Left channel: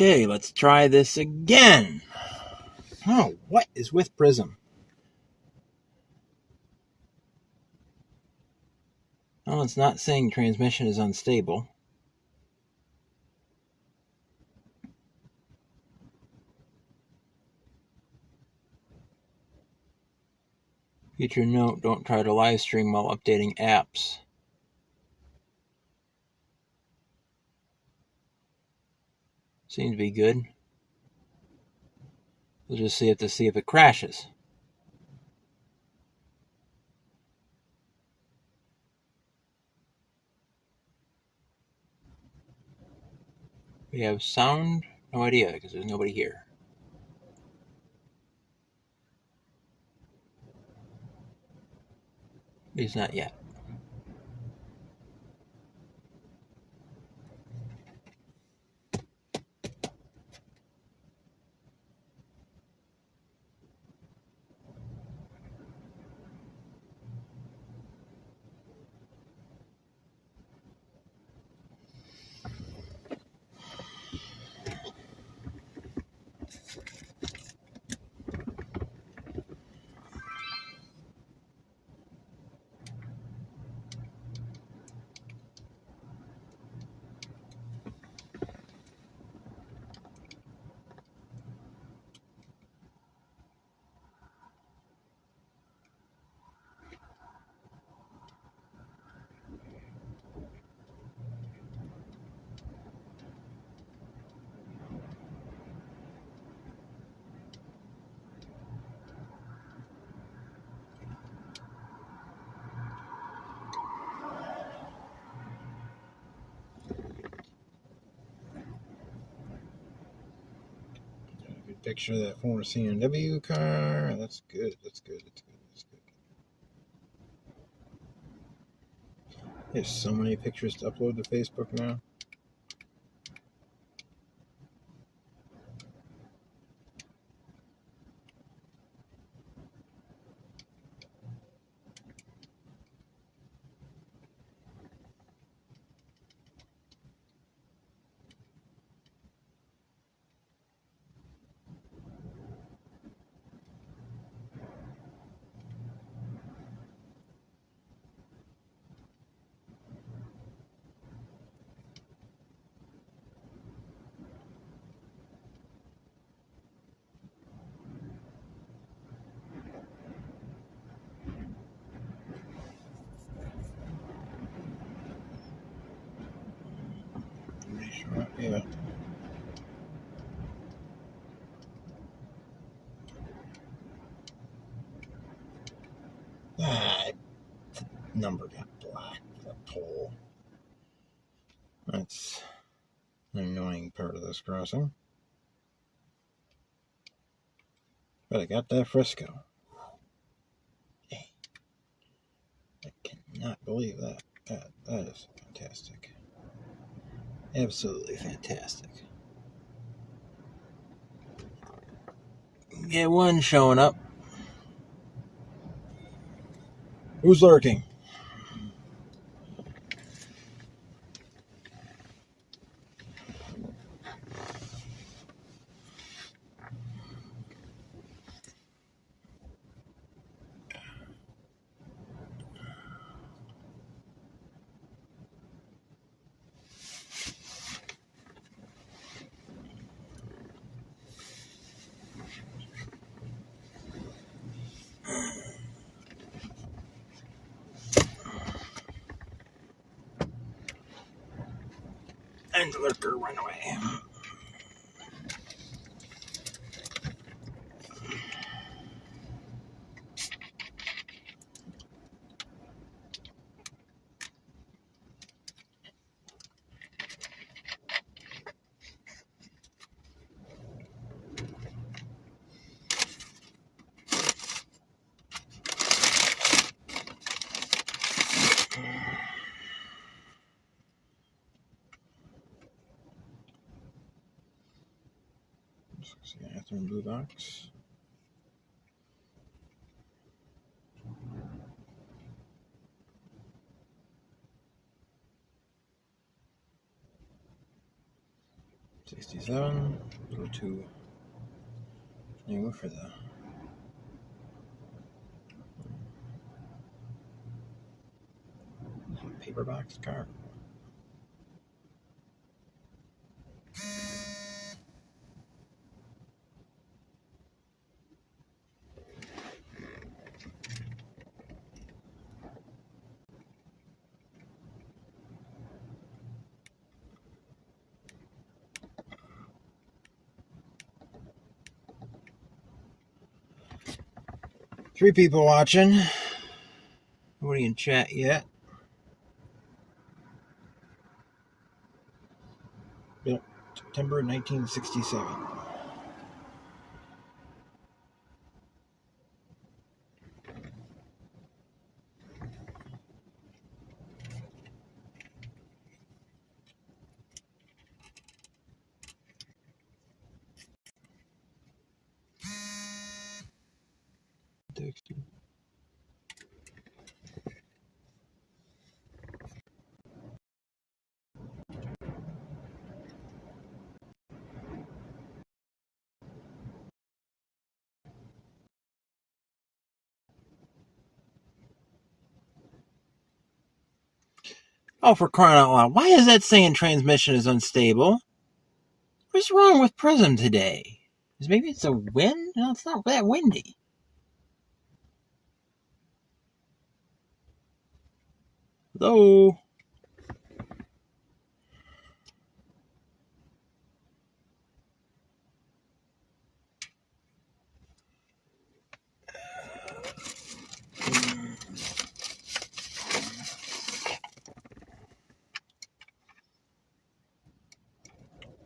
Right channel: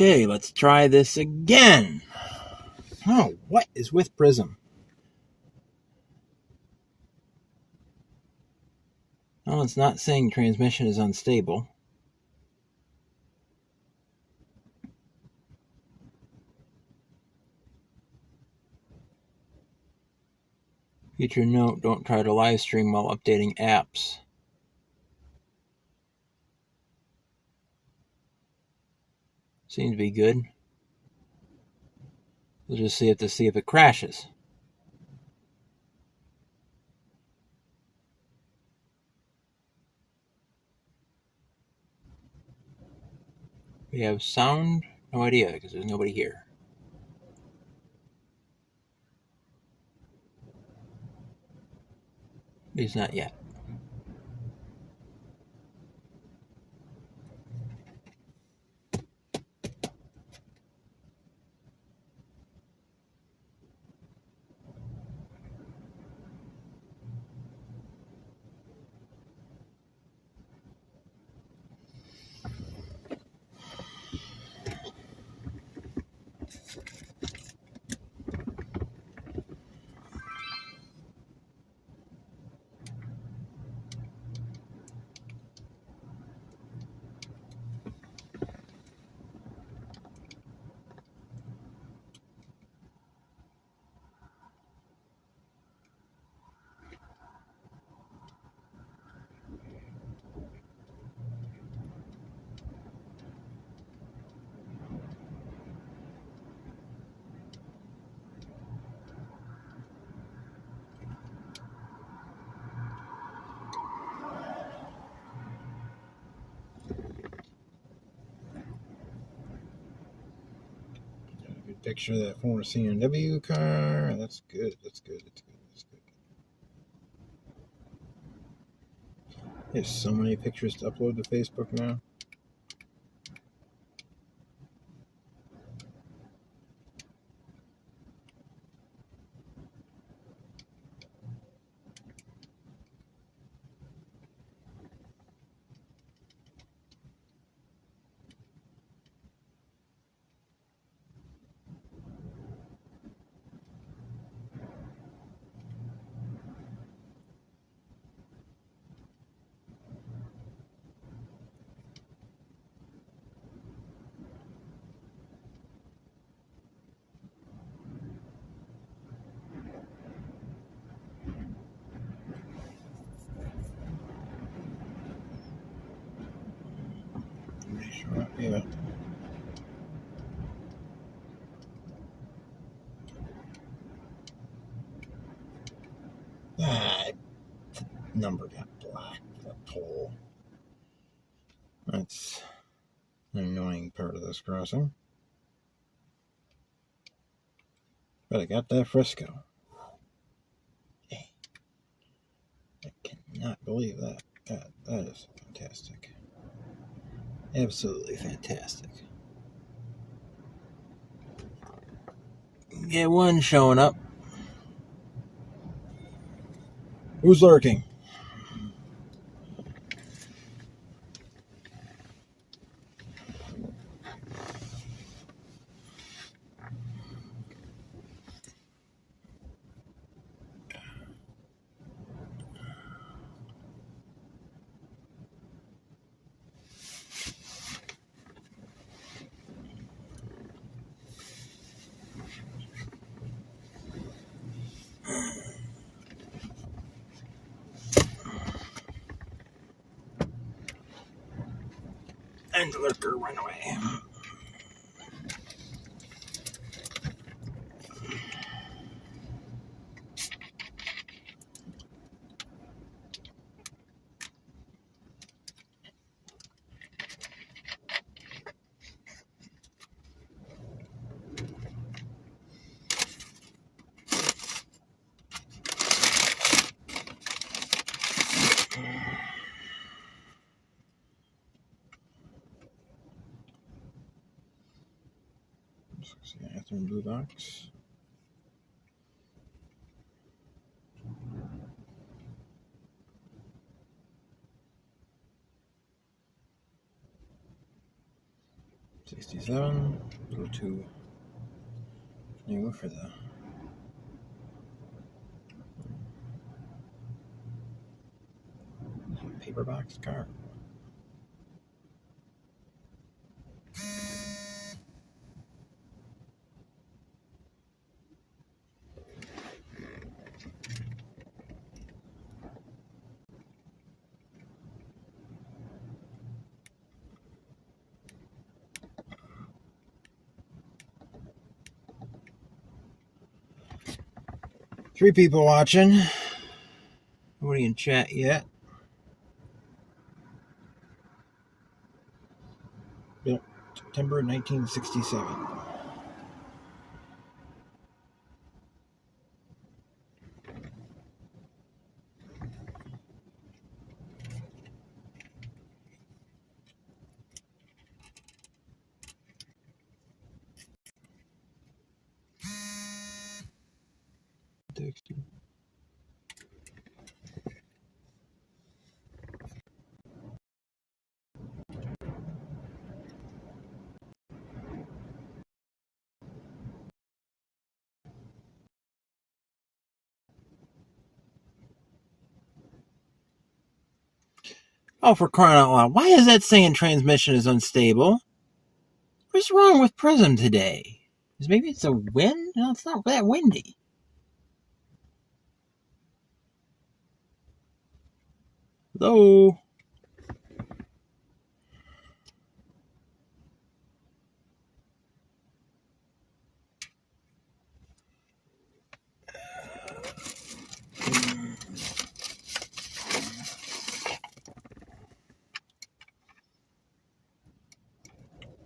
Okay, let's try this again. Oh, what is with Prism? Oh, it's not saying transmission is unstable. Future note, don't try to live stream while updating apps. Seems to be good. We'll just see if it crashes. We have sound? No idea, because there's nobody here. At least not yet. Picture of that former CMW car. That's good. There's so many pictures to upload to Facebook now. Yeah. Number got black for the pole. That's an annoying part of this crossing. But I got that Frisco. Hey, I cannot believe that. God, that is fantastic. Absolutely fantastic. Get one showing up. Who's lurking? And the lurker went away. Bathroom blue box. 67, a little too new for the paper box car. Three people watching. Nobody in chat yet. Built September 1967. Oh, for crying out loud. Why is that saying transmission is unstable? What's wrong with Prism today? Maybe it's a wind? No, it's not that windy. Hello?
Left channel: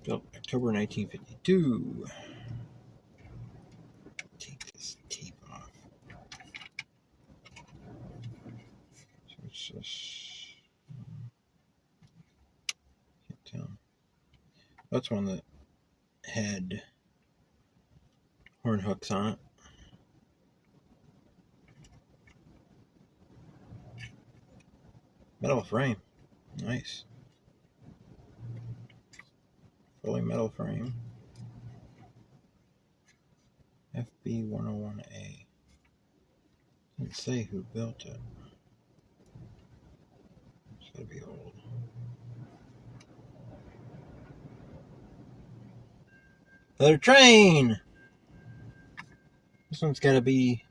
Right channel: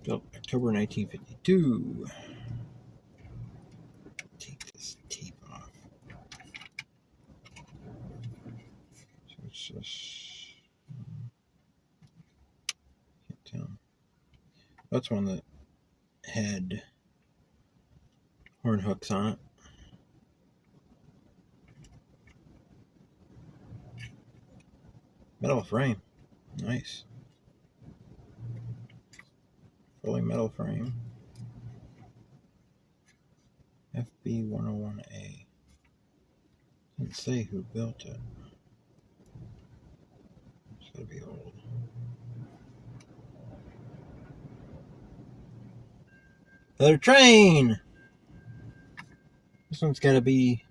Built October 1952. Take this tape off. So it's just, can't tell. That's one that had horn hooks on it. Metal frame. Nice. Fully metal frame. FB101A. Didn't say who built it. It's gotta be old. Another train! This one's gotta be...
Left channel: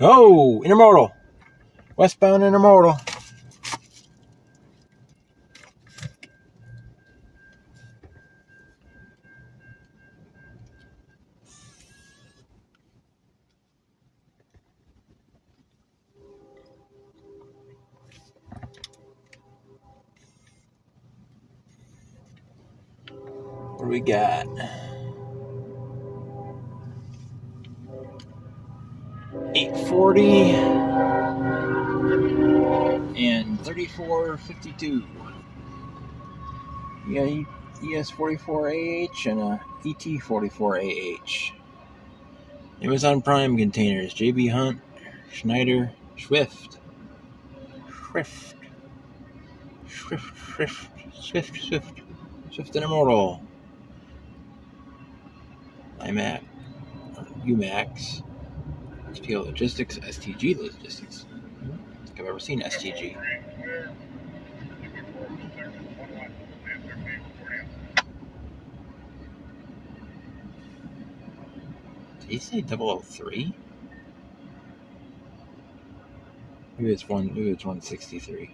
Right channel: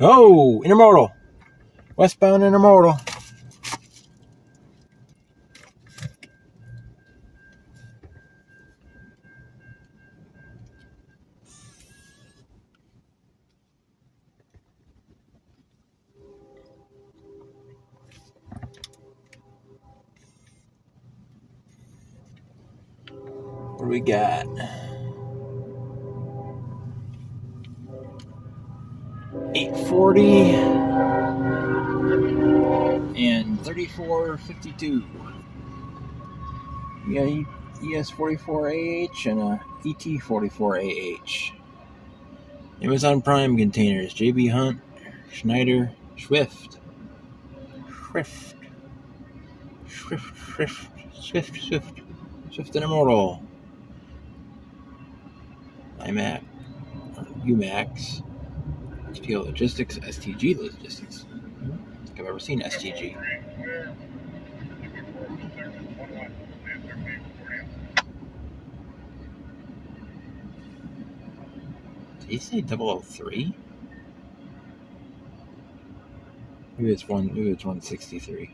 Oh! Intermodal! Westbound intermodal. What do we got? 840 and 3452. You got an ES44AH and a ET44AH. Amazon Prime containers. JB Hunt, Schneider, Swift Intermodal. IMAX, UMAX, STL Logistics, STG Logistics. I don't think I've ever seen STG. Did he say 003? Maybe it's 163.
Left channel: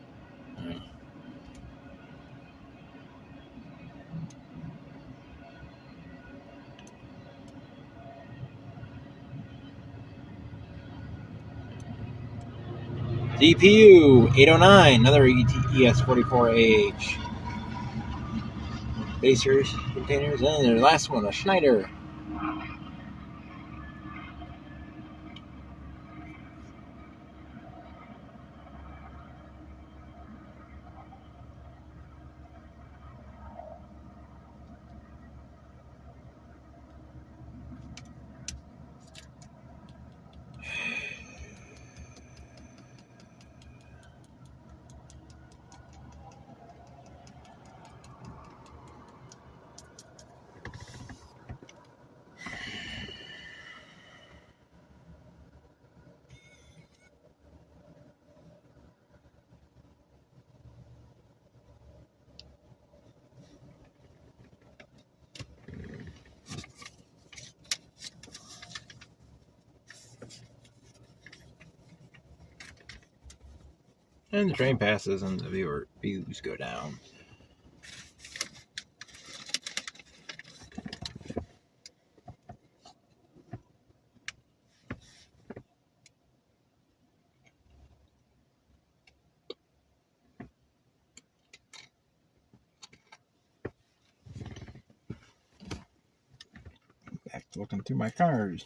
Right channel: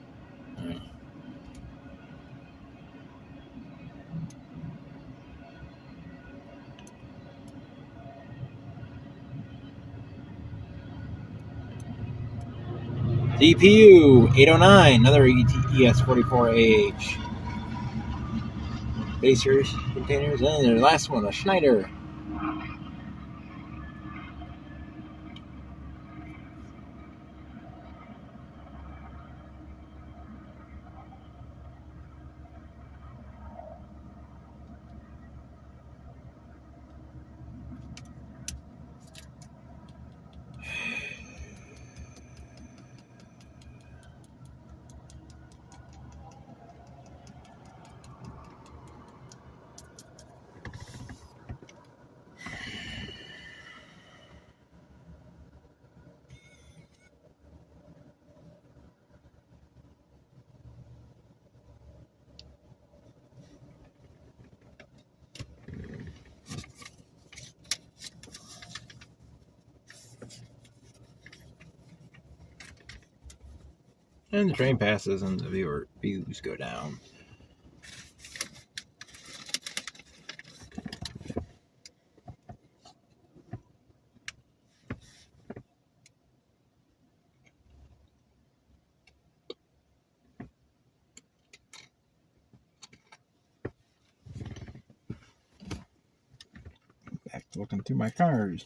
DPU 809, another ES44AH. Basers, containers, and the last one, a Schneider. And the train passes and the views go down. Back to looking through my cars.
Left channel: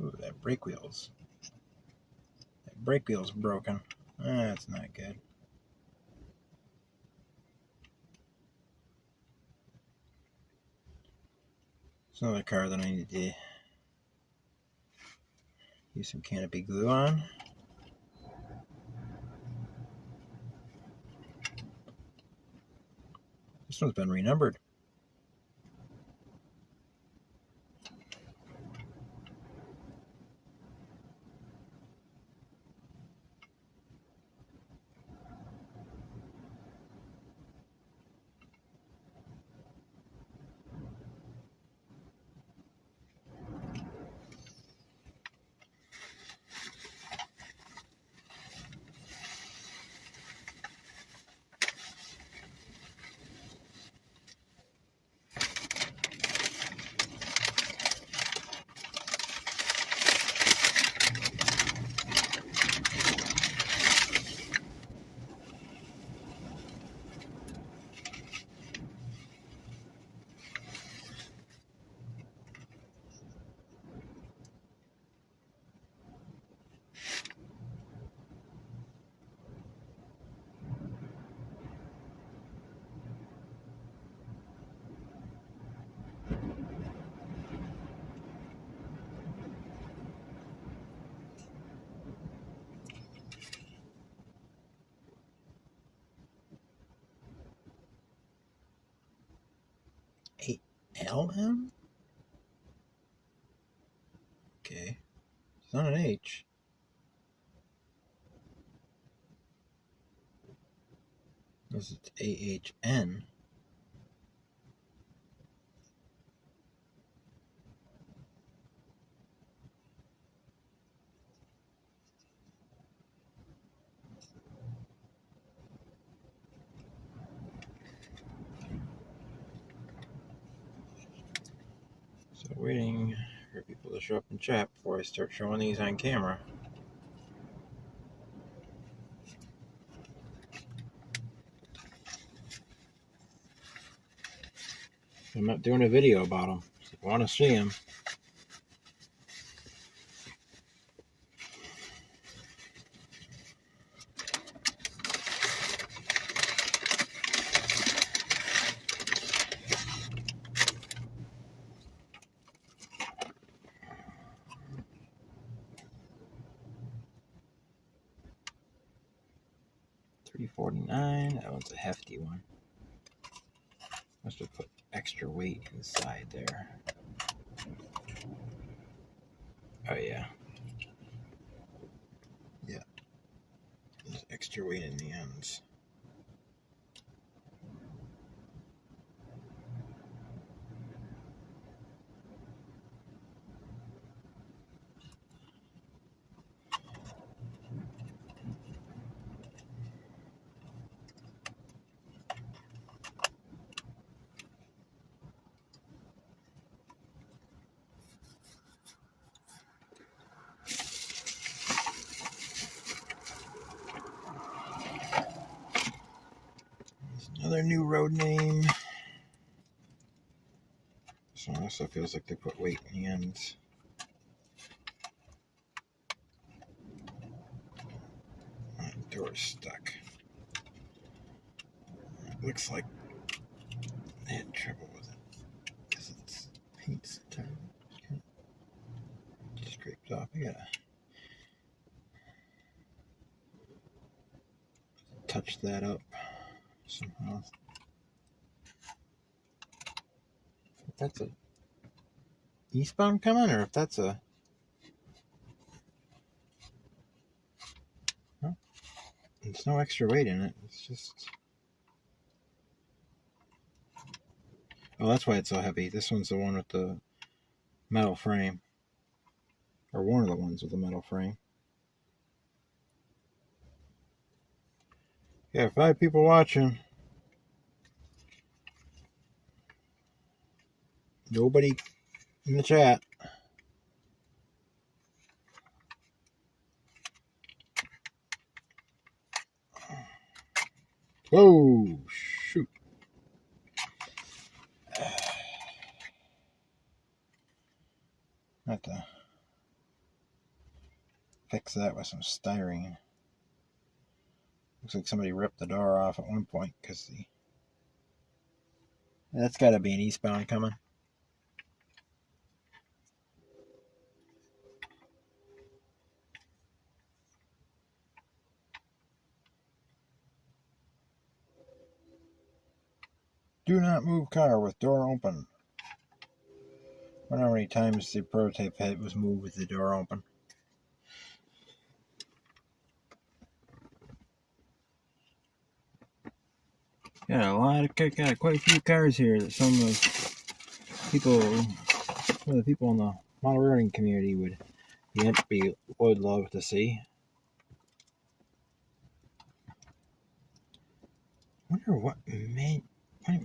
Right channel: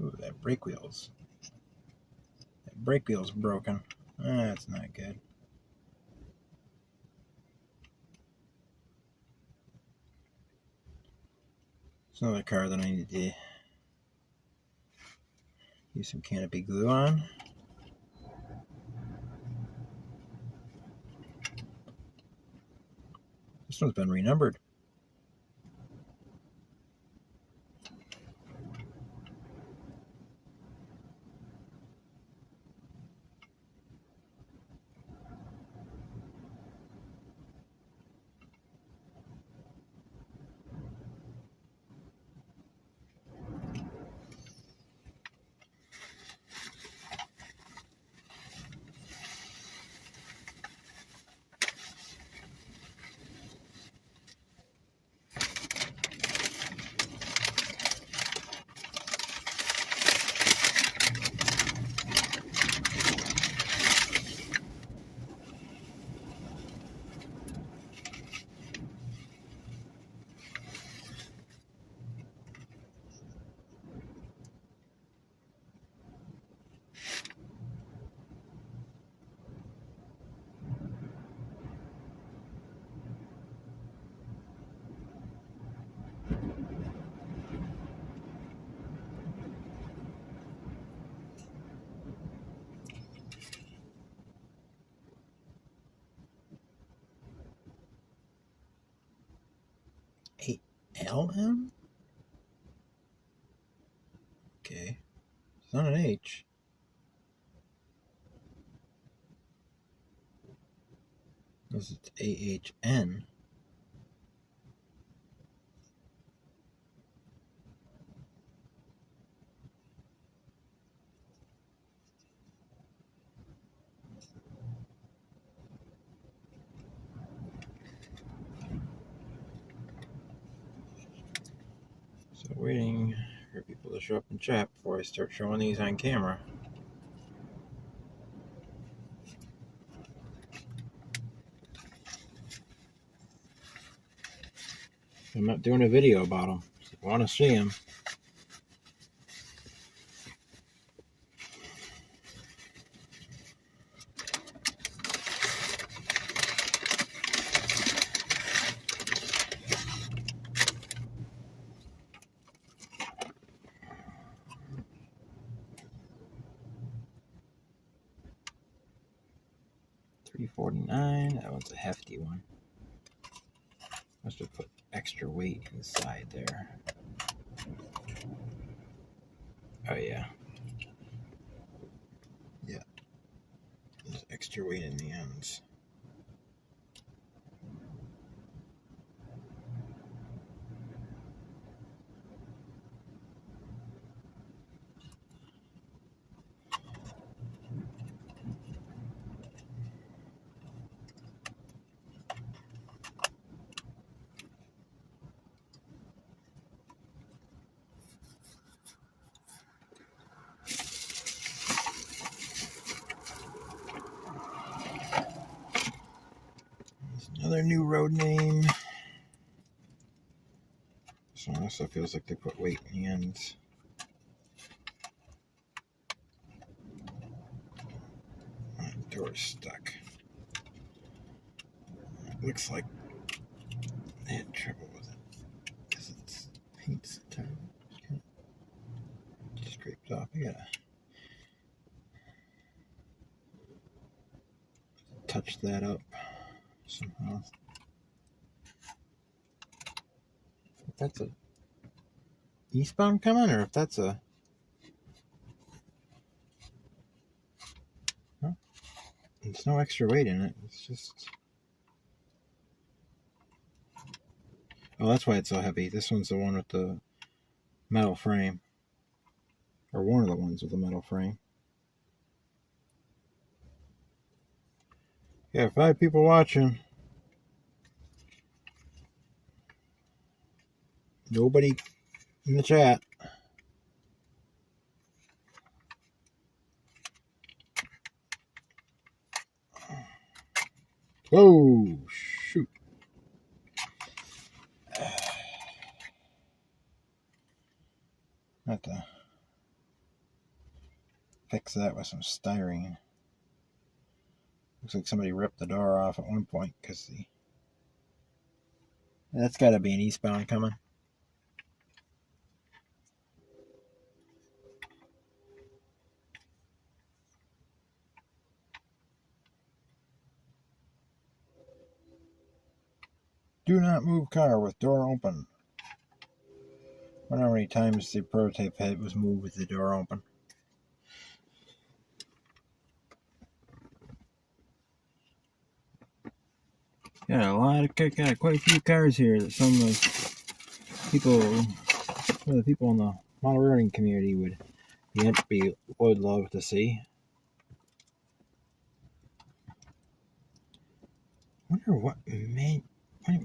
Ooh, that brake wheel's broken. That's not good. It's another car that I need to use some canopy glue on. This one's been renumbered. LM? Okay. It's not an H. This is AHN. So waiting for people to show up and chat before I start showing these on camera. I'm not doing a video about them. So if you want to see them, $349. That one's a hefty one. Must have put extra weight inside there. Oh yeah. Yeah. There's extra weight in the ends. Another new road name. This one also feels like they put weight in the ends. My door's stuck. It looks like they had trouble with it. Because it's paint's kind of scraped off. I gotta touch that up. So that's a eastbound coming, or if that's a... No, there's no extra weight in it. It's just... Oh, that's why it's so heavy. This one's the one with the metal frame. Or one of the ones with the metal frame. Yeah, 5 people watching. Nobody in the chat. Oh, shoot. Have to fix that with some styrene. Looks like somebody ripped the door off at one point because that's got to be an eastbound coming. Do not move car with door open. I wonder how many times the prototype head was moved with the door open. Yeah, quite a few cars here that some of the people in the model railroading community would love to see. I wonder what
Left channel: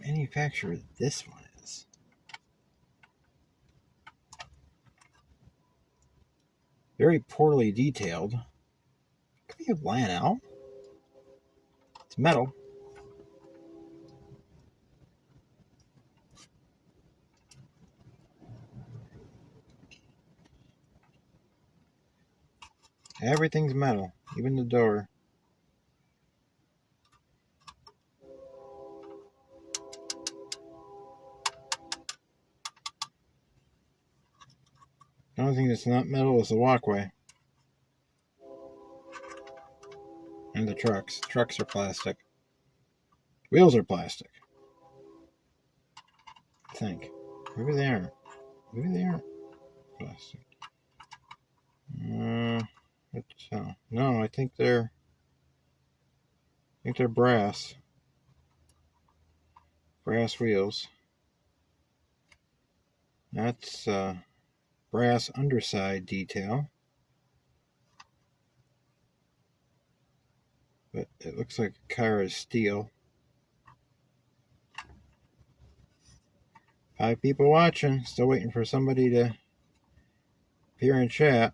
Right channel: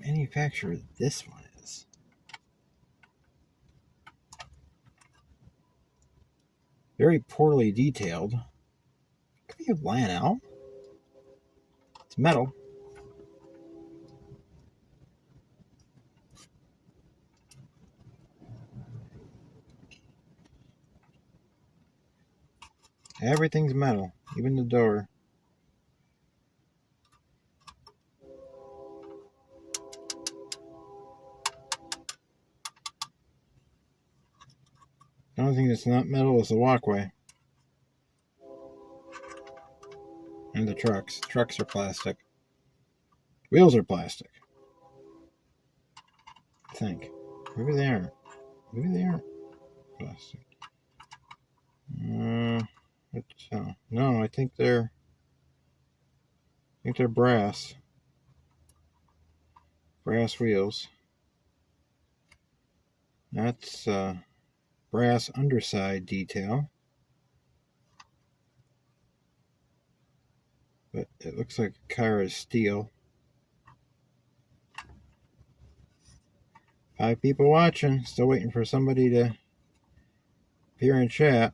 manufacturer this one is. Very poorly detailed. Could be a Lionel. It's metal. Everything's metal, even the door. The only thing that's not metal is the walkway. And the trucks. Trucks are plastic. Wheels are plastic. I think. Maybe they aren't. Maybe they aren't plastic. No, I think they're brass. Brass wheels. That's brass underside detail. But it looks like the car is steel. 5 people watching. Still waiting for somebody to appear in chat.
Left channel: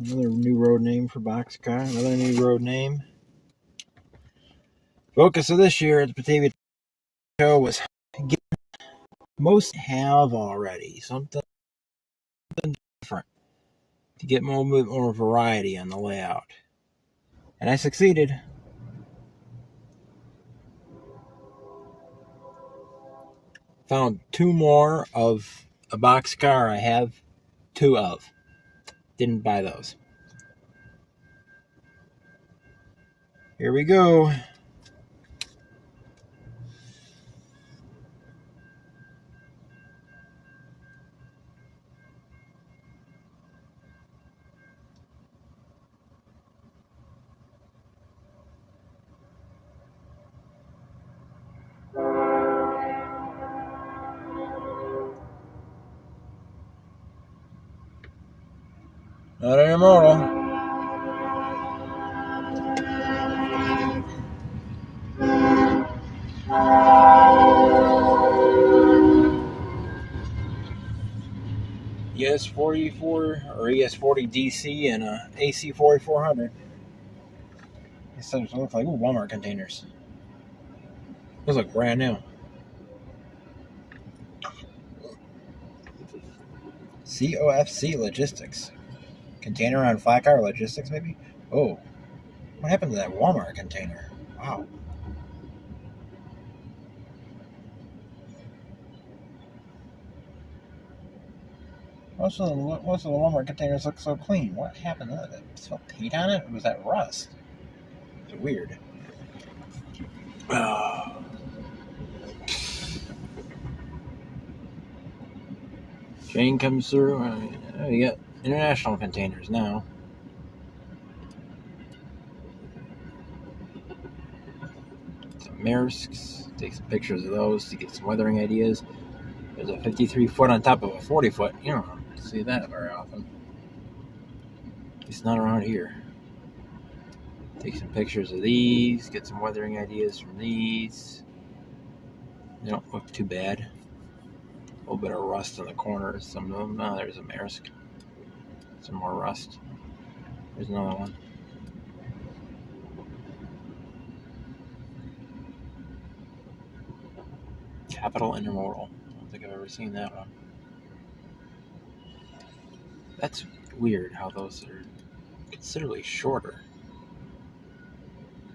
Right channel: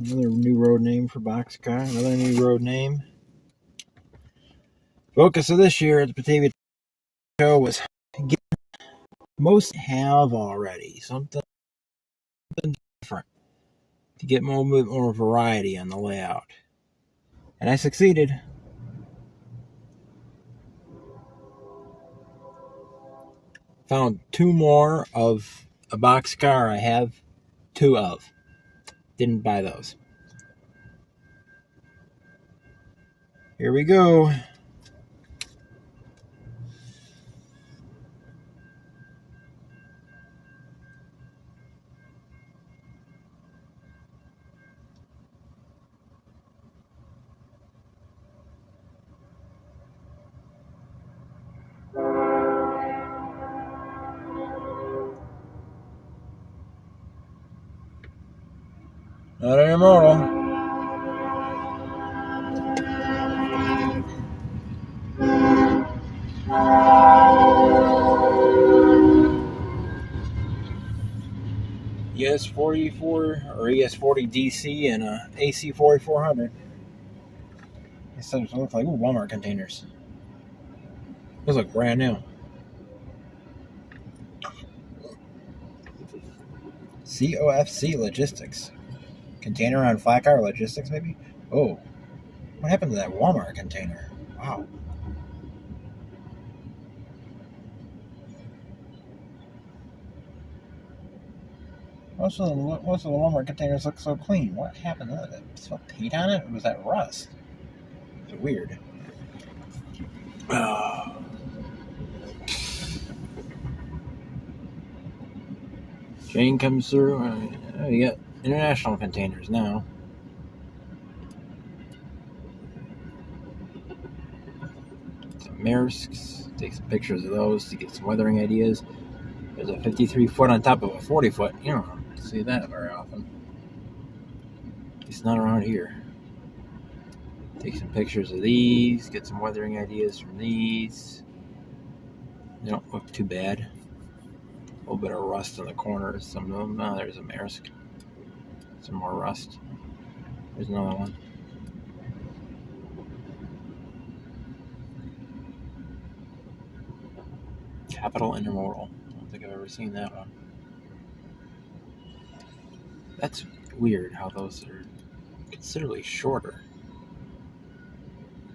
Another new road name for boxcar. Another new road name. Focus of this year at the Batavia Show was most have already. Something different. To get a little bit more variety on the layout. And I succeeded. Found 2 more of a boxcar I have 2 of. Didn't buy those. Here we go. Not a model. ES44 or ES40 DC and a AC 4400. These things look like Walmart containers. Those look brand new. COFC Logistics. Container on flat car logistics, maybe? Oh, what happened to that Walmart container? Wow. Most of the Walmart containers look so clean. What happened to that? Smell paint on it? Or was that rust? It's weird. Train comes through. Oh, you got international containers now. Some Maersks. Take some pictures of those to get some weathering ideas. There's a 53 foot on top of a 40 foot. You don't see that very often. It's not around here. Take some pictures of these. Get some weathering ideas from these. They don't look too bad. A little bit of rust in the corners. Some of them. Oh, there's a Maersk. Some more rust. There's another one. Capital Intermodal. I don't think I've ever seen that one. That's weird how those are considerably shorter.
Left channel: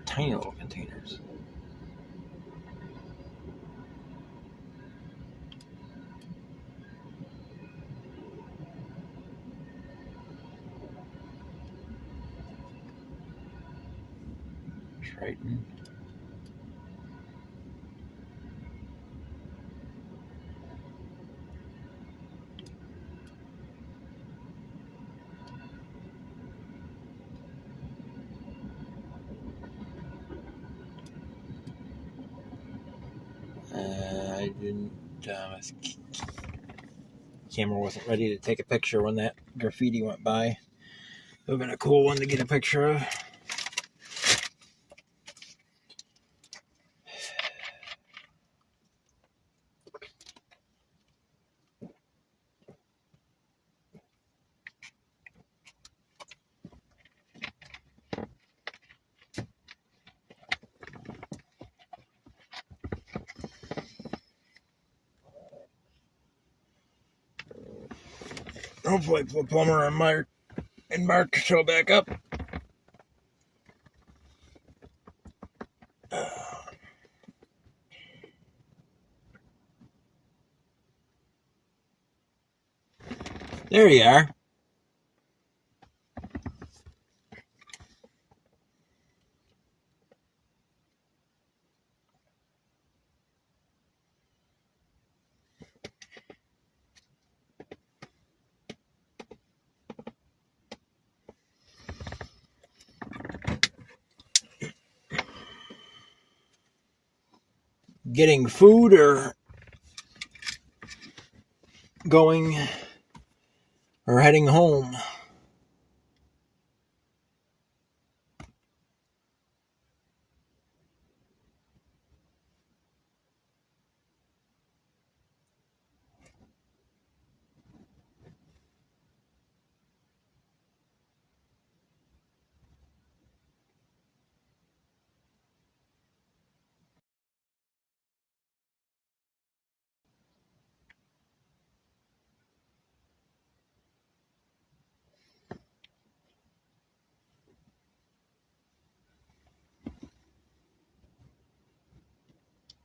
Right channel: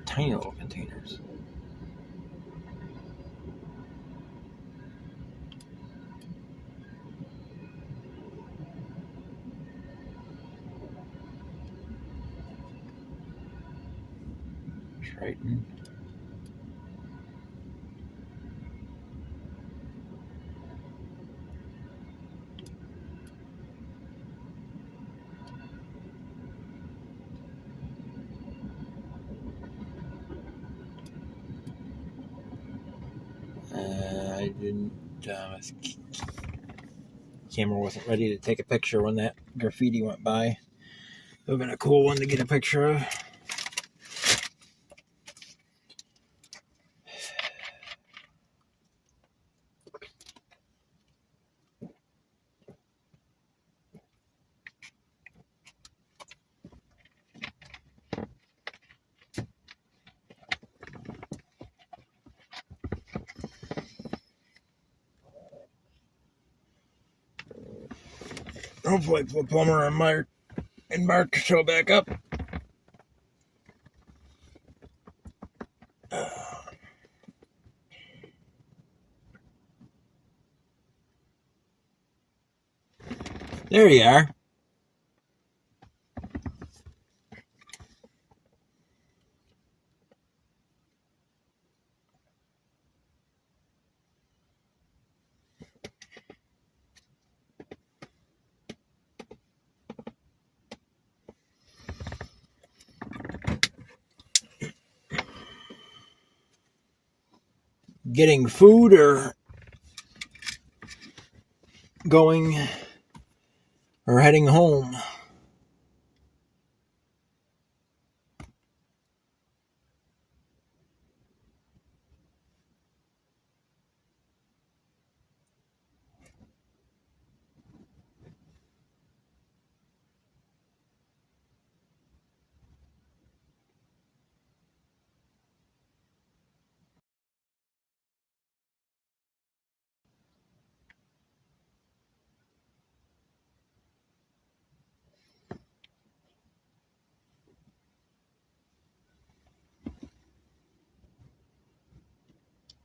Tiny little containers. Triton. Camera wasn't ready to take a picture when that graffiti went by. It would have been a cool one to get a picture of. Hopefully the plumber and Mark show back up. There you are. Getting food or going or heading home.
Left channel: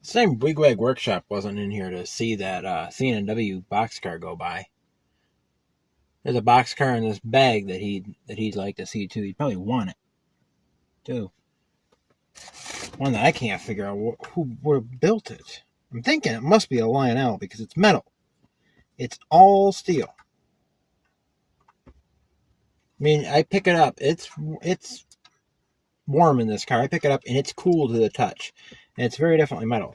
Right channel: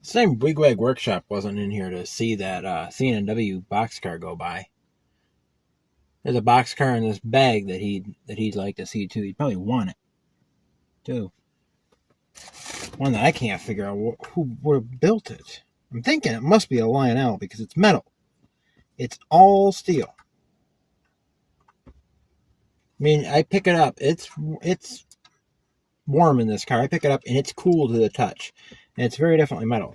Same Wigwag Workshop wasn't in here to see that C&W boxcar go by. There's a boxcar in this bag that he'd like to see too. He'd probably want it too. One that I can't figure out who would have built it. I'm thinking it must be a Lionel because it's metal. It's all steel. I mean, I pick it up. It's warm in this car. I pick it up and it's cool to the touch. And it's very definitely metal.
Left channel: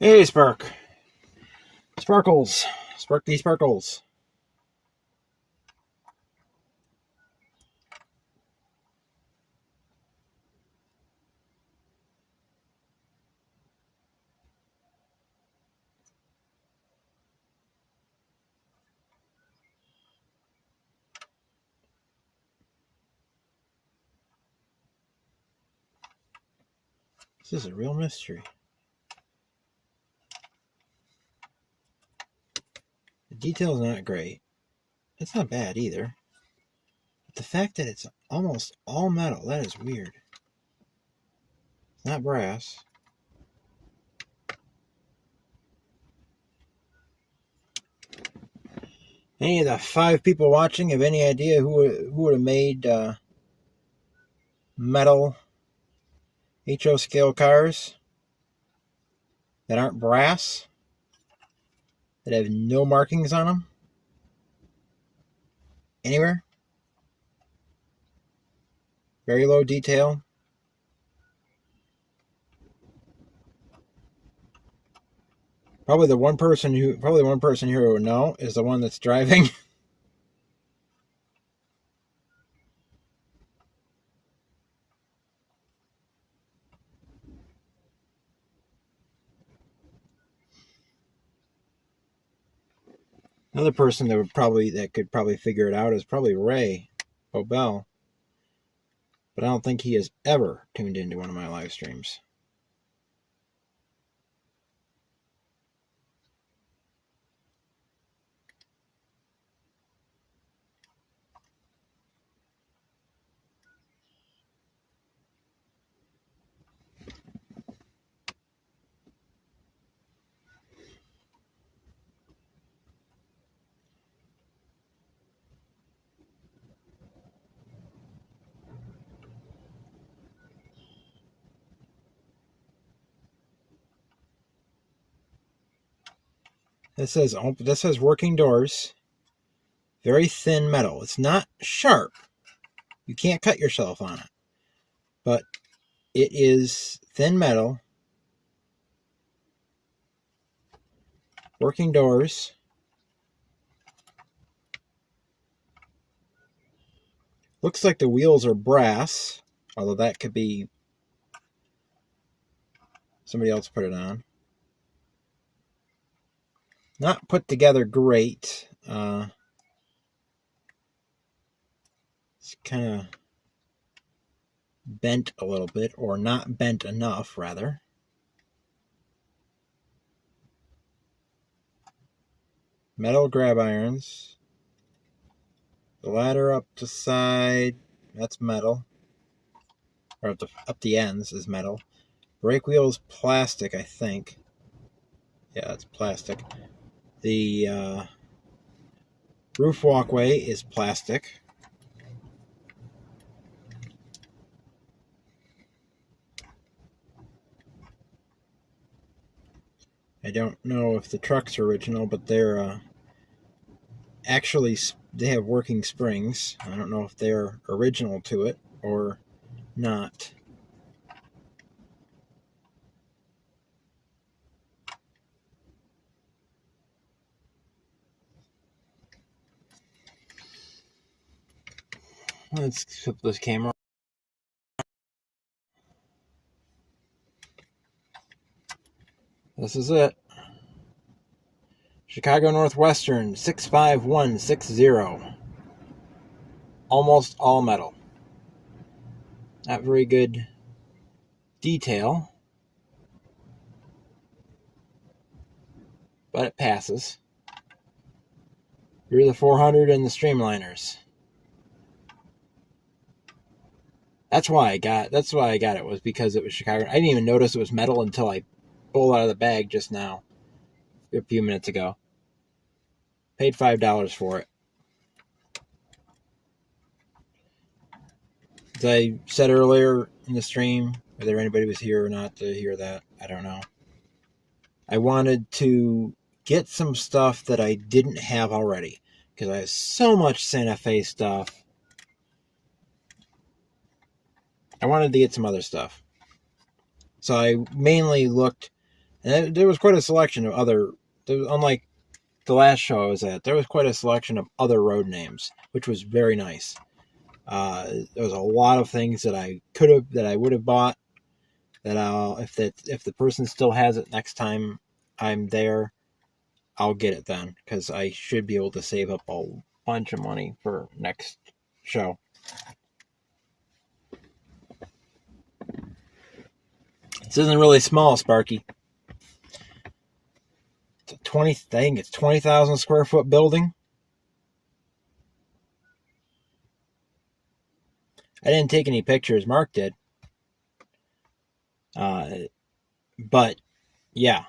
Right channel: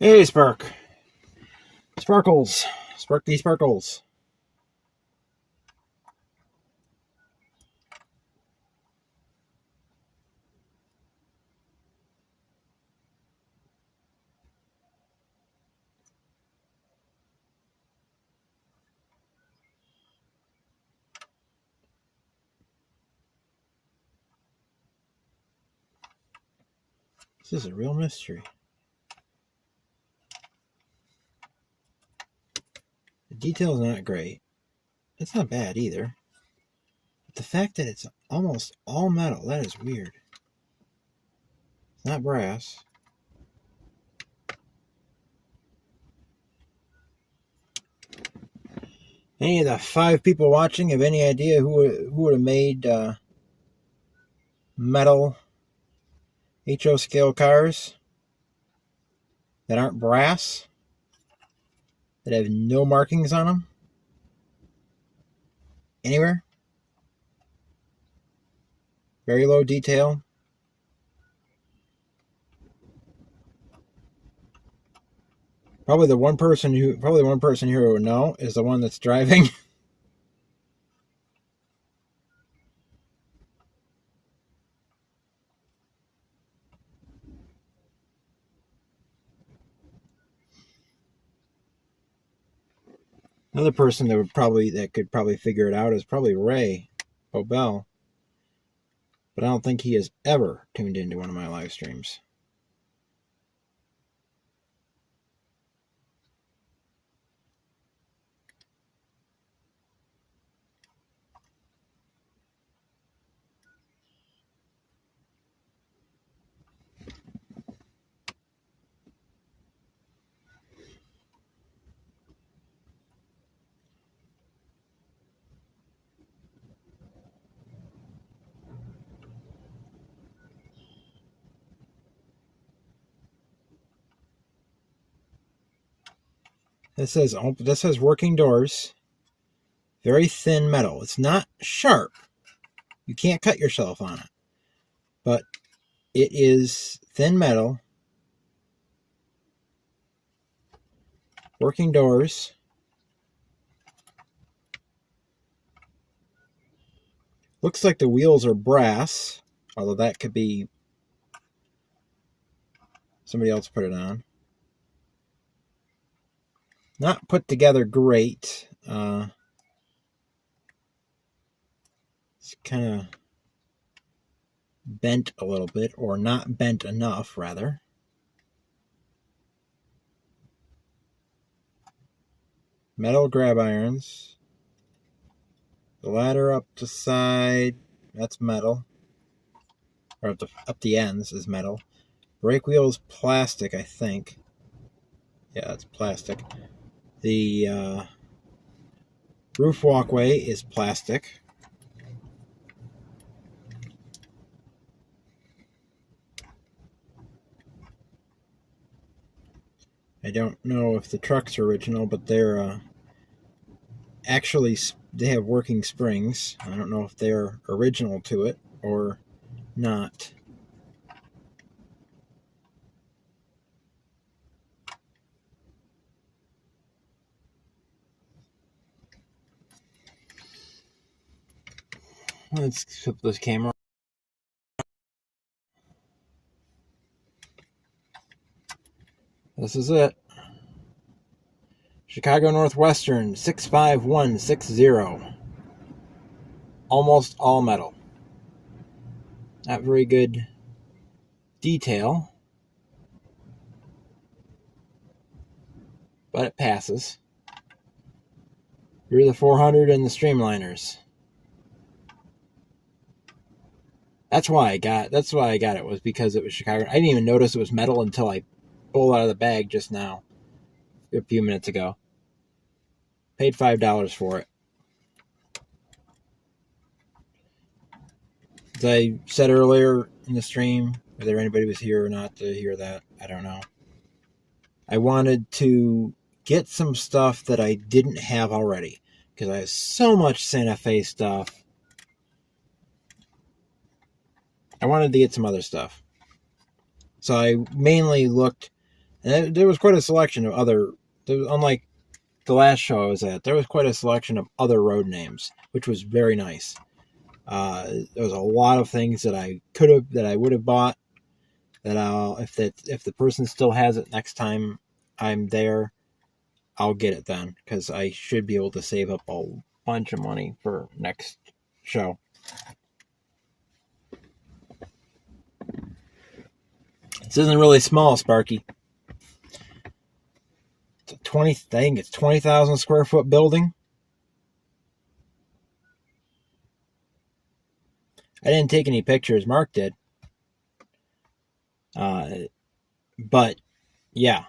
Hey, Spark. Sparkles. Sparky Sparkles. This is a real mystery. The detail's not great. It's not bad either. But the fact that it's almost all metal, that is weird. It's not brass. Any of the 5 people watching have any idea who would have made metal HO scale cars that aren't brass, that have no markings on them? Anywhere? Very low detail. Probably one person here who would know is the one that's driving. Another person that could probably figure it out is probably Ray Obel. But I don't think he has ever tuned into one of my live streams. This says working doors. Very thin metal. It's not sharp. You can't cut yourself on it. But it is thin metal. Working doors. Looks like the wheels are brass. Although that could be somebody else put it on. Not put together great. It's kind of bent a little bit, or not bent enough, rather. Metal grab irons. The ladder up the side, that's metal. Or up the ends is metal. Brake wheel is plastic, I think. Yeah, it's plastic. The roof walkway is plastic. I don't know if the truck's original, but they're actually, they have working springs. I don't know if they're original to it or not. Let's flip this camera. This is it. Chicago Northwestern 65160. Almost all metal. Not very good detail, but it passes. You're the 400 and the streamliners. That's why I got it, was because it was Chicago. I didn't even notice it was metal until I pulled it out of the bag just now, a few minutes ago. Paid $5 for it. As I said earlier in the stream, whether anybody was here or not to hear that, I don't know. I wanted to get some stuff that I didn't have already, because I have so much Santa Fe stuff. I wanted to get some other stuff. So I mainly looked, and there was quite a selection of unlike the last show I was at, there was quite a selection of other road names, which was very nice. There was a lot of things that I would have bought, that if the person still has it next time I'm there, I'll get it then, because I should be able to save up a bunch of money for next show. This isn't really small, Sparky. I think it's 20,000 square foot building. I didn't take any pictures. Mark did. But yeah.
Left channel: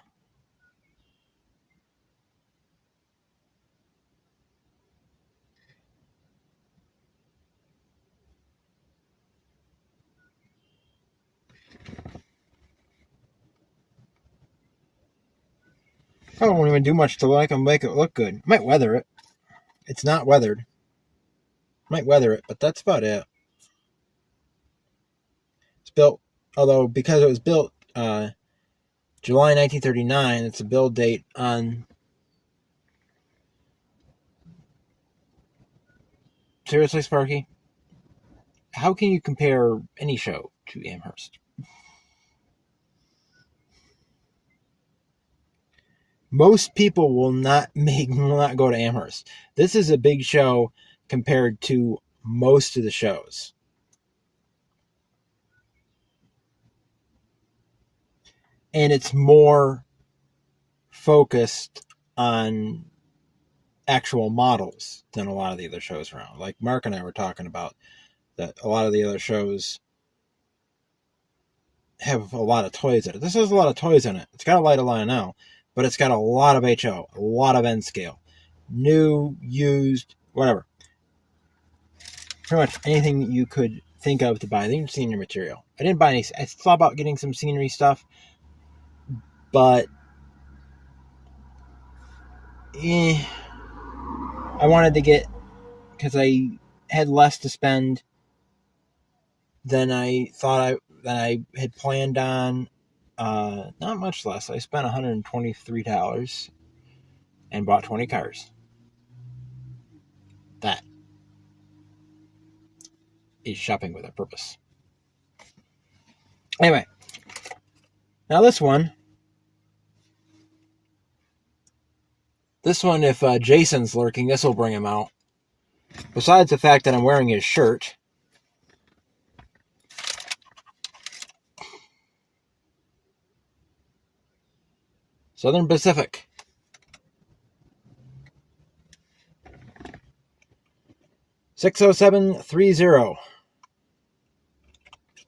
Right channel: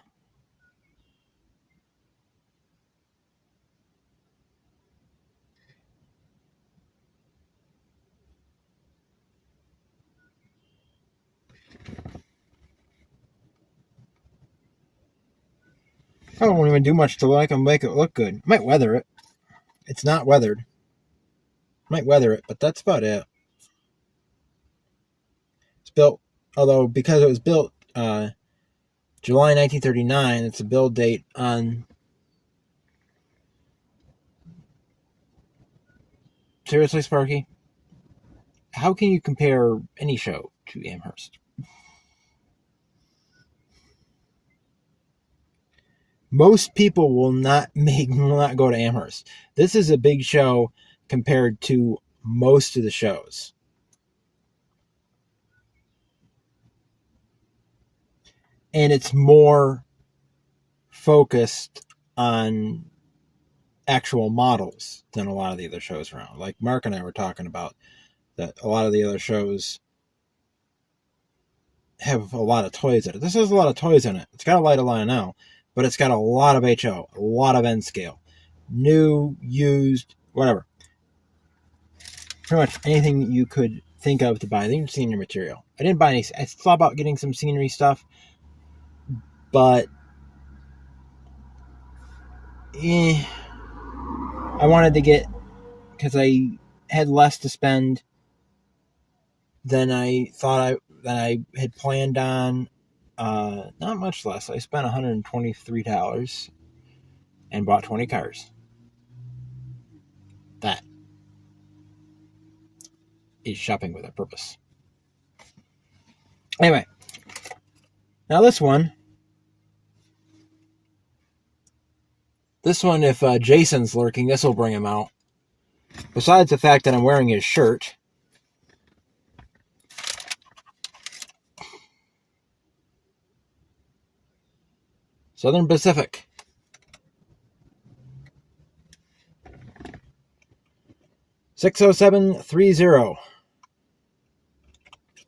I won't even do much to make it look good. I might weather it. It's not weathered. I might weather it, but that's about it. It's built, although because it was built July 1939, it's a build date on... Seriously, Sparky? How can you compare any show to Amherst? Most people will not go to Amherst. This is a big show compared to most of the shows. And it's more focused on actual models than a lot of the other shows around. Like Mark and I were talking about, that a lot of the other shows have a lot of toys in it. This has a lot of toys in it. It's got a light of Lionel, but it's got a lot of HO, a lot of N scale. New, used, whatever. Pretty much anything you could think of to buy. Even scenery material. I didn't buy any. I thought about getting some scenery stuff, but I wanted to get, because I had less to spend than I thought I had planned on. Not much less. I spent $123 and bought 20 cars. That is shopping with a purpose. Anyway, now this one, if Jason's lurking, this will bring him out. Besides the fact that I'm wearing his shirt, Southern Pacific. $60730.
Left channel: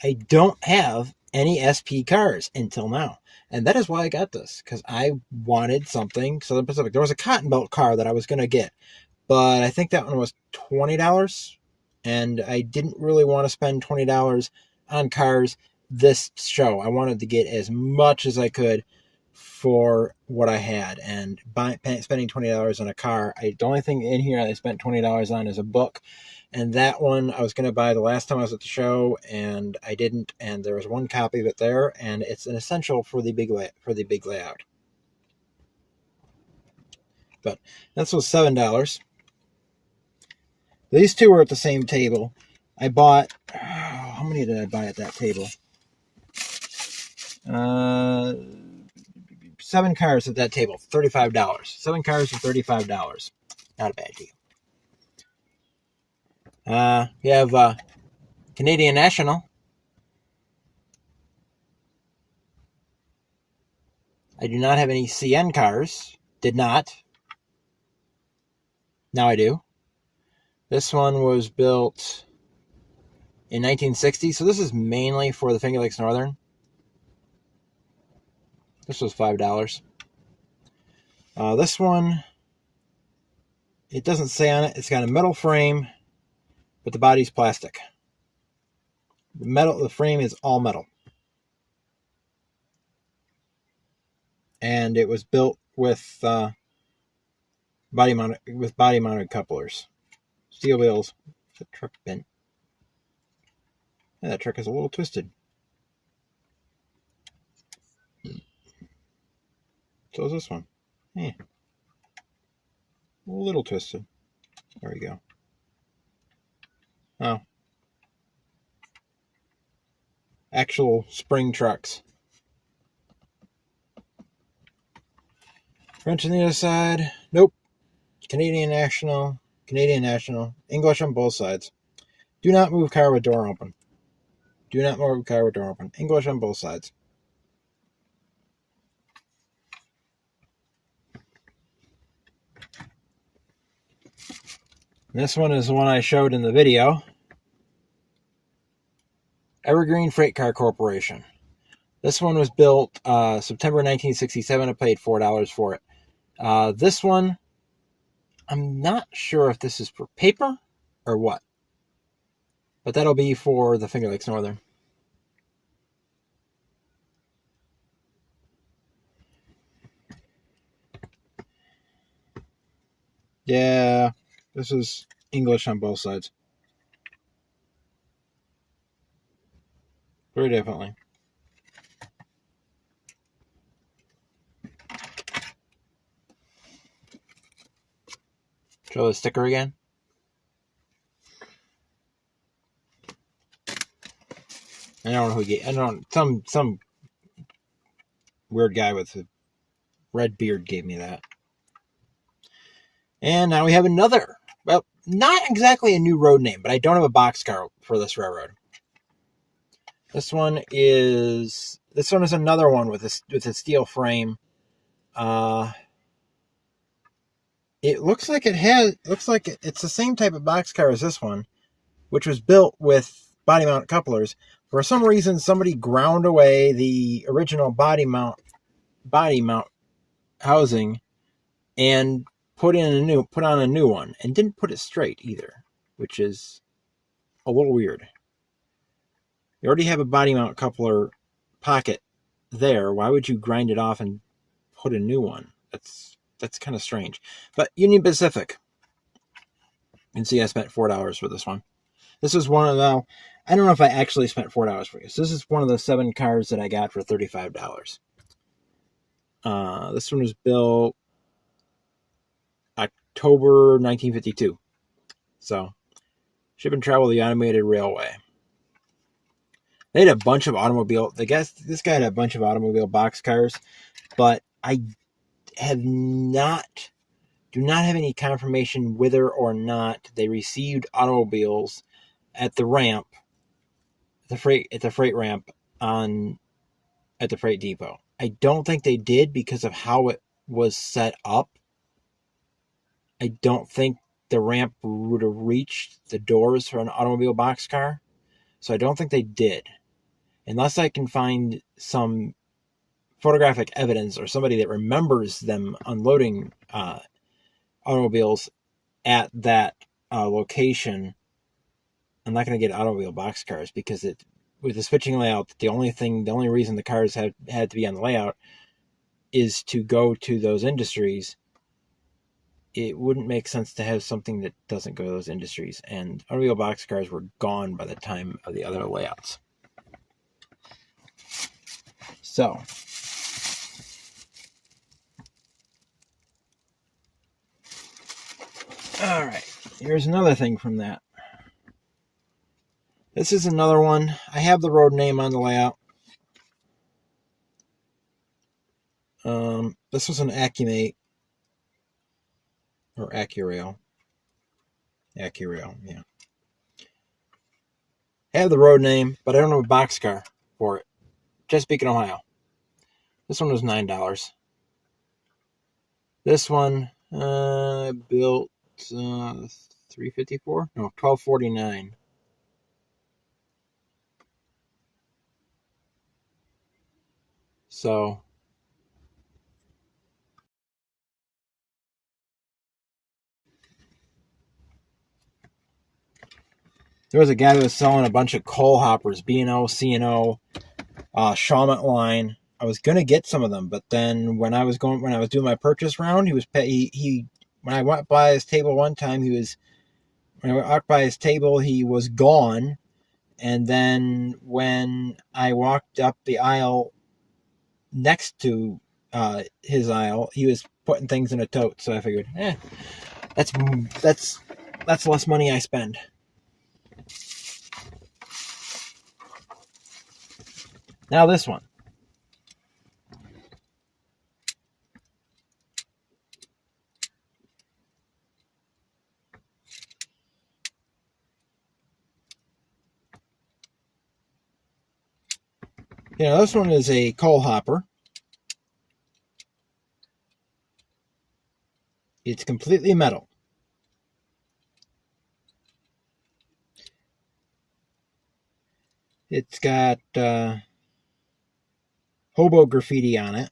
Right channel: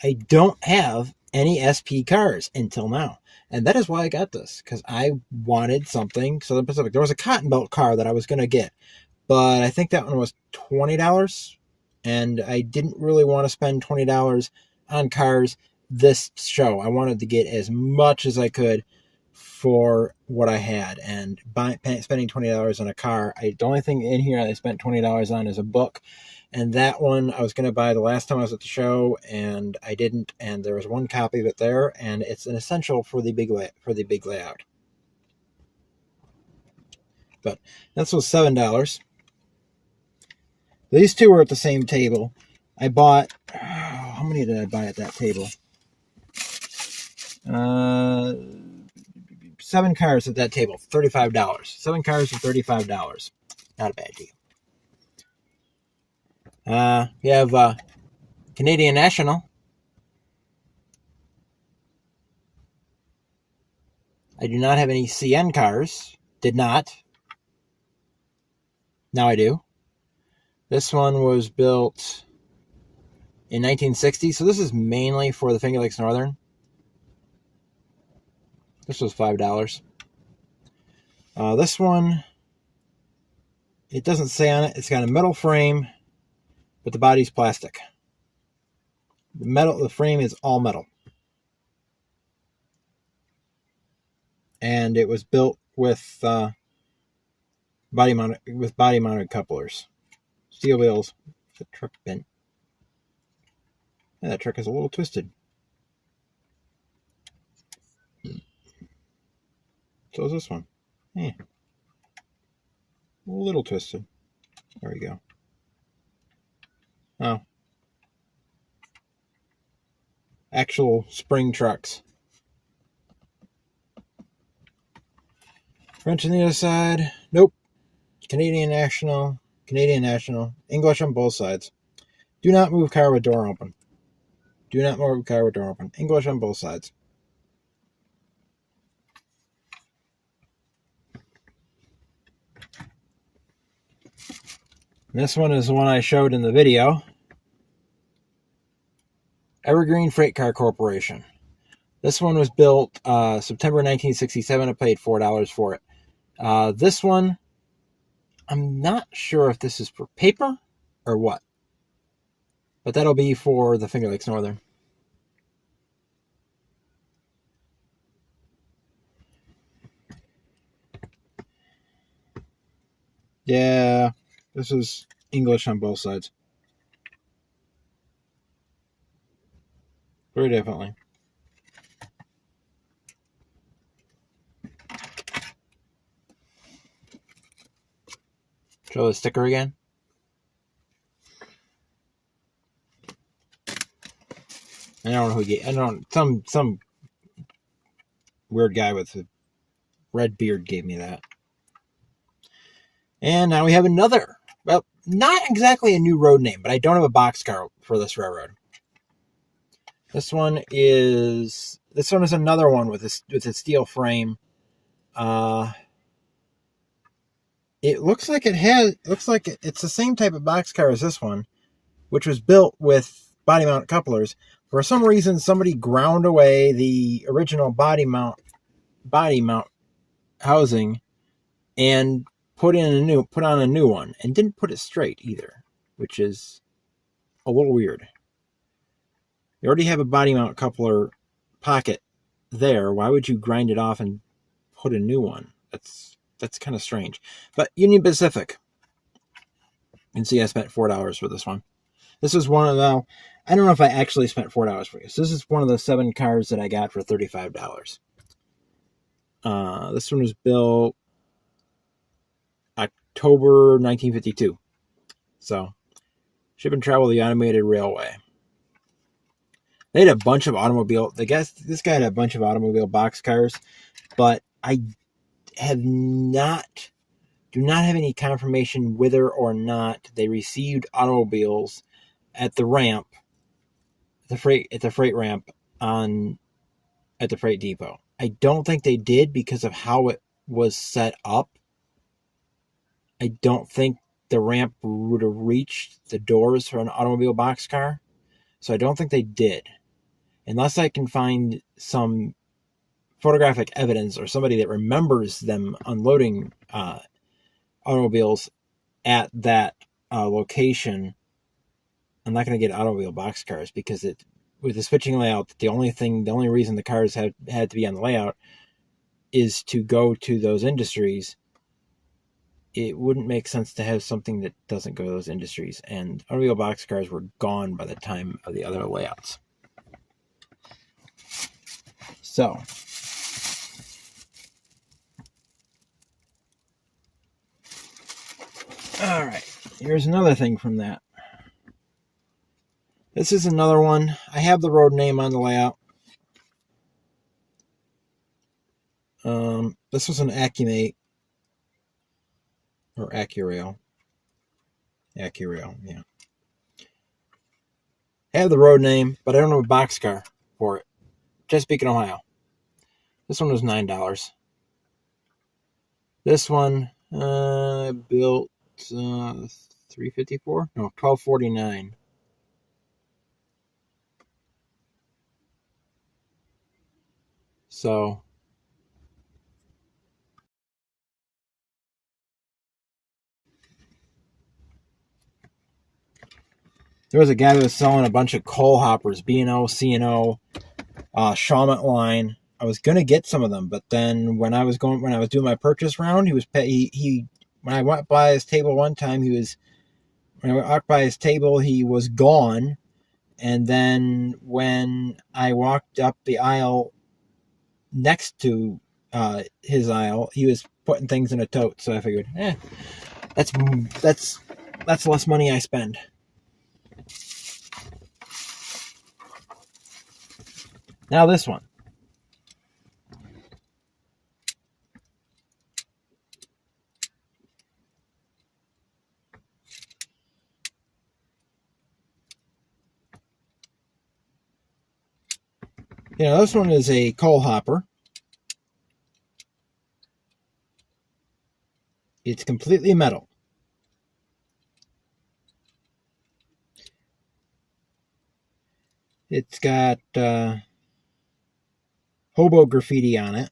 I don't have any SP cars until now. And that is why I got this, because I wanted something Southern Pacific. There was a Cotton Belt car that I was going to get, but I think that one was $20, and I didn't really want to spend $20 on cars this show. I wanted to get as much as I could for what I had, and spending $20 on a car, the only thing in here I spent $20 on is a book, and that one I was going to buy the last time I was at the show, and I didn't, and there was one copy of it there, and it's an essential for the big layout. But that's was $7. These two were at the same table. I bought, how many did I buy at that table? 7 cars at that table, $35. 7 cars for $35. Not a bad deal. You have Canadian National. I do not have any CN cars. Did not. Now I do. This one was built in 1960, so this is mainly for the Finger Lakes Northern. This was $5. This one, it doesn't say on it. It's got a metal frame, but the body's plastic. The frame is all metal. And it was built with body mounted couplers. Steel wheels. The truck bent. And that truck is a little twisted. So is this one. A little twisted. There we go. Oh. Actual spring trucks. French on the other side. Nope. Canadian National. English on both sides. Do not move car with door open. English on both sides. This one is the one I showed in the video. Evergreen Freight Car Corporation. This one was built September 1967. I paid $4 for it. This one, I'm not sure if this is for paper or what. But that'll be for the Finger Lakes Northern. Yeah, this is English on both sides. Very definitely. Show the sticker again. I don't know who gave. I don't. Some weird guy with a red beard gave me that. And now we have another. Well, not exactly a new road name, but I don't have a boxcar for this railroad. This one is another one with a steel frame. It looks like it's the same type of boxcar as this one, which was built with body mount couplers. For some reason, somebody ground away the original body mount housing and put on a new one, and didn't put it straight either, which is a little weird. You already have a body mount coupler pocket there. Why would you grind it off and put a new one? That's kind of strange. But Union Pacific. You can see I spent $4 for this one. This is one of the, I don't know if I actually spent $4 for this. This is one of the 7 cars that I got for $35. This one was built October 1952. So, ship and travel the automated railway. They had a bunch of this guy had a bunch of automobile boxcars, but I do not have any confirmation whether or not they received automobiles at the ramp, at the freight ramp at the freight depot. I don't think they did because of how it was set up. I don't think the ramp would have reached the doors for an automobile boxcar, so I don't think they did. Unless I can find some photographic evidence or somebody that remembers them unloading automobiles at that location, I'm not going to get automobile boxcars because with the switching layout, the only reason the cars had to be on the layout is to go to those industries. It wouldn't make sense to have something that doesn't go to those industries, and automobile boxcars were gone by the time of the other layouts. So, all right, here's another thing from that. This is another one. I have the road name on the layout. This was an Accumate or Accurail. Accurail, yeah. I have the road name, but I don't have a boxcar for it. Chesapeake, Ohio. This one was $9. This one built $354? No, $1249. So there was a guy that was selling a bunch of coal hoppers, B&O, C&O, Shawmut line. I was gonna get some of them, but then when I was doing my purchase round, when I went by his table one time, he was gone. And then when I walked up the aisle next to his aisle, he was putting things in a tote. So I figured, that's less money I spend. Now this one. This one is a coal hopper. It's completely metal. It's got hobo graffiti on it.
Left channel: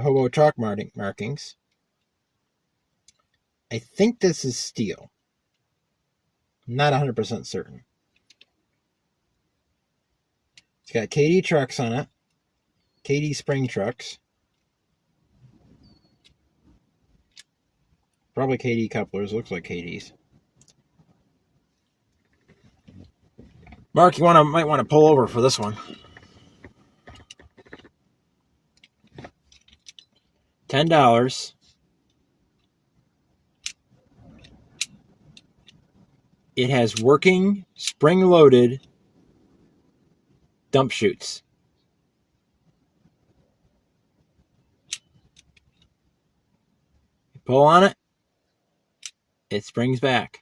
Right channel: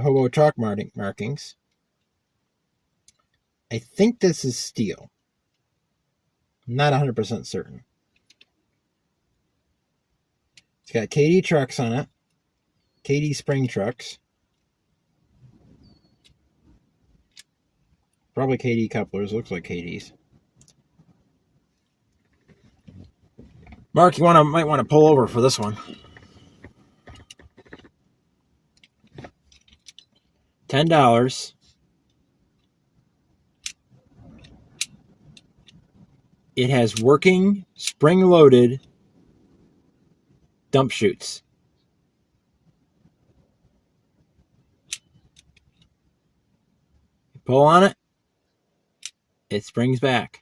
Hobo chalk markings. I think this is steel. I'm not 100% certain. It's got KD trucks on it. KD spring trucks. Probably KD couplers. Looks like KDs. Mark, you might want to pull over for this one. $10. It has working, spring-loaded dump chutes. You pull on it, it springs back.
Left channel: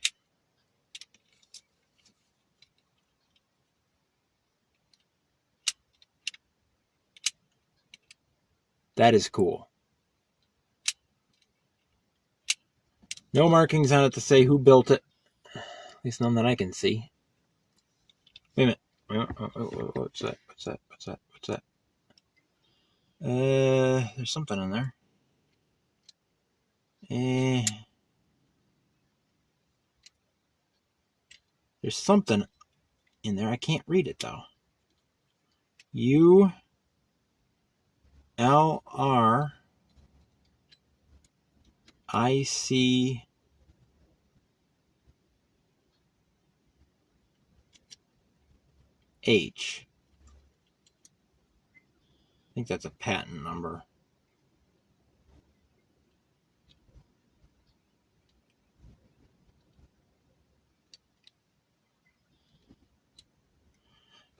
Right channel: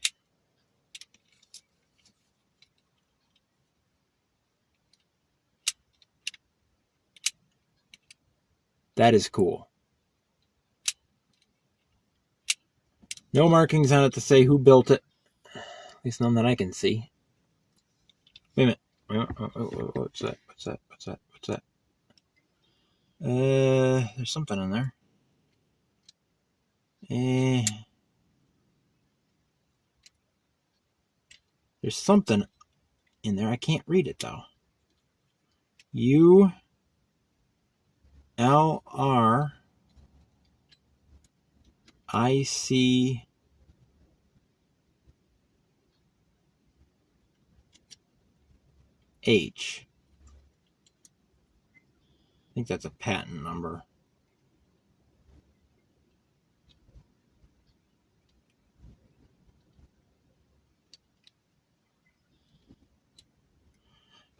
That is cool. No markings on it to say who built it. At least none that I can see. Wait a minute. What's that? There's something in there. There's something in there. I can't read it though. ULRIC H. I think that's a patent number.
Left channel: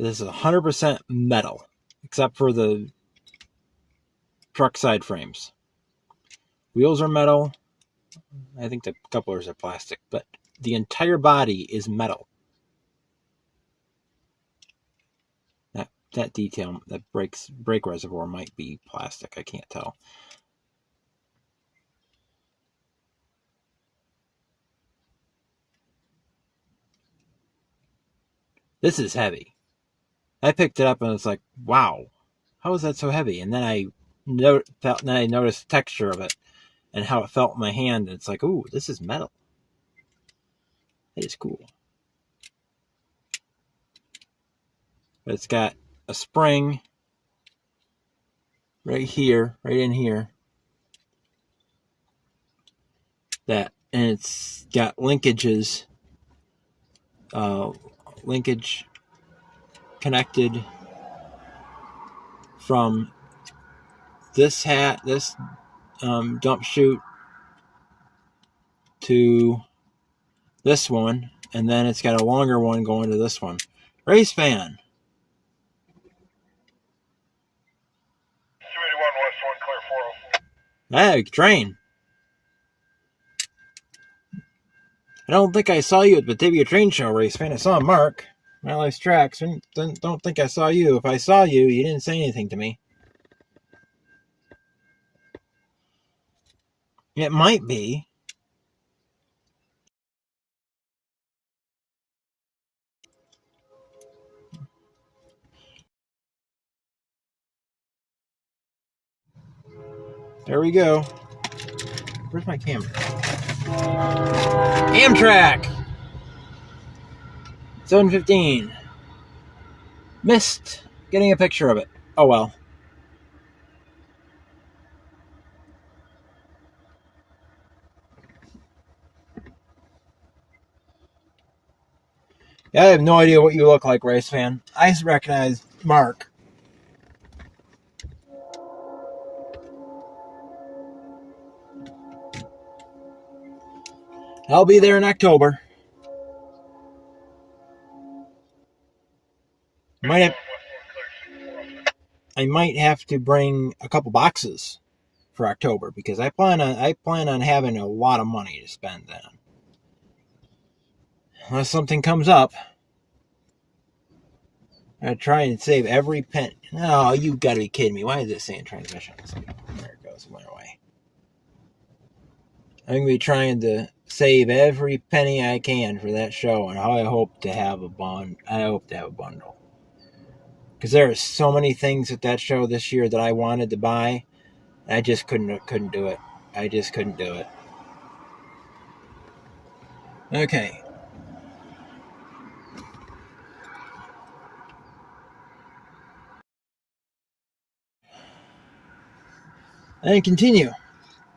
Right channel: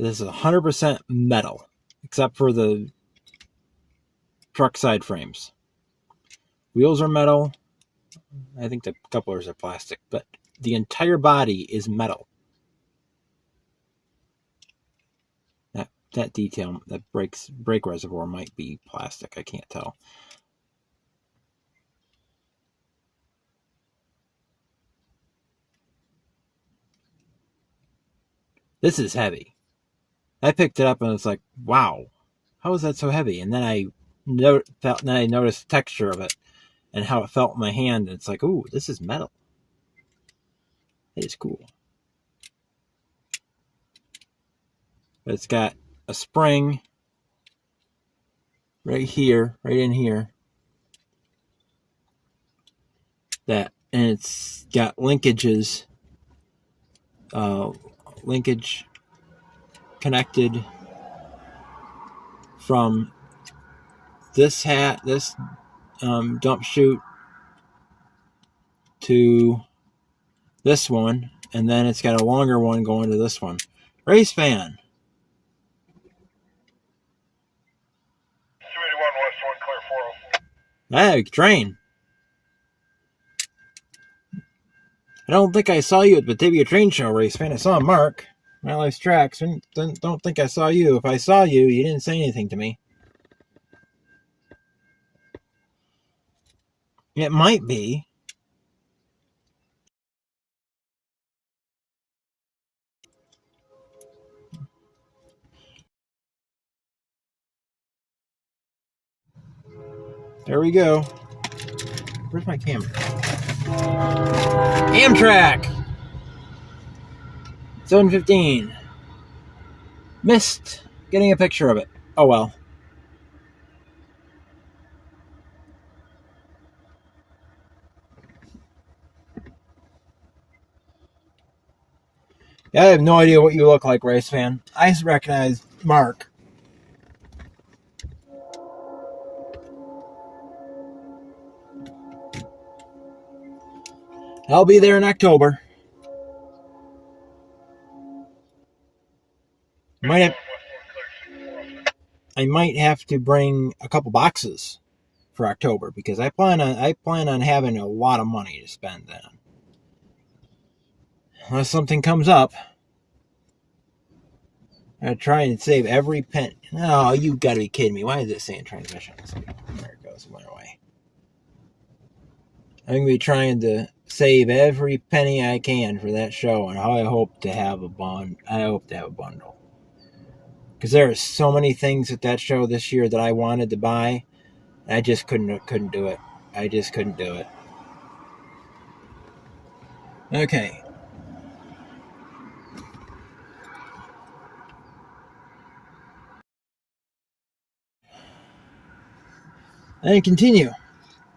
This is 100% metal, except for the truck side frames. Wheels are metal. I think the couplers are plastic, but the entire body is metal. That detail, that brake reservoir might be plastic. I can't tell. This is heavy. I picked it up and it's like, wow, how is that so heavy? And then I noticed the texture of it and how it felt in my hand. And it's like, ooh, this is metal. It is cool. But it's got a spring right here, right in here. And it's got linkages, linkage connected from this dump chute to this one, and then it's got a longer one going to this one. Race fan. 281 West 1 clear 404. Hey, train. I don't think I saw you at the Batavia Train Show, race fan. I saw Mark. My Life's Tracks. Don't think I saw you. If I saw you, you didn't say anything to me. It might be. There we go. Where's my camera? Amtrak! 7:15. Missed getting a picture of it. Oh well. Yeah, I have no idea what you look like, race fan. I recognize Mark. I'll be there in October. I might have to bring a couple boxes for October because I plan on having a lot of money to spend then. Unless something comes up, I try and save every penny. No, you gotta be kidding me. Why is it saying transmissions? There it goes, went away. I'm gonna be trying to save every penny I can for that show, and I hope to have a bundle. Because there are so many things at that show this year that I wanted to buy. I just couldn't do it. I just couldn't do it. Okay. And continue.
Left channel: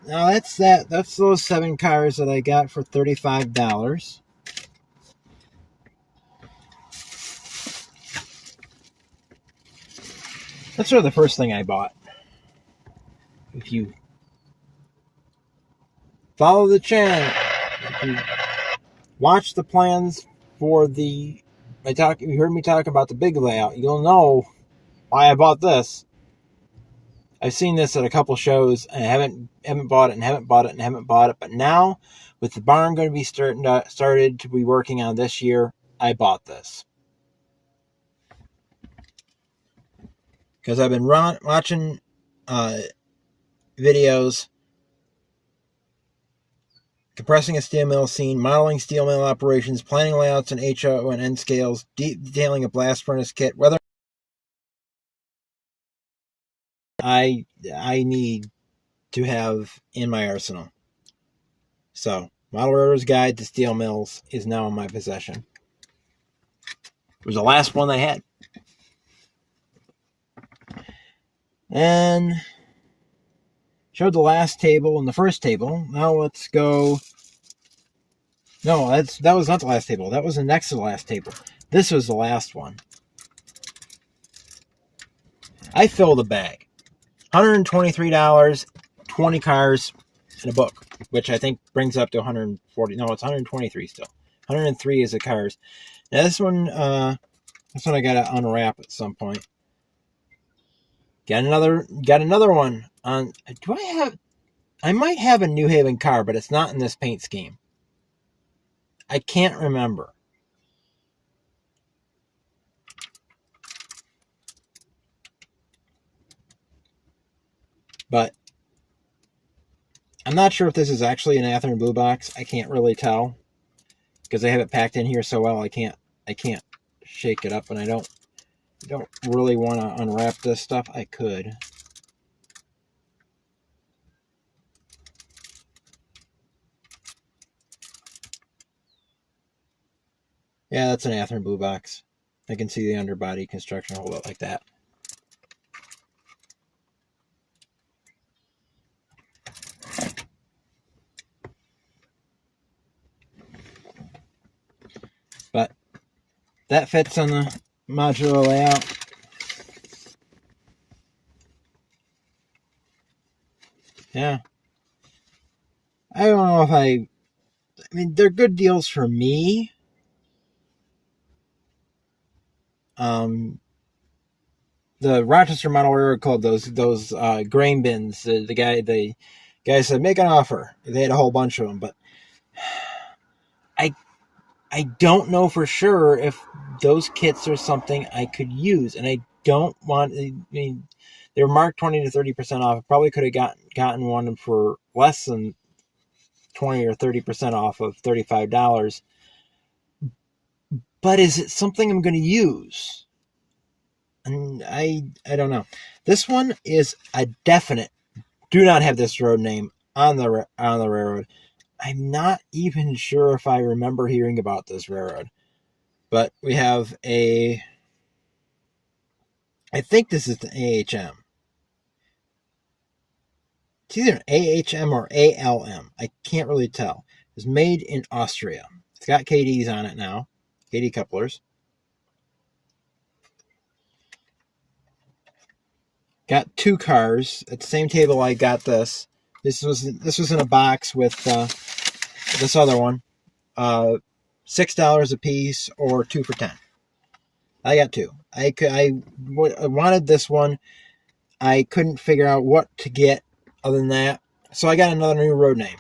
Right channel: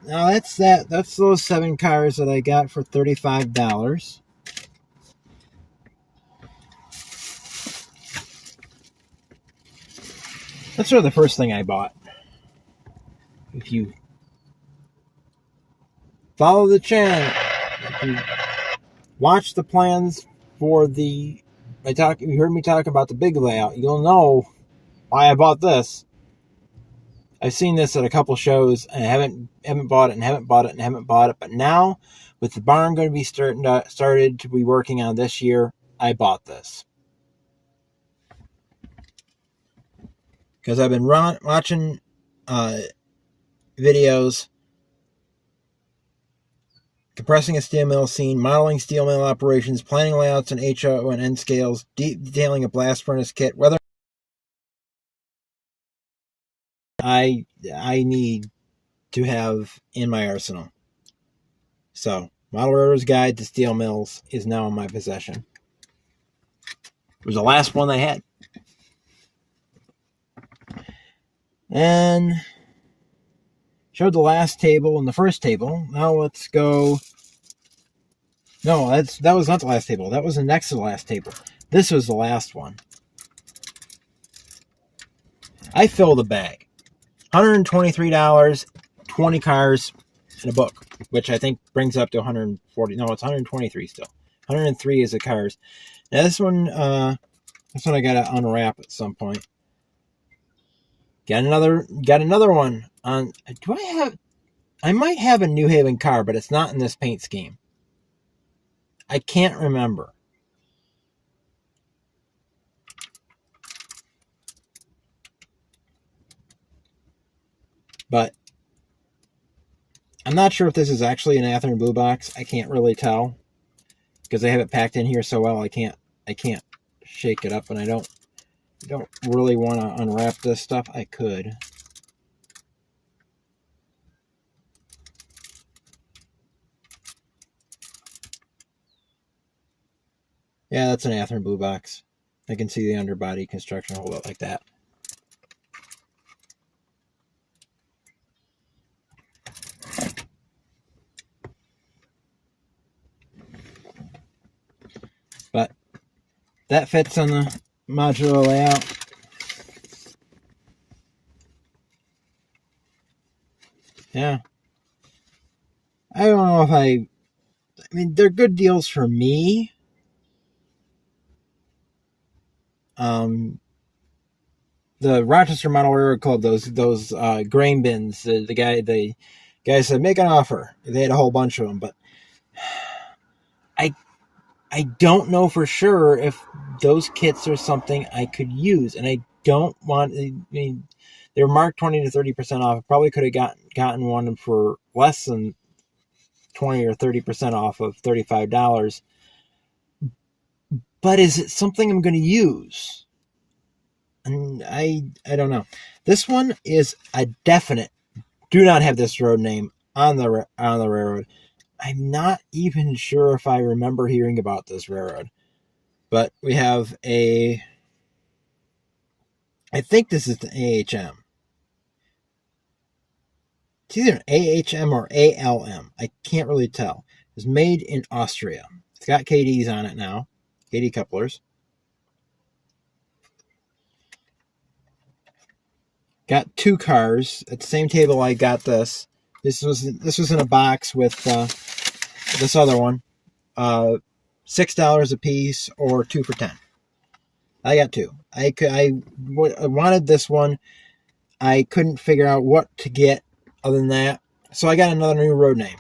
now that's that. That's those 7 cars that I got for $35. That's sort of the first thing I bought. If you follow the channel, if you watch the plans for the, you heard me talk about the big layout, you'll know why I bought this. I've seen this at a couple shows and I haven't bought it and haven't bought it and haven't bought it. But now, with the barn going to be started to be working on this year, I bought this. Because I've been watching videos, compressing a steel mill scene, modeling steel mill operations, planning layouts in HO and N scales, detailing a blast furnace kit, whether I need to have in my arsenal. So, Model Railroad's Guide to Steel Mills is now in my possession. It was the last one I had. And showed the last table and the first table. Now let's go. No, that was not the last table. That was the next to the last table. This was the last one. I filled a bag. $123, 20 cars, and a book, which I think brings up to 140. No, it's 123 still. 103 is the cars. Now this one I gotta unwrap at some point. Got another one on. I might have a New Haven car, but it's not in this paint scheme. I can't remember. But I'm not sure if this is actually an Athearn Blue Box. I can't really tell because they have it packed in here so well. I can't shake it up, and I don't really want to unwrap this stuff. I could. Yeah, that's an Athearn Blue Box. I can see the underbody construction hold up like that. But that fits on the modular layout. Yeah. I don't know if I mean, they're good deals for me. The Rochester Model Railroad Club, those grain bins, the guy said, make an offer. They had a whole bunch of them, but I don't know for sure if those kits are something I could use, and I don't want. I mean, they were marked 20 to 30% off. I probably could have gotten one for less than 20 or 30% off of $35. But is it something I'm going to use? And I don't know. This one is a definite. Do not have this road name on the railroad. I'm not even sure if I remember hearing about this railroad. But we have I think this is the AHM. It's either an AHM or ALM. I can't really tell. It's made in Austria. It's got KDs on it now. KD couplers. Got 2 cars. At the same table I got this. This was in a box with this other one. $6 a piece or 2 for $10. I got 2. I wanted this one. I couldn't figure out what to get other than that, so I got another new road name.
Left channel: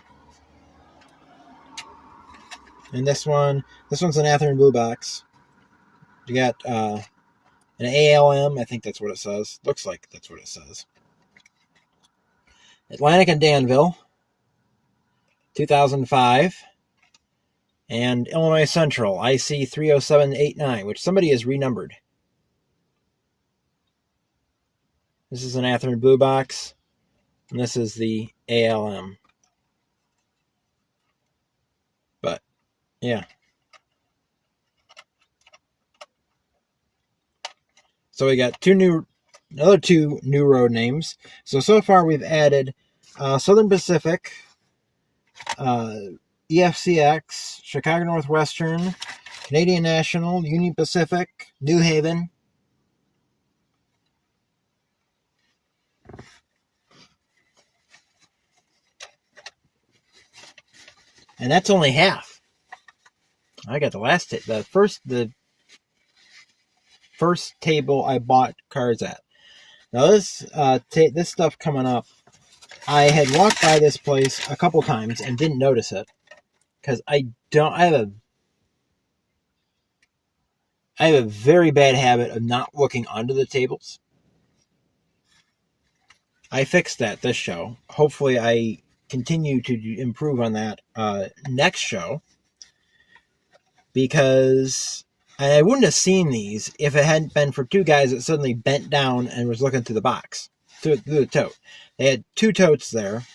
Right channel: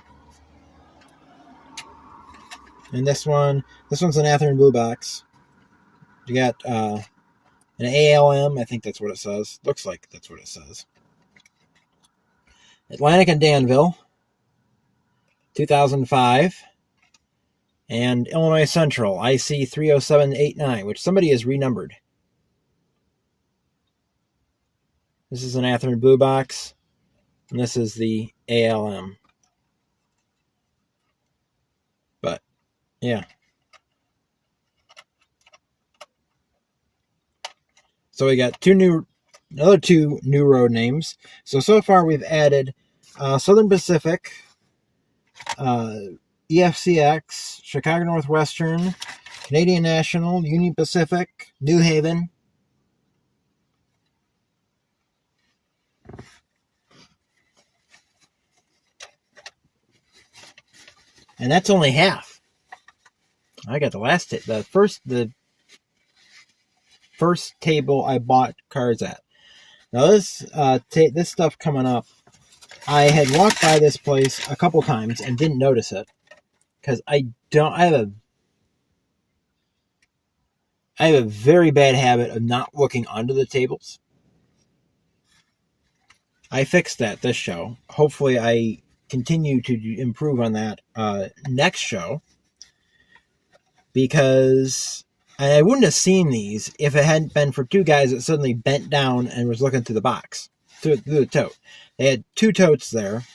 And this one's an Athearn Blue Box. You got an ALM. I think that's what it says. Looks like that's what it says. Atlantic and Danville, 2005. And Illinois Central, IC 30789, which somebody has renumbered. This is an Athearn Blue Box, and this is the ALM. But, yeah. So we got another two new road names. So far we've added Southern Pacific, EFCX, Chicago Northwestern, Canadian National, Union Pacific, New Haven. And that's only half. I got the last the first table I bought cards at. Now this this stuff coming up, I had walked by this place a couple times and didn't notice it because I have a very bad habit of not looking under the tables. I fixed that this show. Hopefully I continue to improve on that next show, because I wouldn't have seen these if it hadn't been for two guys that suddenly bent down and was looking through the box, through the tote. They had two totes there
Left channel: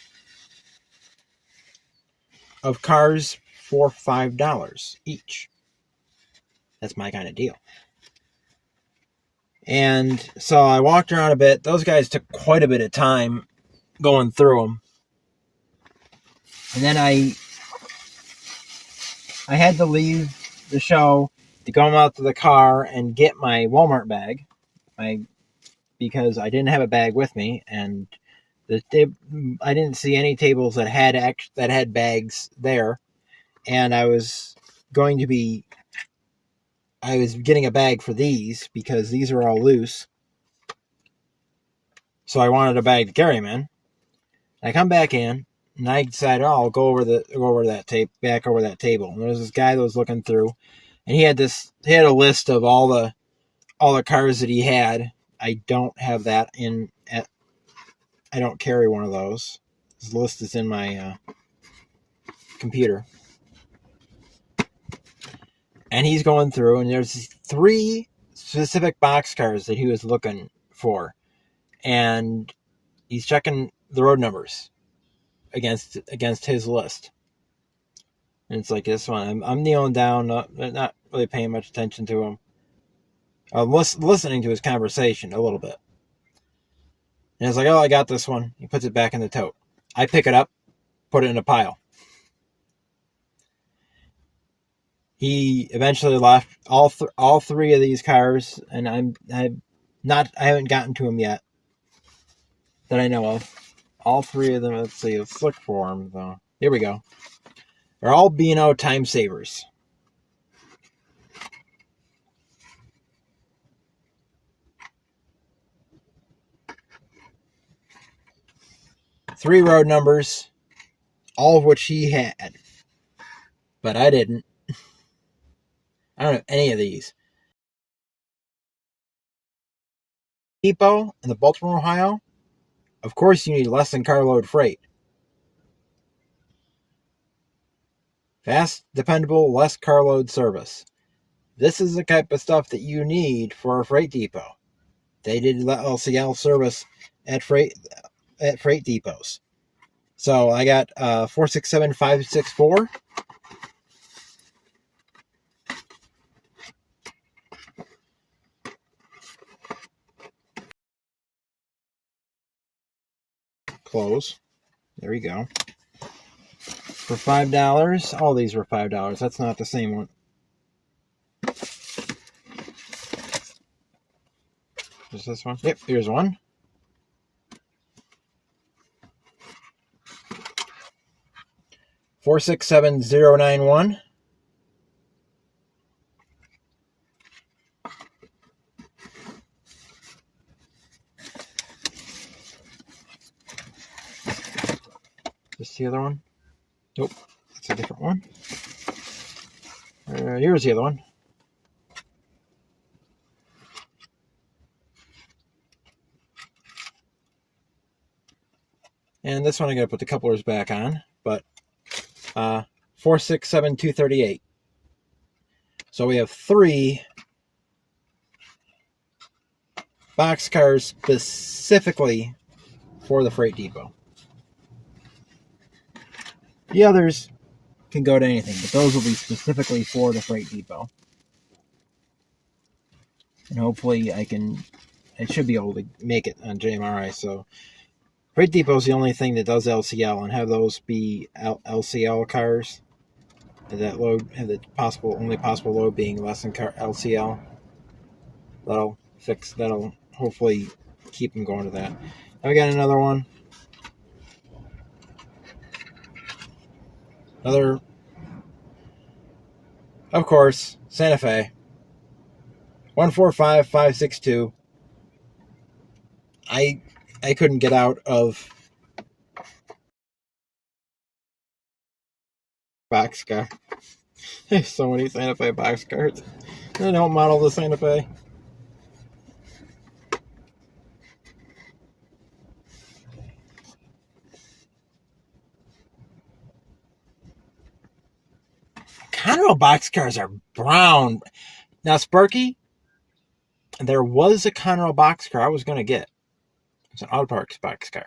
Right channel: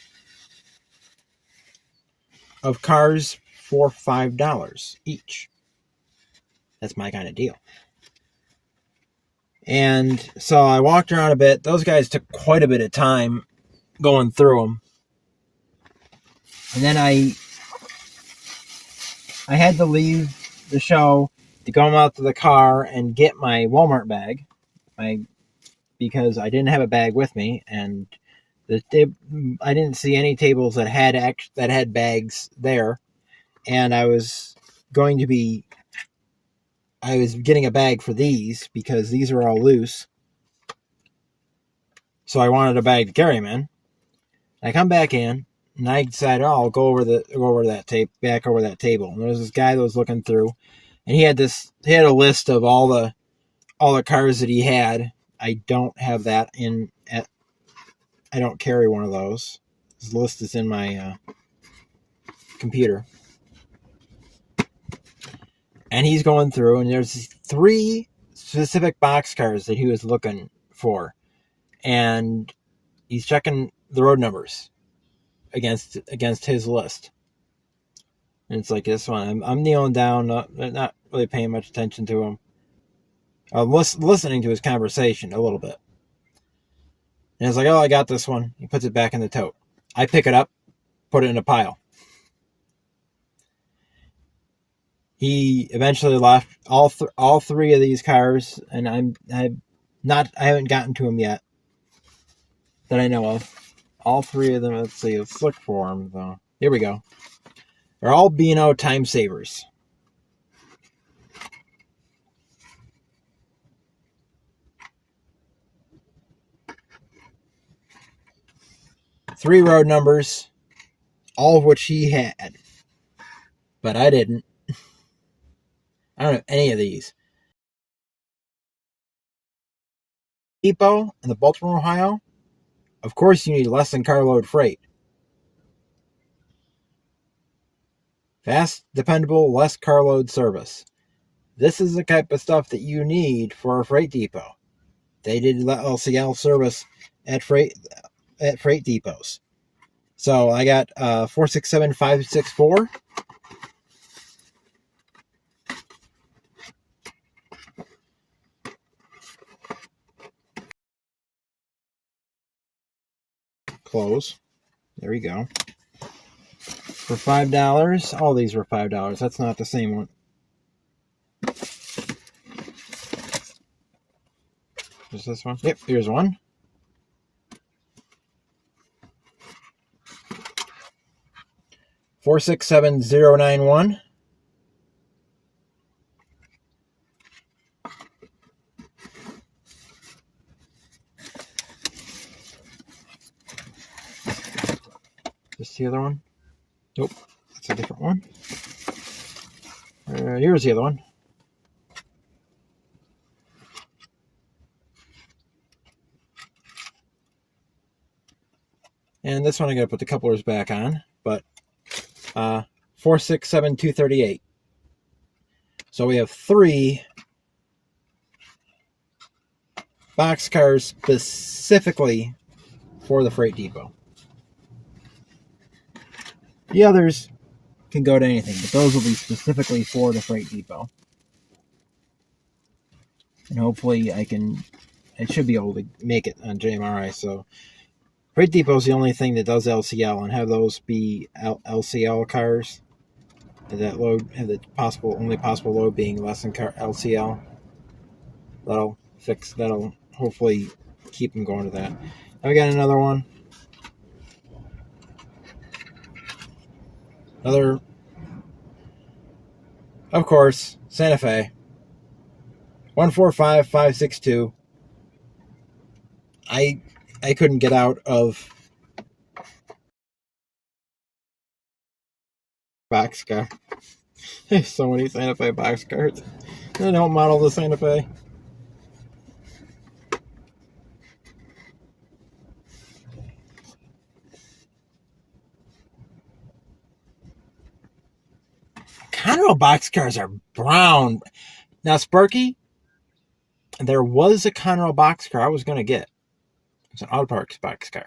of cars for $5 each. That's my kind of deal. And so I walked around a bit. Those guys took quite a bit of time going through them. And then I had to leave the show to go out to the car and get my Walmart bag, because I didn't have a bag with me, and I didn't see any tables that had bags there, and I was getting a bag for these because these are all loose, so I wanted a bag to carry them in. I come back in. And I decided, I'll go over that table. And there was this guy that was looking through, and he had a list of all the cars that he had. I don't have that I don't carry one of those. His list is in my computer. And he's going through, and there's 3 specific boxcars that he was looking for, and he's checking the road numbers against his list. And it's like this one. I'm kneeling down, not really paying much attention to him. I'm listening to his conversation a little bit. And it's like, oh, I got this one. He puts it back in the tote. I pick it up, put it in a pile. He eventually left all 3 of these cars, and I haven't gotten to them yet that I know of. All 3 of them, let's look for them, though. Here we go. They're all B&O time savers. Three road numbers, all of which he had. But I didn't. I don't have any of these. Depot in the Baltimore, Ohio. Of course you need less than carload freight. Fast, dependable, less carload service. This is the type of stuff that you need for a freight depot. They did LCL service at freight depots. So I got 467564. Close. There we go. For $5. All these were $5. That's not the same one. Is this one? Yep, here's one. $467091. Is the other one? Nope, that's a different one. Here's the other one. And this one I gotta put the couplers back on, but 467238. So we have 3 boxcars specifically for the freight depot. The others can go to anything, but those will be specifically for the freight depot. And hopefully I should be able to make it on JMRI, so Freight Depot is the only thing that does LCL, and have those be LCL cars. That load, have the only possible load being less than LCL. That'll hopefully keep them going to that. I got another one. Of course, Santa Fe. 145562. I couldn't get out of boxcar. There's so many Santa Fe boxcars. I don't model the Santa Fe. Conrail boxcars are brown. Now, Sparky, there was a Conrail boxcar I was going to get. It's an Auto Parts boxcar.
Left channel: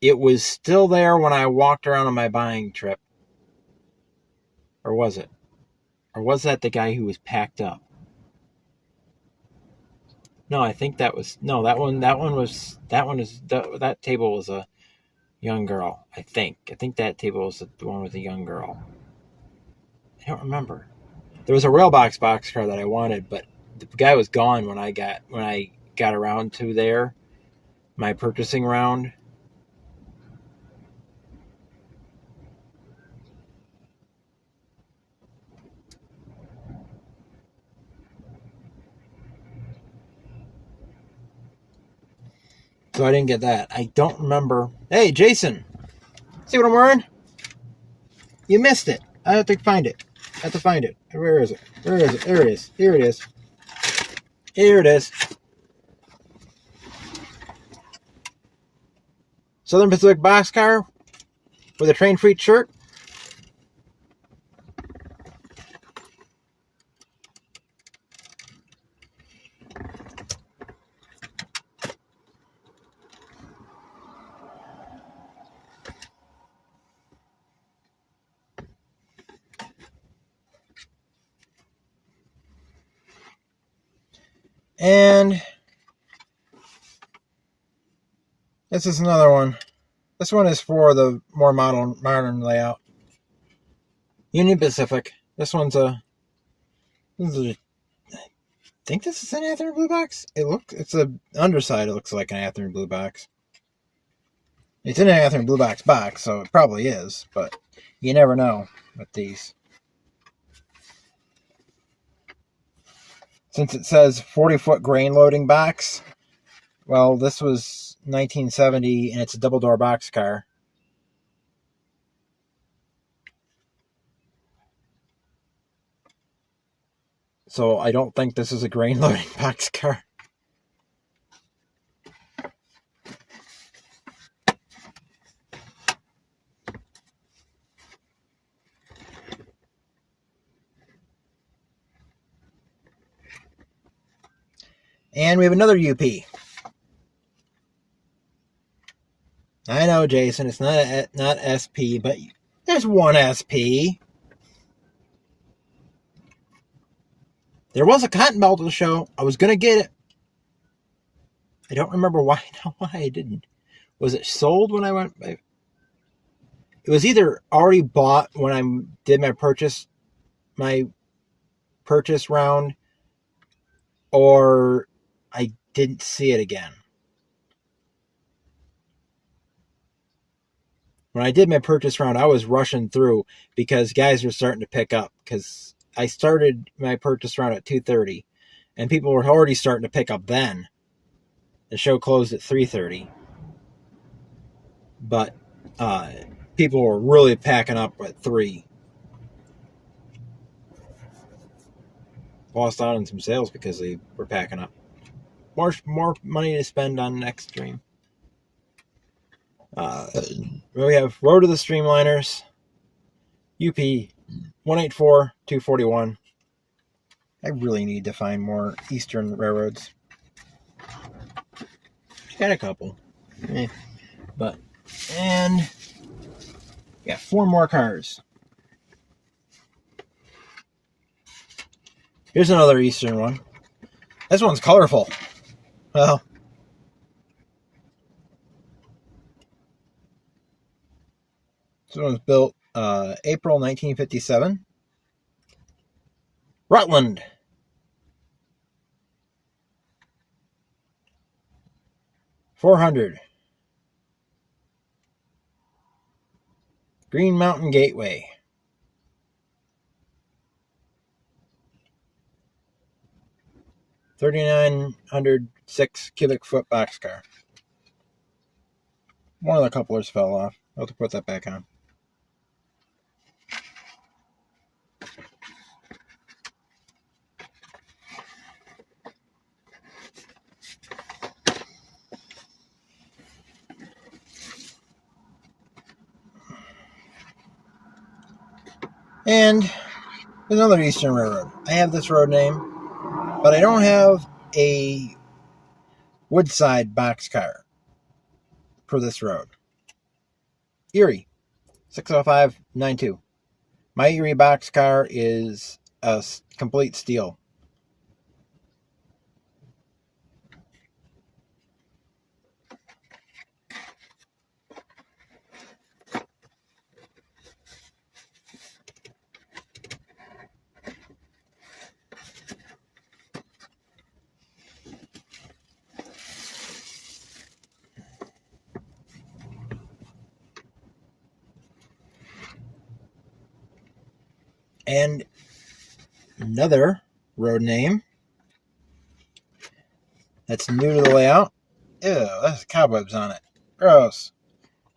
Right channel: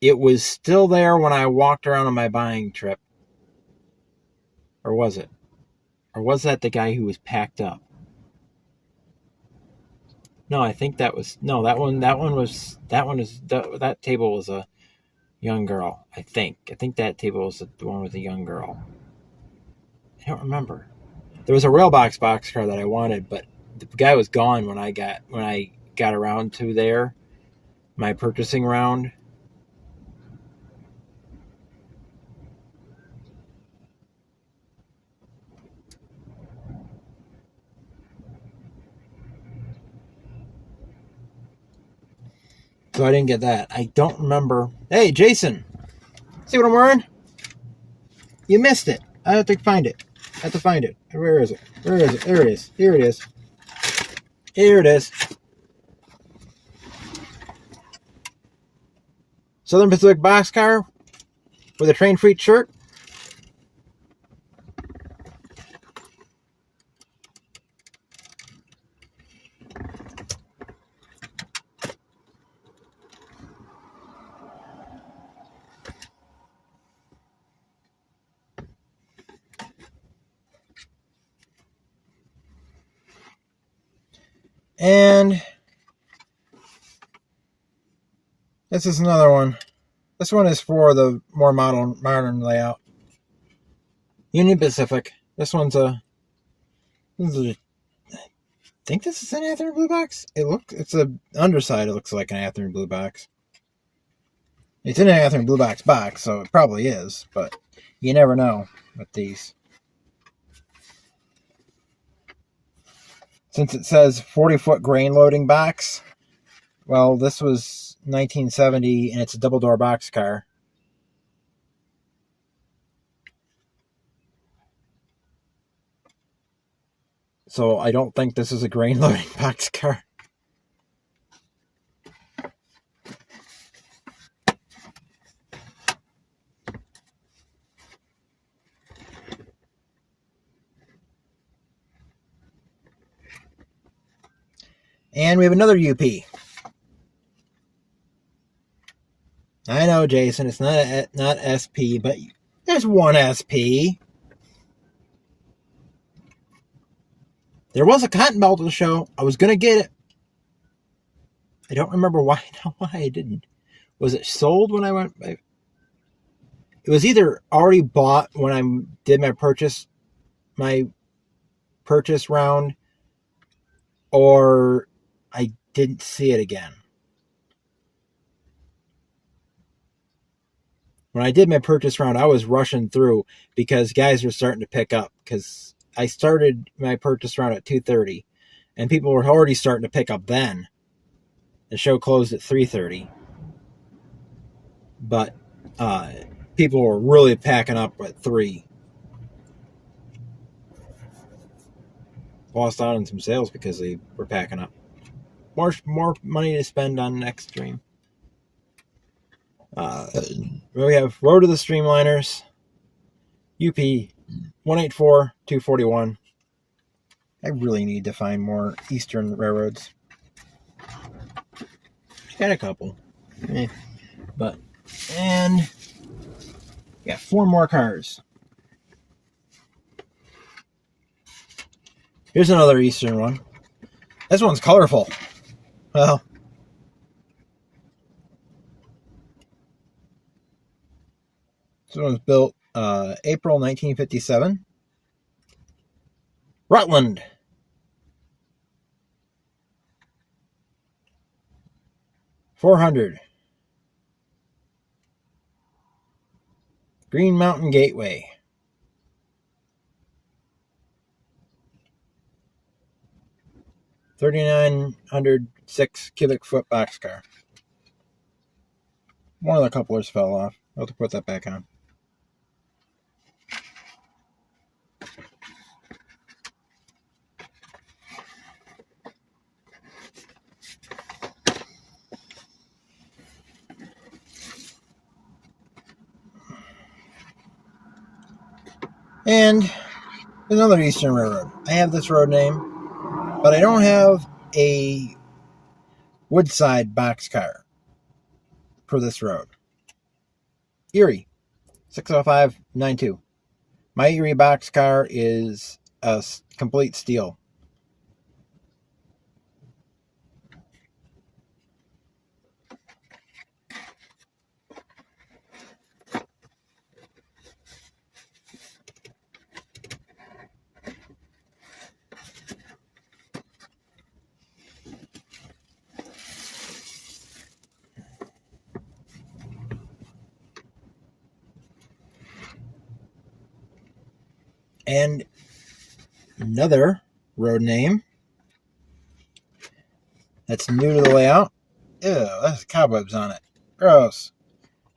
It was still there when I walked around on my buying trip. Or was it? Or was that the guy who was packed up? No, I think that was... No, that table was a young girl, I think. I think that table was the one with the young girl. I don't remember. There was a Railbox boxcar that I wanted, but the guy was gone when I got around to there. My purchasing round. So I didn't get that. I don't remember. Hey, Jason. See what I'm wearing? You missed it. I have to find it. Where is it? There it is. Here it is. Southern Pacific boxcar with a Train Freak shirt. And this is another one. This one is for the more modern layout. Union Pacific. This one's I think this is an Athearn Blue Box. It's a underside. It looks like an Athearn Blue Box. It's in an Athearn Blue Box box, so it probably is, but you never know with these. Since it says 40-foot grain loading box, well, this was 1970, and it's a double-door boxcar. So I don't think this is a grain loading boxcar. And we have another UP. I know, Jason, it's not SP, but there's one SP. There was a cotton belt to the show. I was going to get it. I don't remember why I didn't. Was it sold when I went? It was either already bought when I did my purchase round, or I didn't see it again. When I did my purchase round, I was rushing through because guys were starting to pick up, because I started my purchase round at 2:30, and people were already starting to pick up then. The show closed at 3:30. But people were really packing up at 3. Lost out on some sales because they were packing up. More money to spend on next stream. We have Road to the Streamliners, UP 184-241. I really need to find more Eastern railroads. Got a couple. And yeah, 4 more cars. Here's another Eastern one. This one's colorful. Well, This one was built April 1957. Rutland. $400. Green Mountain Gateway. 3,906 cubic foot boxcar. One of the couplers fell off. I'll have to put that back on. And another Eastern Railroad. I have this road name, but I don't have a Woodside boxcar for this road. Erie, 60592. My Erie boxcar is a complete steel. And another road name that's new to the layout. Ew, that's cobwebs on it. Gross.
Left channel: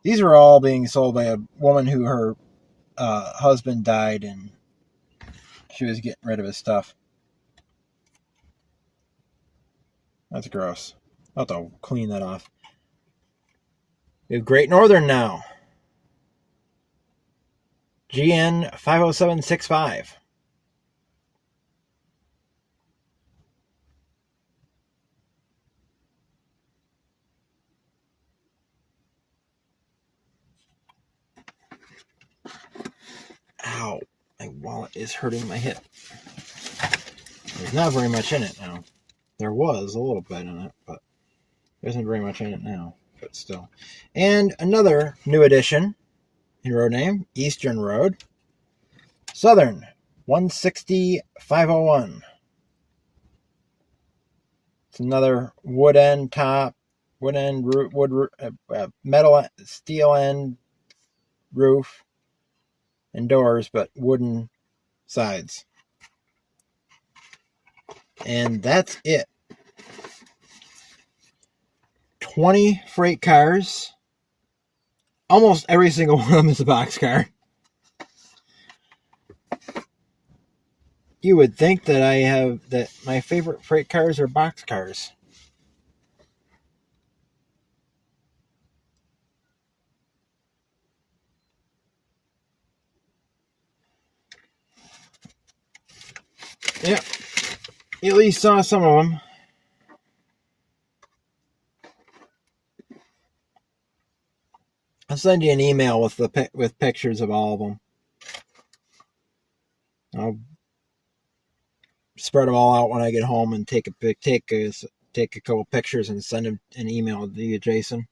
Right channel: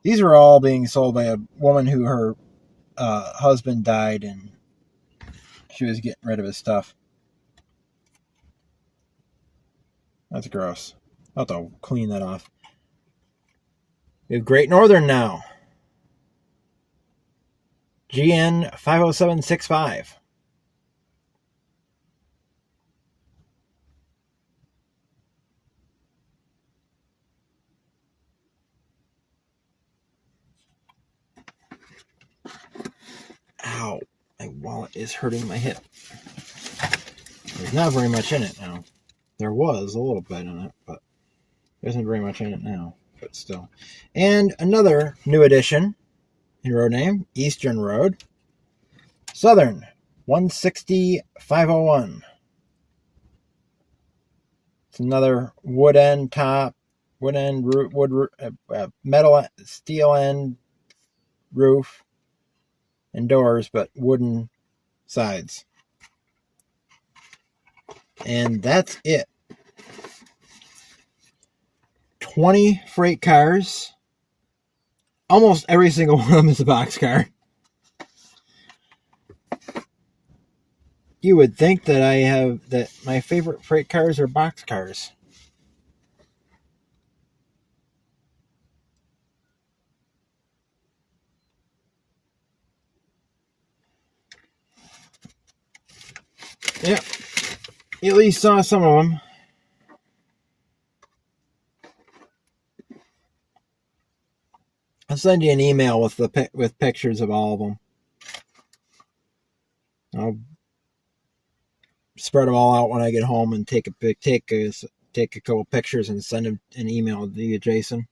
These are all being sold by a woman who her husband died and she was getting rid of his stuff. That's gross. I'll have to clean that off. We have Great Northern now. GN 50765. Ow, my wallet is hurting my hip. There's not very much in it now. There was a little bit in it, but there isn't very much in it now, but still. And another new addition in road name, Eastern Road. Southern, 160-501. It's another wood end top, metal, steel end roof and doors, but wooden sides. And that's it. 20 freight cars. Almost every single one of them is a boxcar. You would think that my favorite freight cars are boxcars. Yeah, you at least saw some of them. I'll send you an email with pictures of all of them. I'll spread them all out when I get home and take a couple pictures and send them an email to you, Jason.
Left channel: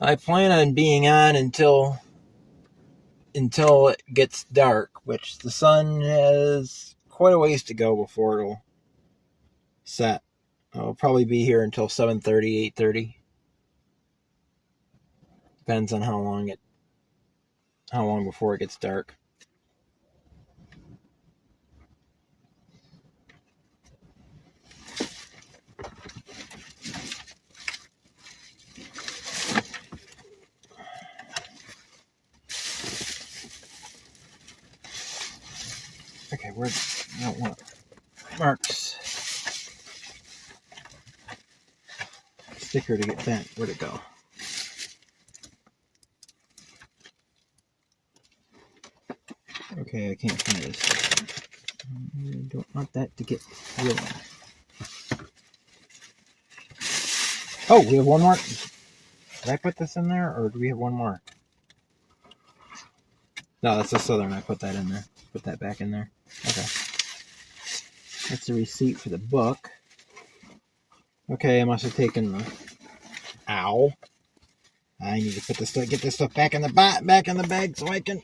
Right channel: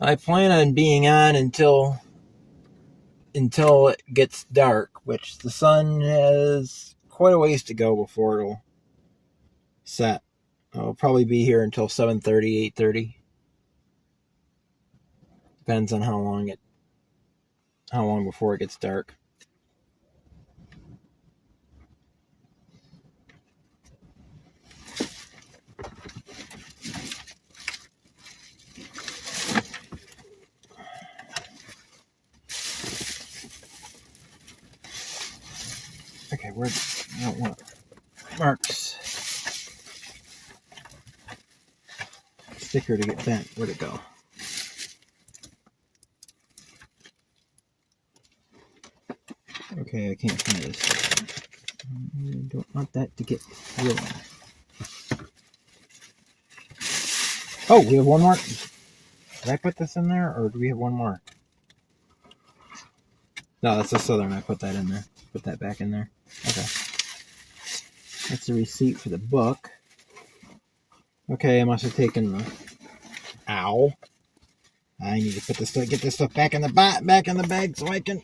I plan on being on until it gets dark, which the sun has quite a ways to go before it'll set. I'll probably be here until 7:30, 8:30. Depends on how long before it gets dark. Okay, I don't want Mark's sticker to get bent. Where'd it go? Okay, I can't find this. I don't want that to get ruined. Oh, we have one more. Did I put this in there, or do we have one more? No, that's the Southern. I put that in there. Put that back in there. Okay. That's the receipt for the book. Okay, I must have taken the... Ow. I need to put this stuff, get this stuff back in the bag so I can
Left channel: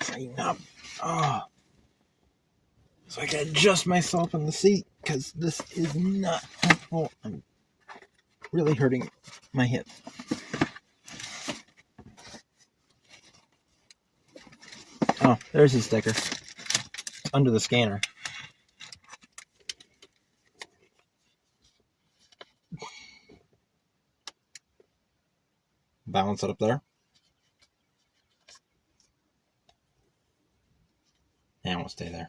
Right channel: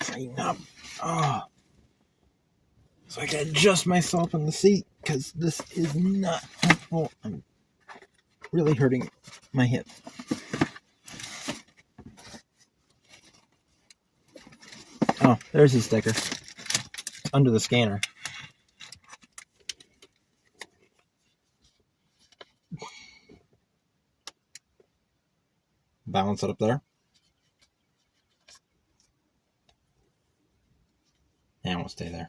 tighten up. Oh. So I can adjust myself in the seat, because this is not helpful. I'm really hurting my hip. Oh, there's the sticker. Under the scanner. Balance it up there. And we'll stay there.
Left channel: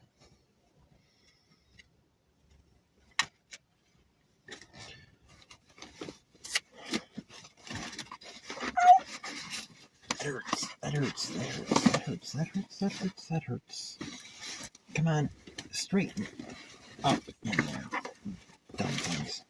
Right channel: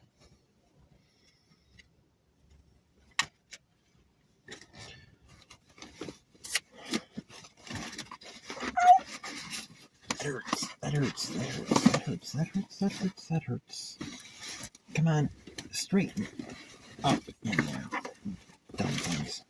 That hurts. That hurts. That hurts. That hurts. That hurts. That hurts. That hurts. Come on. Straighten up in there. Dumb things.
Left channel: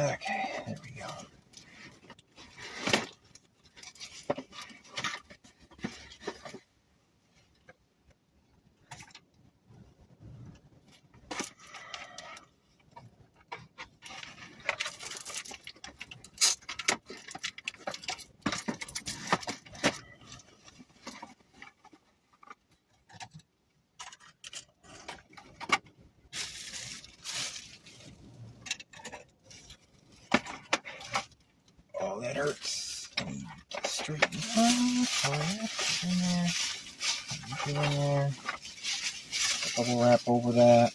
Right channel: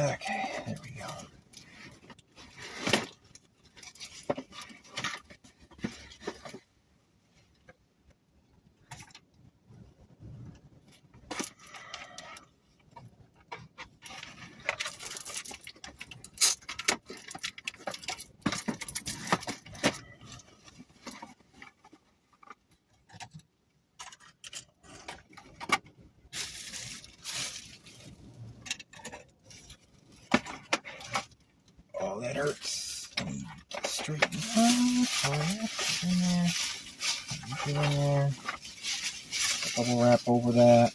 Okay, there we go. Oh, that hurts. Straighten in there. Bubble wrap over that.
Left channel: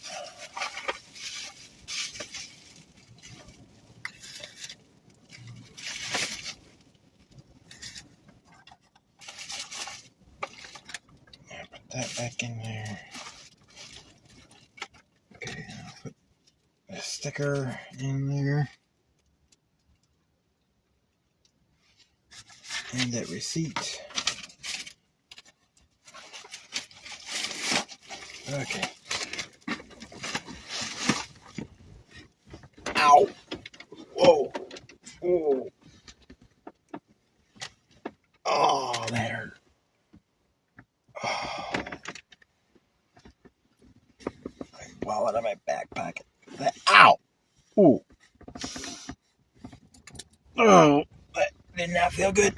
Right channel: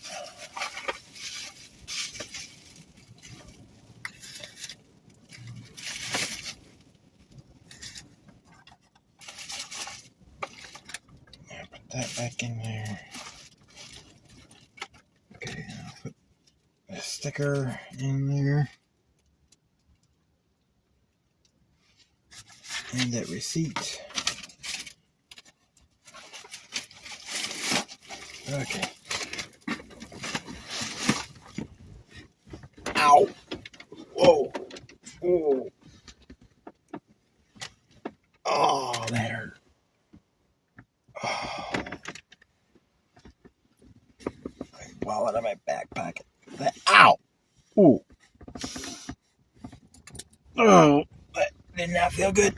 Put that back in there. Okay, I'll put the sticker in there. And that receipt. Okay. Ow! Whoa! Whoa! Oh, that hurt. Oh. Wallet in my back pocket. Ow! Ooh! Oh! That did not feel good.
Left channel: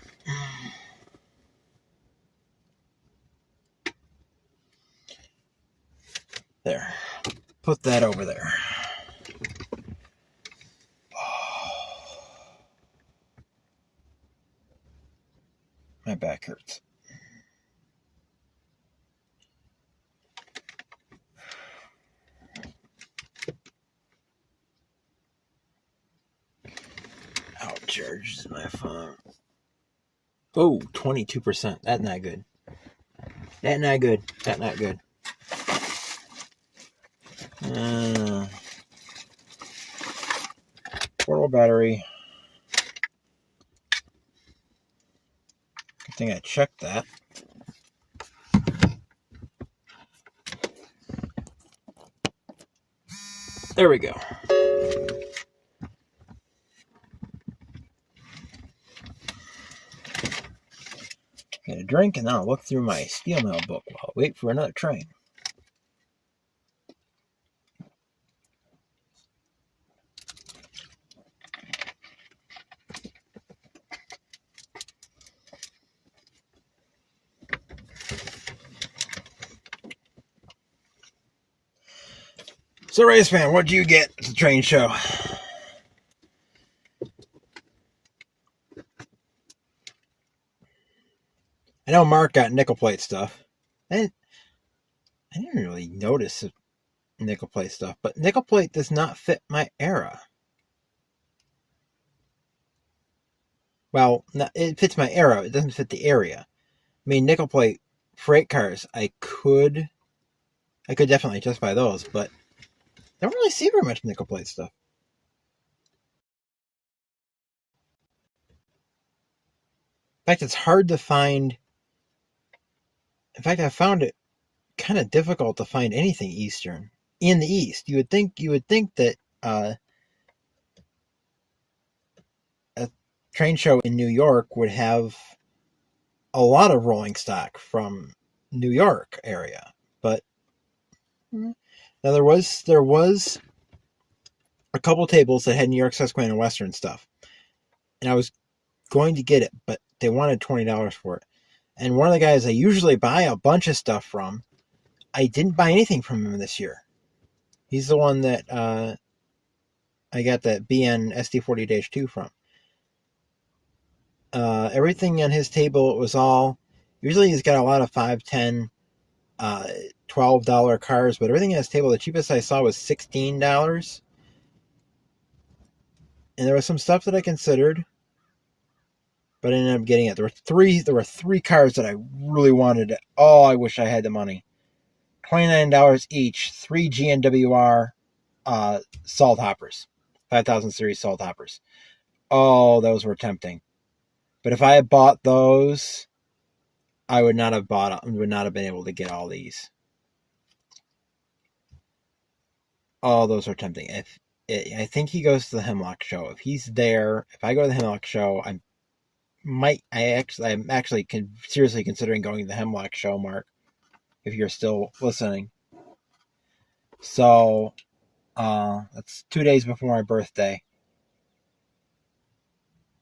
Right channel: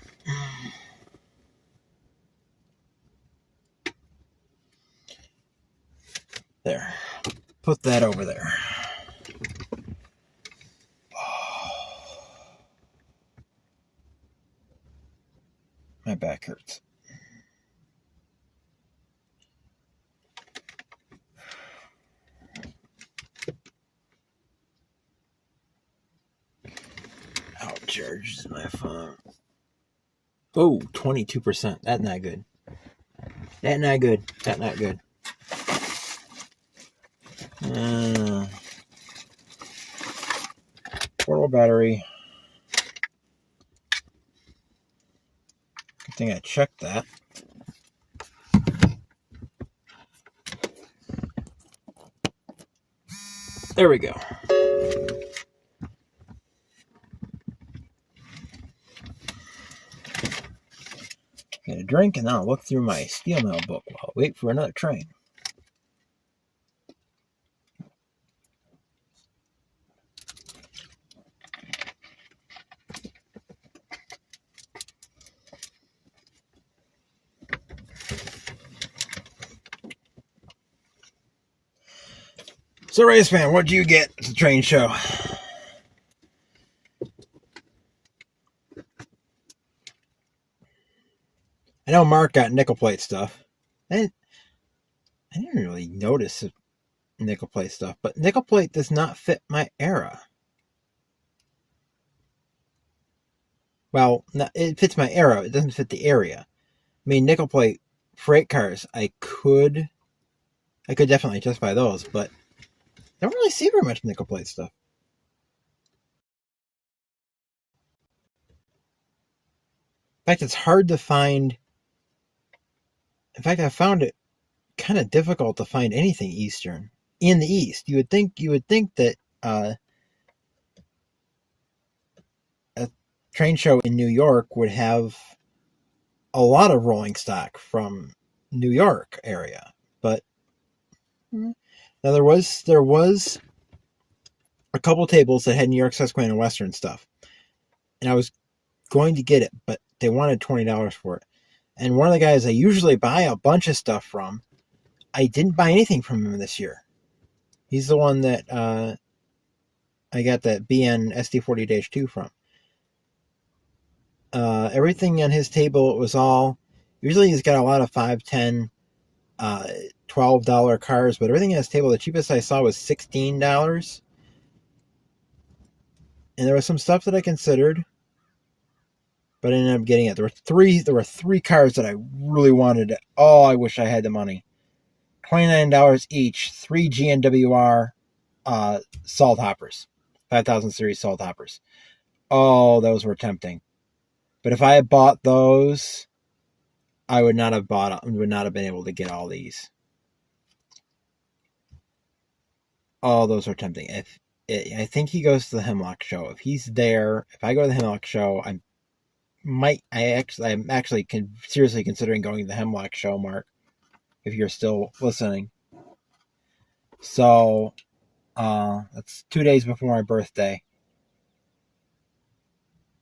There. Put that over there. My back hurts. Outcharges my phone. Oh, 22%. That's not good. That's not good. That's not good. Portable battery. I think I checked that. There we go. Get a drink and I'll look through my steel mill book while I wait for another train. So, Railfanning, what'd you get at the train show? I know Mark got nickel plate stuff. I didn't really notice the nickel plate stuff, but nickel plate does not fit my era. Well, it fits my era. It doesn't fit the area. I mean, nickel plate freight cars, I could I could definitely justify those, but I don't really see very much nickel plate stuff. In fact, it's hard to find. In fact, I found it kind of difficult to find anything Eastern in the East. You would think that a train show in New York would have a lot of rolling stock from New York area, but now there was a couple tables that had New York, Susquehanna, Western stuff, and I was going to get it, but they wanted $20 for it. And one of the guys I usually buy a bunch of stuff from, I didn't buy anything from him this year. He's the one that I got that BN SD40-2 from. Everything on his table was all. Usually he's got a lot of $5, $10, $12 cars, but everything on his table, the cheapest I saw was $16. And there was some stuff that I considered, but I ended up getting it. There were three cars that I really wanted. Oh, I wish I had the money. $29 each. 3 GNWR salt hoppers, 5000 series salt hoppers. Oh, those were tempting. But if I had bought those, I would not have been able to get all these. Oh, those are tempting. I think he goes to the Hemlock show. If he's there, if I go to the Hemlock show, I'm actually seriously considering going to the Hemlock show, Mark, if you're still listening. So, that's 2 days before my birthday.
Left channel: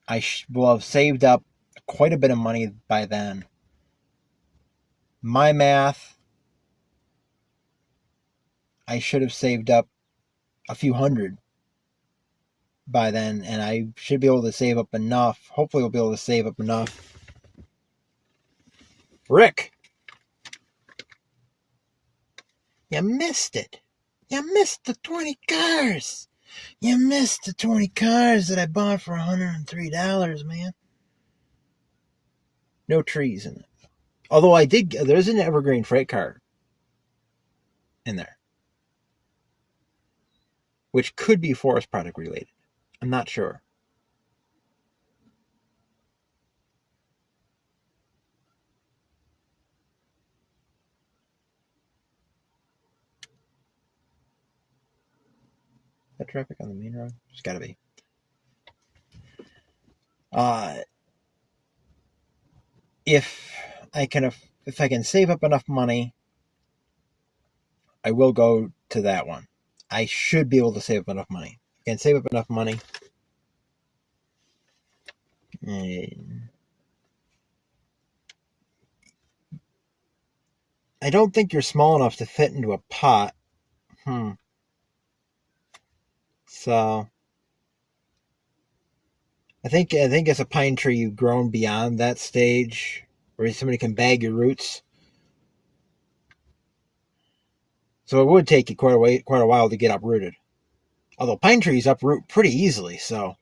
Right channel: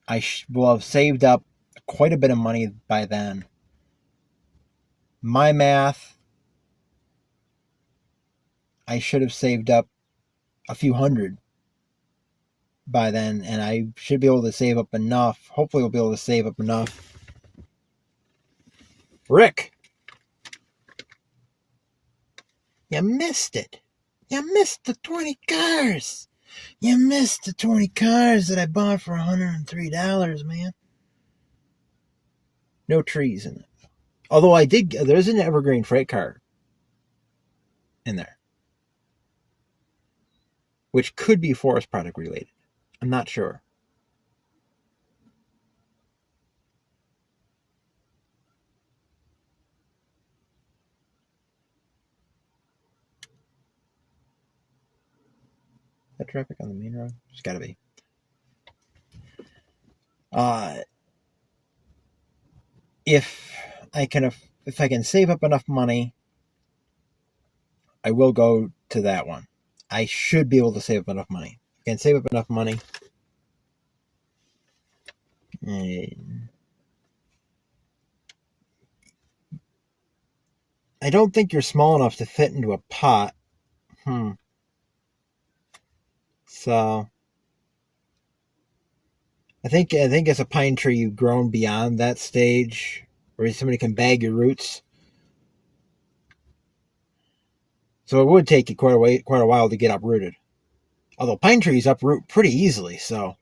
I will have saved up quite a bit of money by then. My math, I should have saved up a few hundred by then, and I should be able to save up enough. Hopefully, we'll be able to save up enough. Rick, you missed it. You missed the 20 cars. You missed the 20 cars that I bought for $103, man. No trees in it. Although there's an Evergreen freight car in there, which could be forest product related. I'm not sure. Is that traffic on the main road? There's gotta be. If I can save up enough money, I will go to that one. I should be able to save up enough money. If I can save up enough money. I don't think you're small enough to fit into a pot. So I think as a pine tree, you've grown beyond that stage where somebody can bag your roots. So it would take you quite a while to get uprooted. Although pine trees uproot pretty easily, so.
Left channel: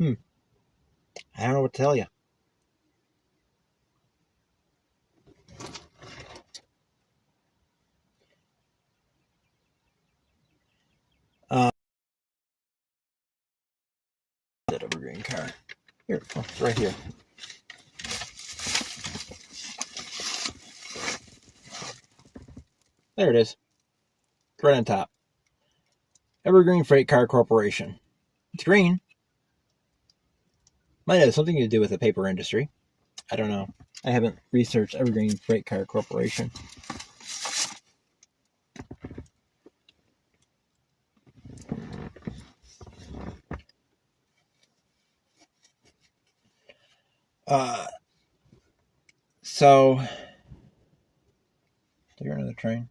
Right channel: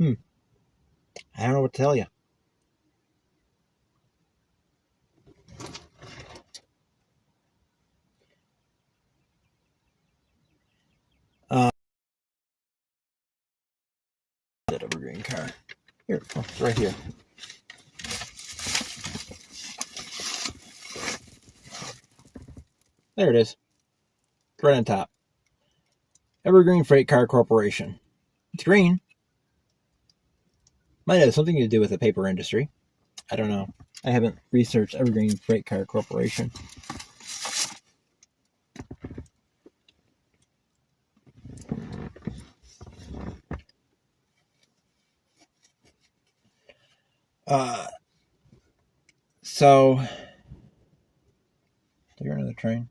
I don't know what to tell you. That evergreen car. Here, it's right here. There it is. Right on top. Evergreen Freight Car Corporation. It's green. Might have something to do with the paper industry. I don't know. I haven't researched Evergreen Freight Car Corporation. So, they're on the train.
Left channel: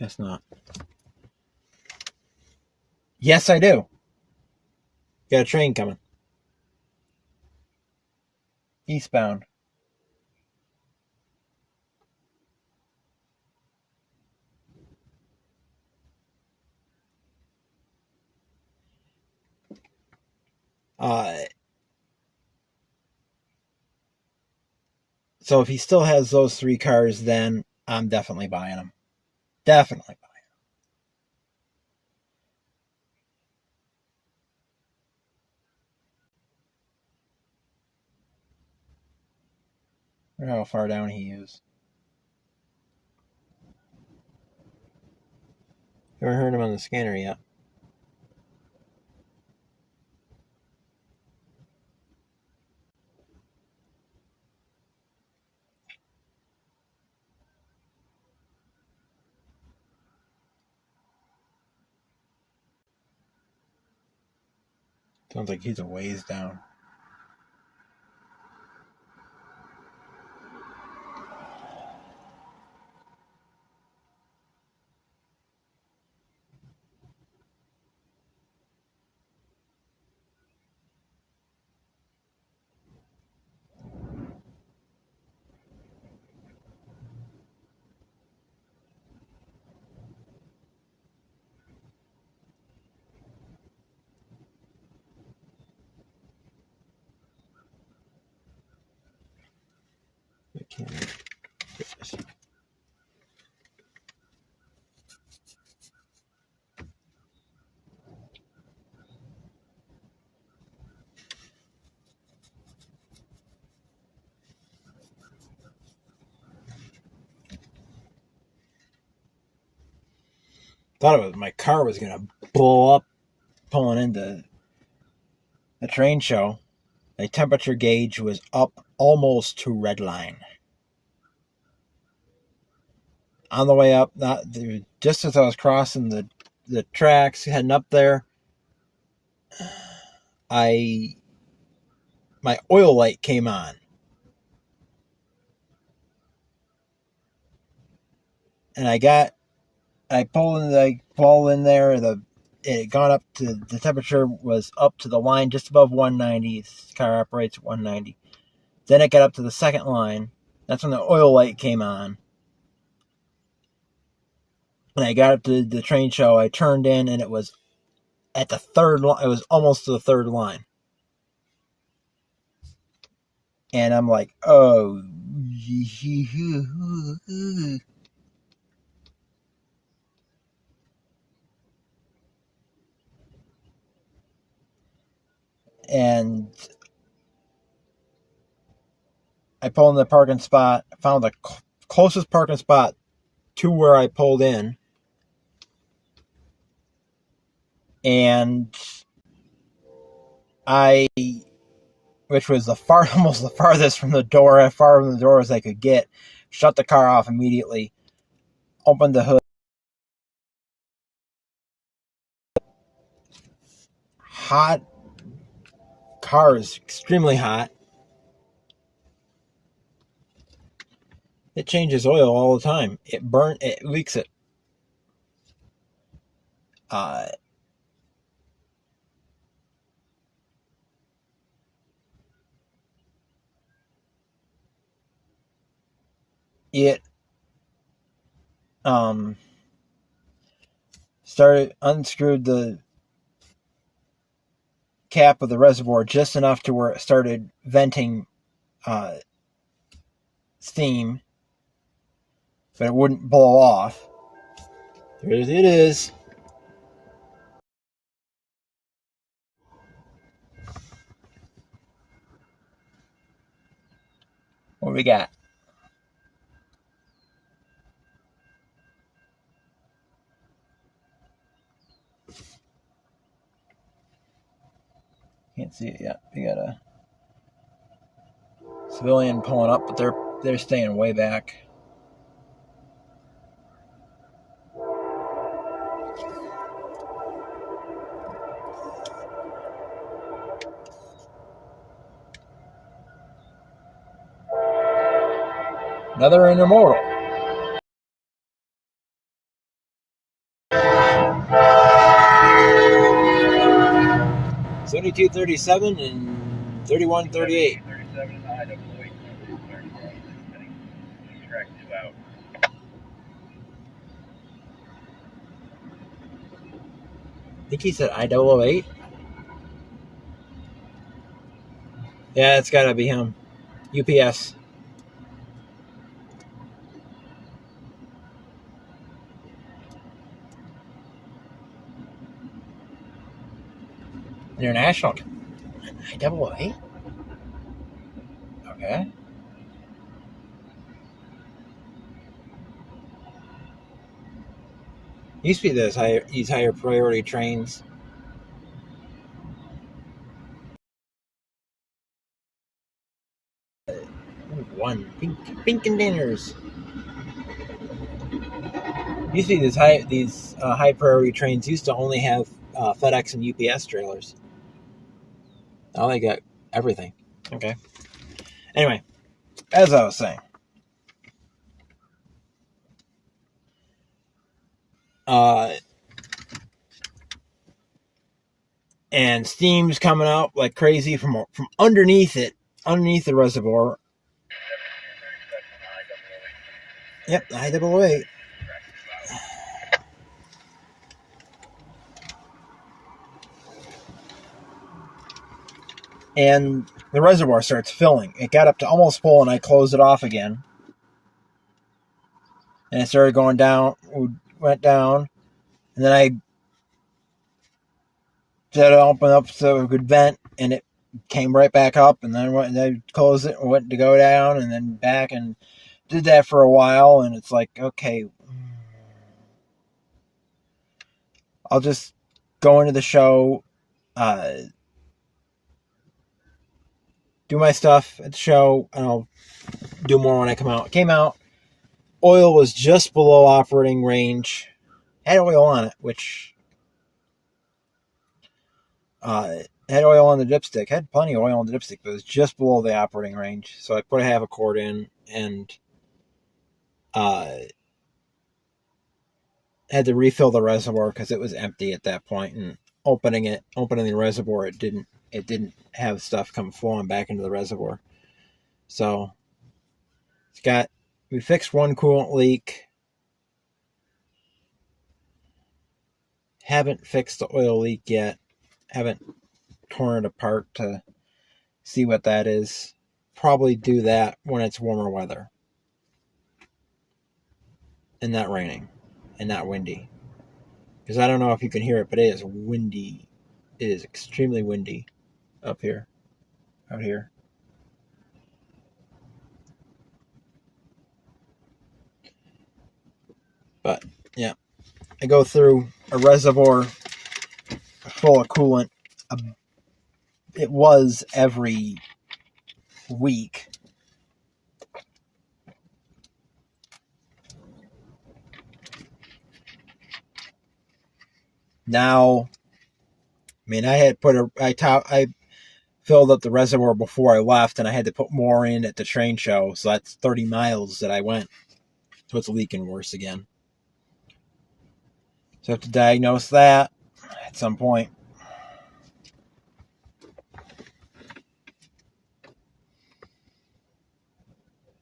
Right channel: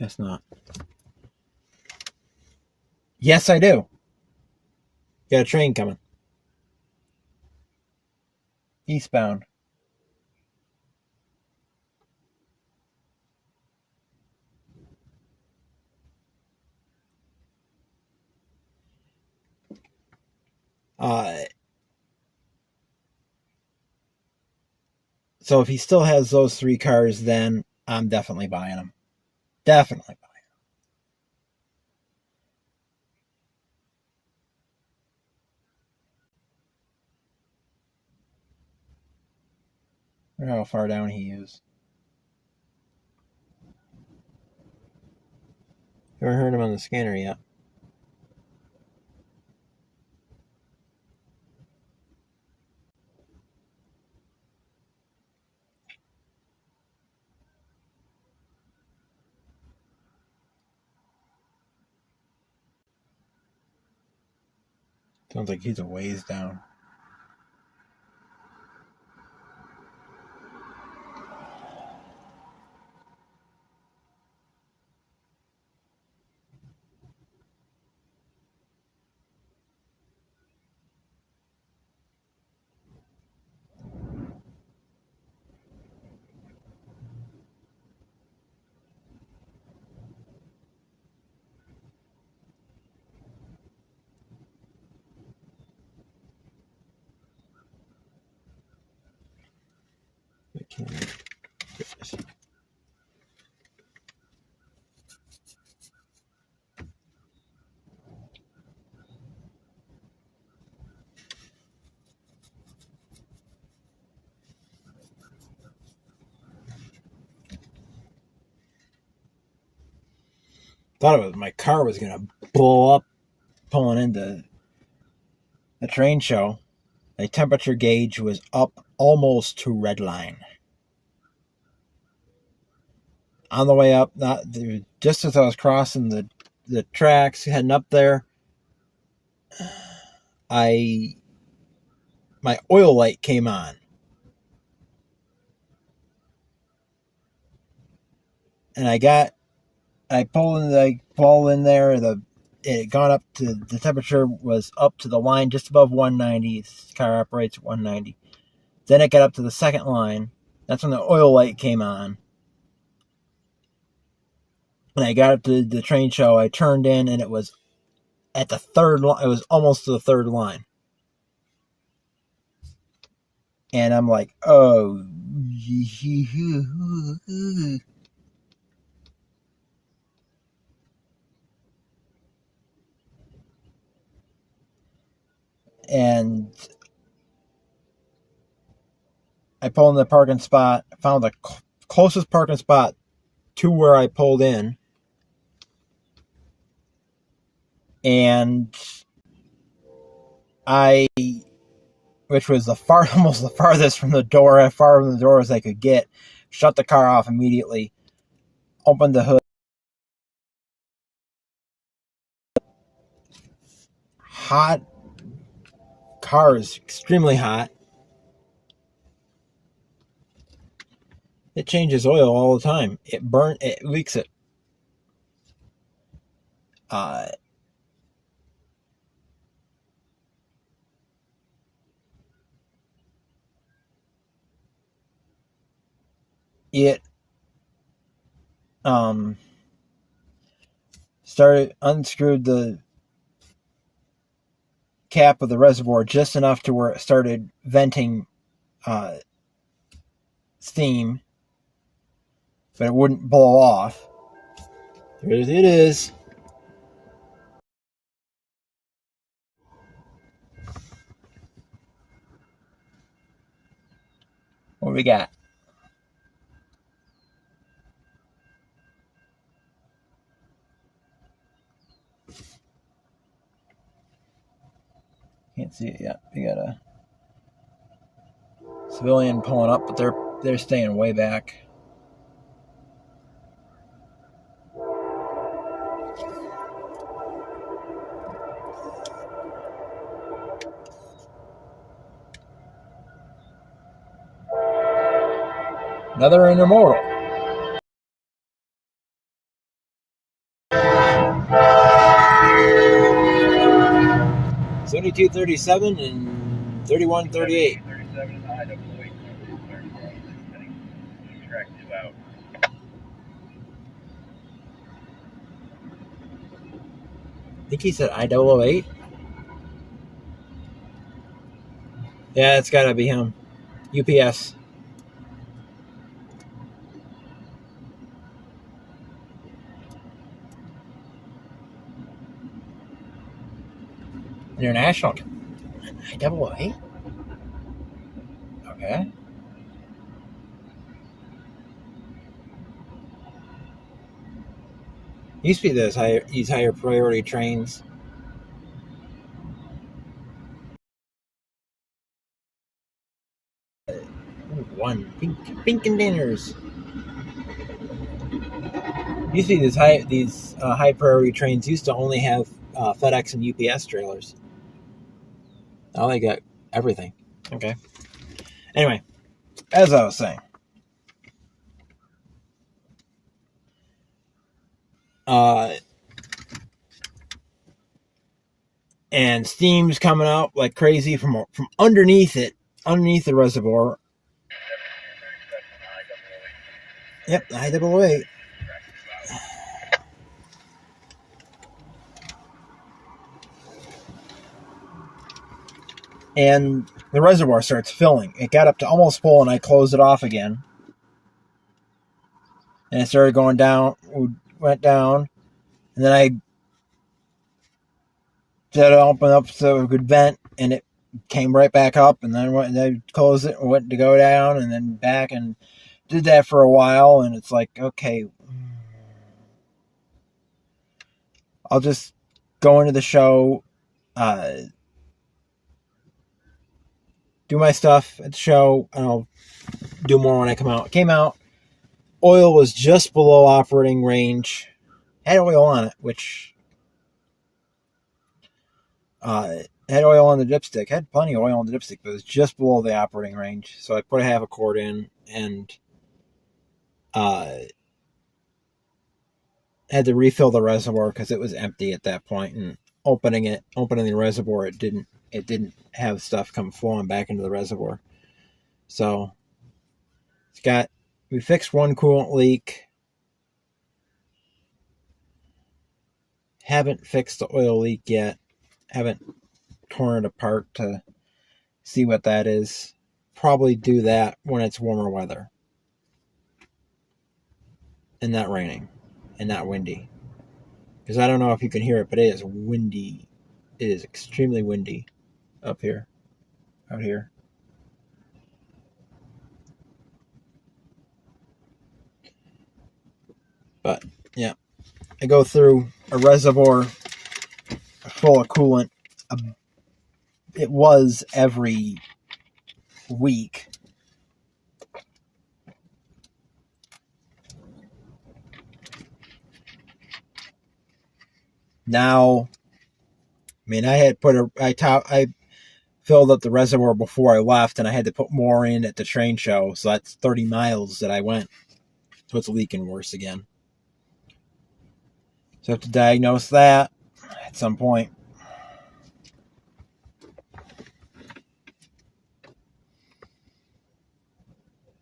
Guess not. Yes, I do. Got a train coming. Eastbound. So if he still has those 3 cars, then I'm definitely buying them. Definitely buying them. I don't know how far down he is. Haven't heard him on the scanner yet. Sounds like he's a ways down. I can't get this. Thought my car was gonna blow up pulling into the train show. The temperature gauge was up almost to red line. On the way up, just as I was crossing the tracks heading up there, my oil light came on. And I pulled in there, it had gone up to, the temperature was up to the line just above 190. This car operates at 190. Then it got up to the second line. That's when the oil light came on. And I got up to the train show. I turned in, and it was at the third line. It was almost to the third line. And I'm like, oh. And I pulled in the parking spot, found the closest parking spot to where I pulled in. And which was almost the farthest from the door, as far from the door as I could get, shut the car off immediately, opened the hood. Hot. Car is extremely hot. It changes oil all the time. It leaks it. It unscrewed the cap of the reservoir just enough to where it started venting steam, but it wouldn't blow off. There it is. What we got? Can't see it yet. We got a civilian pulling up, but they're staying way back. Another intermodal. $72.37 and $31.38. I think he said I-008. Yeah, it's gotta be him. UPS. International. IAA? Okay. Used to be these higher priority trains. One pink containers. Used to be these high priority trains used to only have FedEx and UPS trailers. Now they got everything. Okay. Anyway, as I was saying, and steam's coming out like crazy from underneath it, underneath the reservoir. Yep, IAA. And the reservoir starts filling. It got up to almost full, and I closed it off again. And it started going down, went down, and then I did open up so it could vent, and it came right back up, and then I closed it and went to go down, and then back, and did that for a while, and it's like, okay, I'll just go into the show, do my stuff at the show, and I'll do more when I come out. It came out, oil was just below operating range, had oil on it, which had oil on the dipstick, had plenty of oil on the dipstick, but it was just below the operating range, so I put a half a quart in, and had to refill the reservoir because it was empty at that point, and opening the reservoir, it didn't have stuff come flowing back into the reservoir. So we fixed one coolant leak. Haven't fixed the oil leak yet. Haven't torn it apart to see what that is. Probably do that when it's warmer weather and not raining and not windy. Because I don't know if you can hear it, but it is windy. It is extremely windy up here, out here. But yeah, I go through a reservoir full of coolant. It was every week. Now, I mean, I filled up the reservoir before I left, and I had to put more in at the train show, so that's 30 miles that I went. So it's leaking worse again. So I have to diagnose that at some point.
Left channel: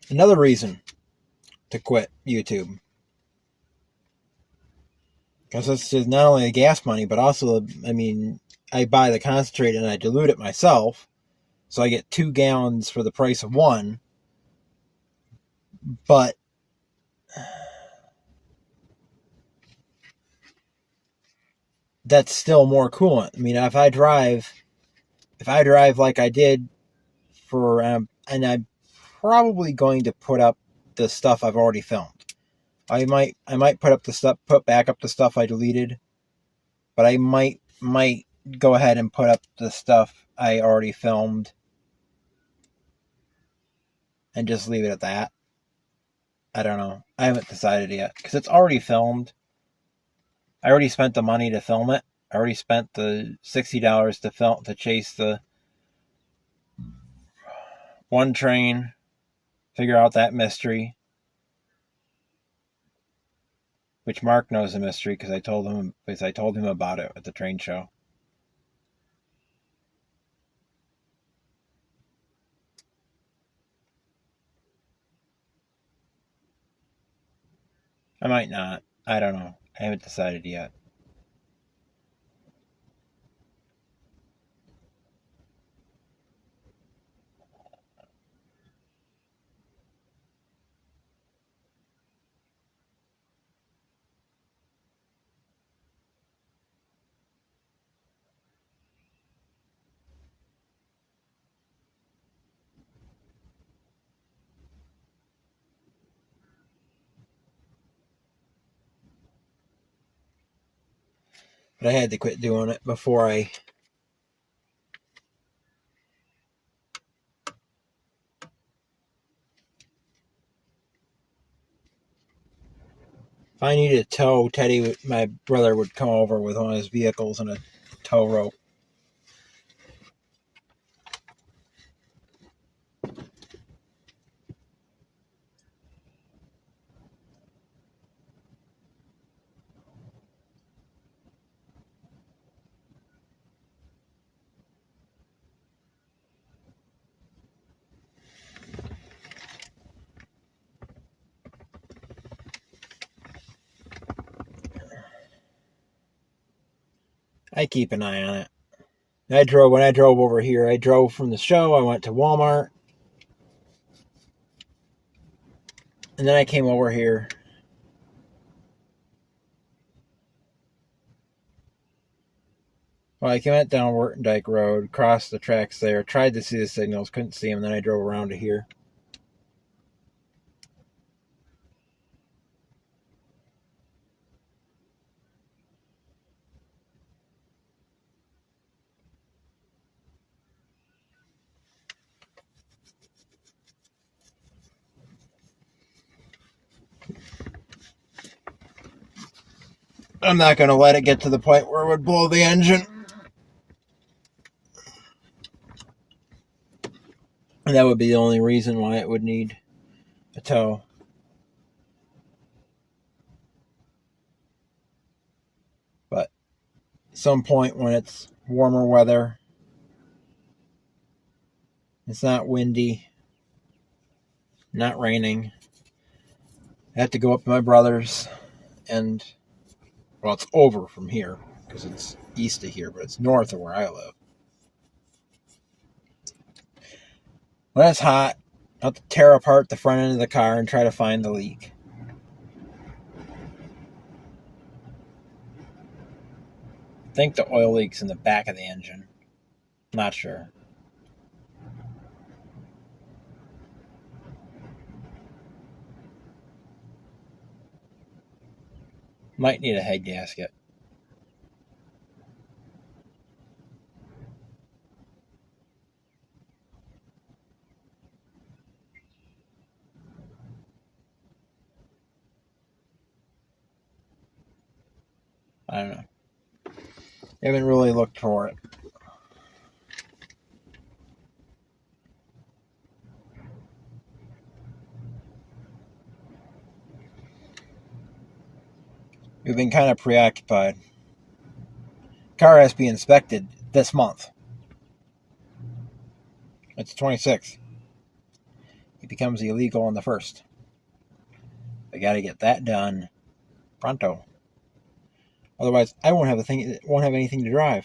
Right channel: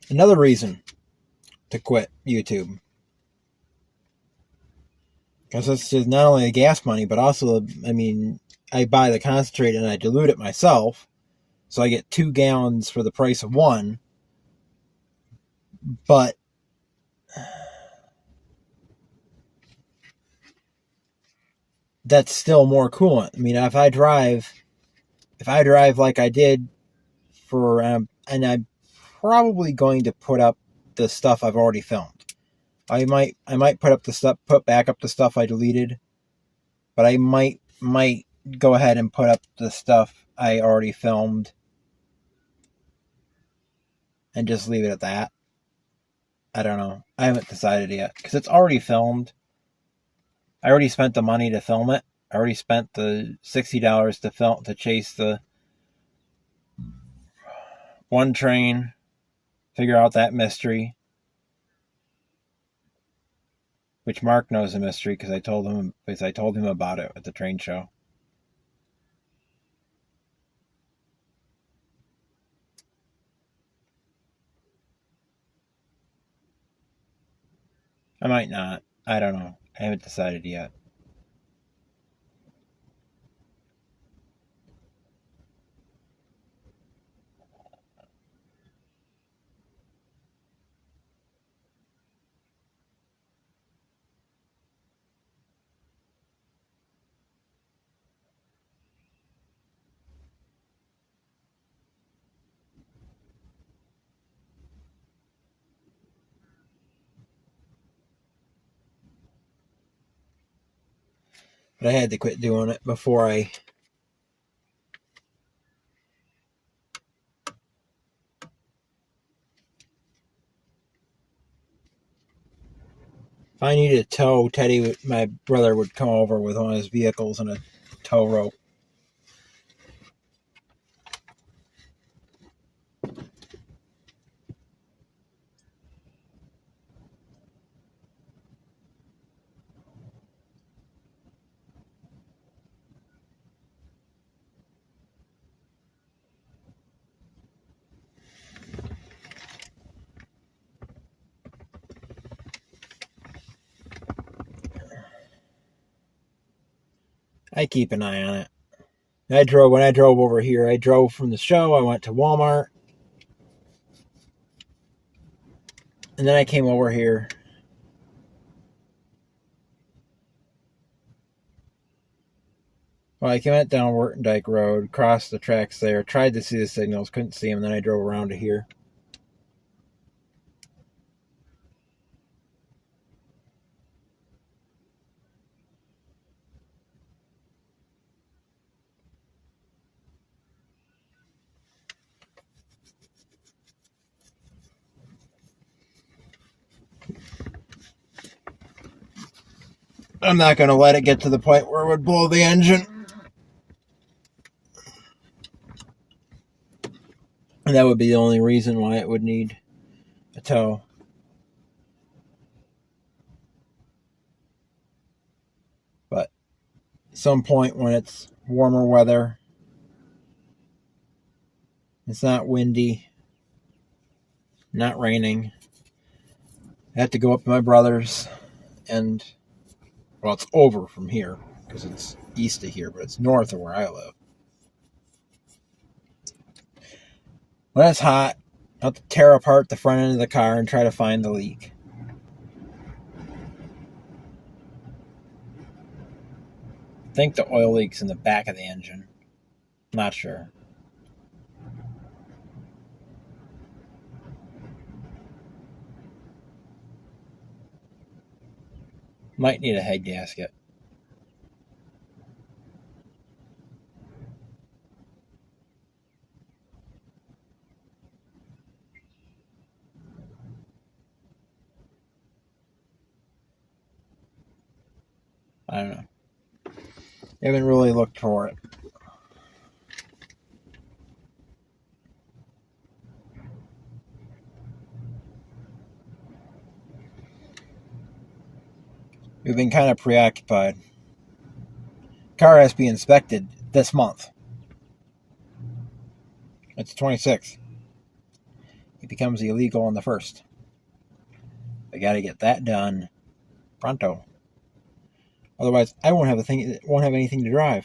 Another reason to quit YouTube. Because it's not only the gas money, but also, I mean, I buy the concentrate and I dilute it myself. So I get 2 gallons for the price of 1. But that's still more coolant. I mean, if I drive like I did for, and I'm probably going to put up the stuff I've already filmed. I might put back up the stuff I deleted, but I might go ahead and put up the stuff I already filmed and just leave it at that. I don't know. I haven't decided yet because it's already filmed. I already spent the money to film it. I already spent the $60 to chase the one train, figure out that mystery, which Mark knows the mystery because I told him about it at the train show. I might not. I don't know. I haven't decided yet. But I had to quit doing it before I... If I needed a tow, Teddy, my brother, would come over with one of his vehicles and a tow rope. I keep an eye on it. When I drove over here, I drove from the show, I went to Walmart, and then I came over here. Well, I went down Wertendijk Road, crossed the tracks there, tried to see the signals, couldn't see them, then I drove around to here. I'm not going to let it get to the point where it would blow the engine. And that would be the only reason why it would need a tow. But at some point when it's warmer weather, it's not windy, not raining, I have to go up to my brother's and, well, it's over from here because it's east of here, but it's north of where I live. When it's hot, I have to tear apart the front end of the car and try to find the leak. I think the oil leak's in the back of the engine. Not sure. Might need a head gasket. I don't know. I haven't really looked for it. We've been kind of preoccupied. Car has to be inspected this month. It's 26th. It becomes illegal on the 1st. We got to get that done pronto. Otherwise, I won't have anything to drive.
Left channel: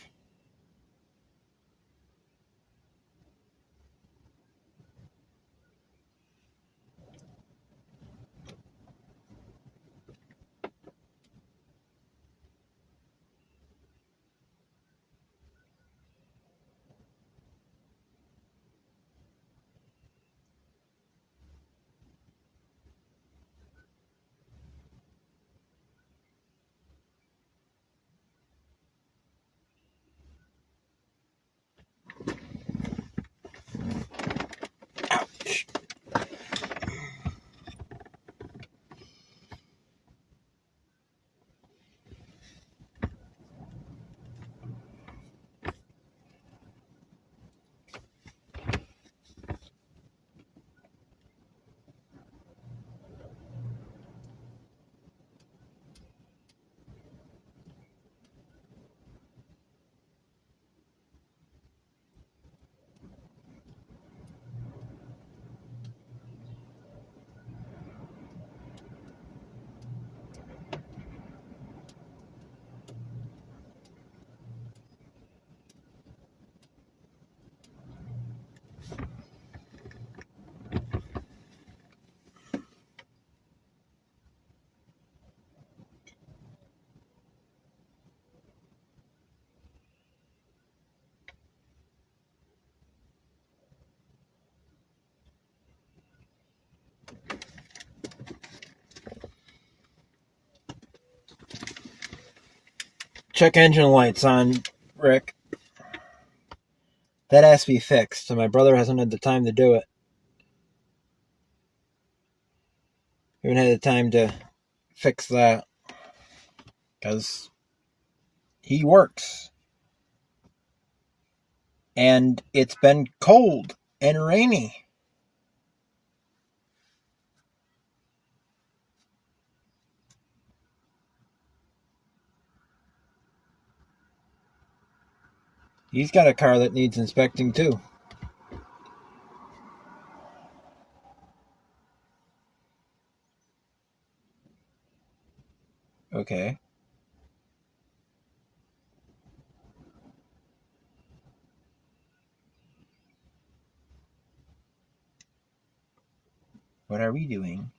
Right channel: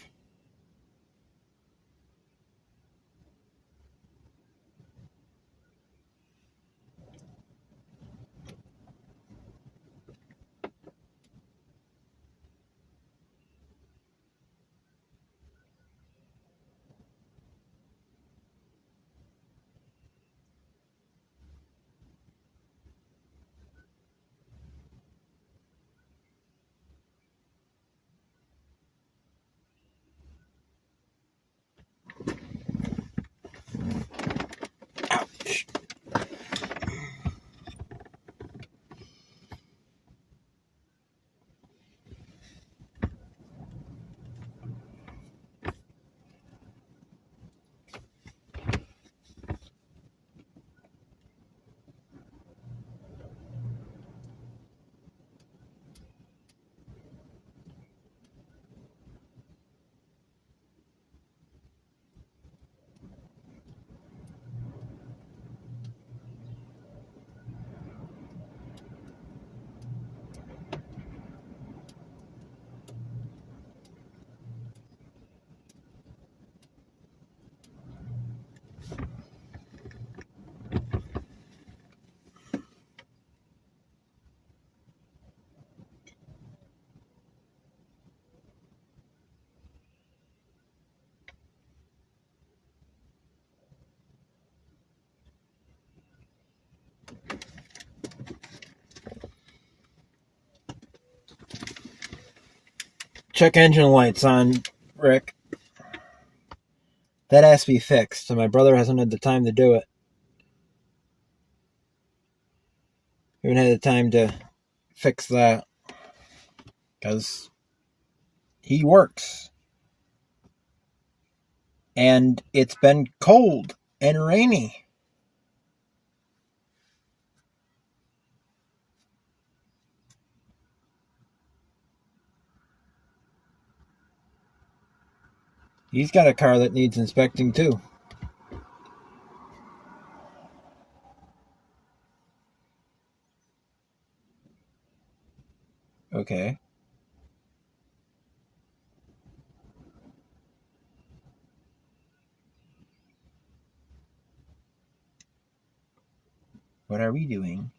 check engine lights on, Rick. That has to be fixed, and my brother hasn't had the time to do it. We haven't had the time to fix that because he works. And it's been cold and rainy. He's got a car that needs inspecting too. Okay. What are we doing?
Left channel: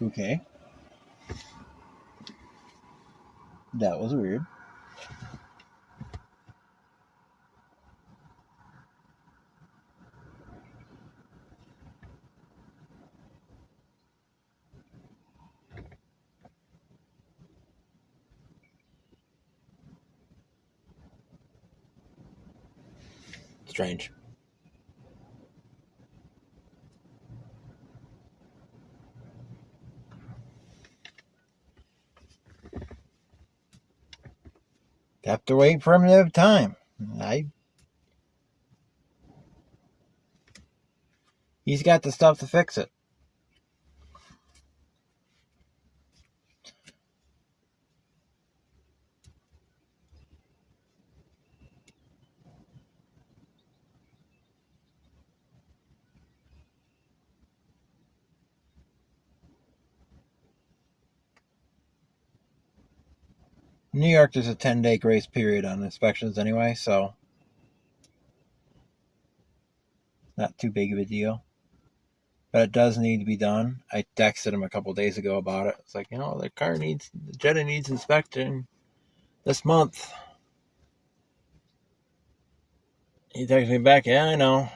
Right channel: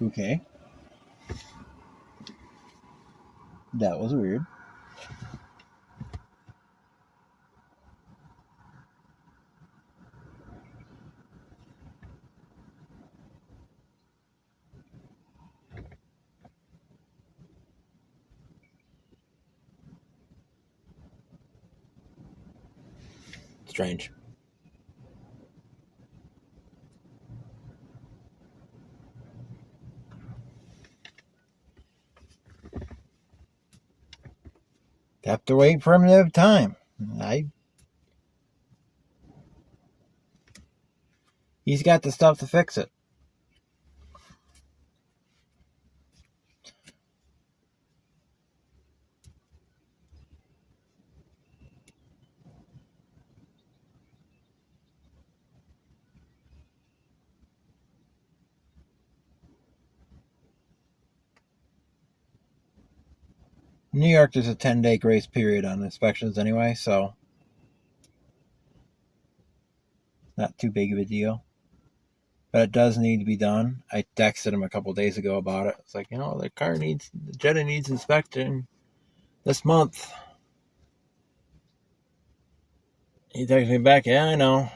Okay. That was weird. Strange. Have to wait for him to have time. He's got the stuff to fix it. New York, there's a 10-day grace period on inspections anyway, so not too big of a deal. But it does need to be done. I texted him a couple days ago about it. It's like, the Jetta needs inspecting this month. He texted me back, yeah, I know.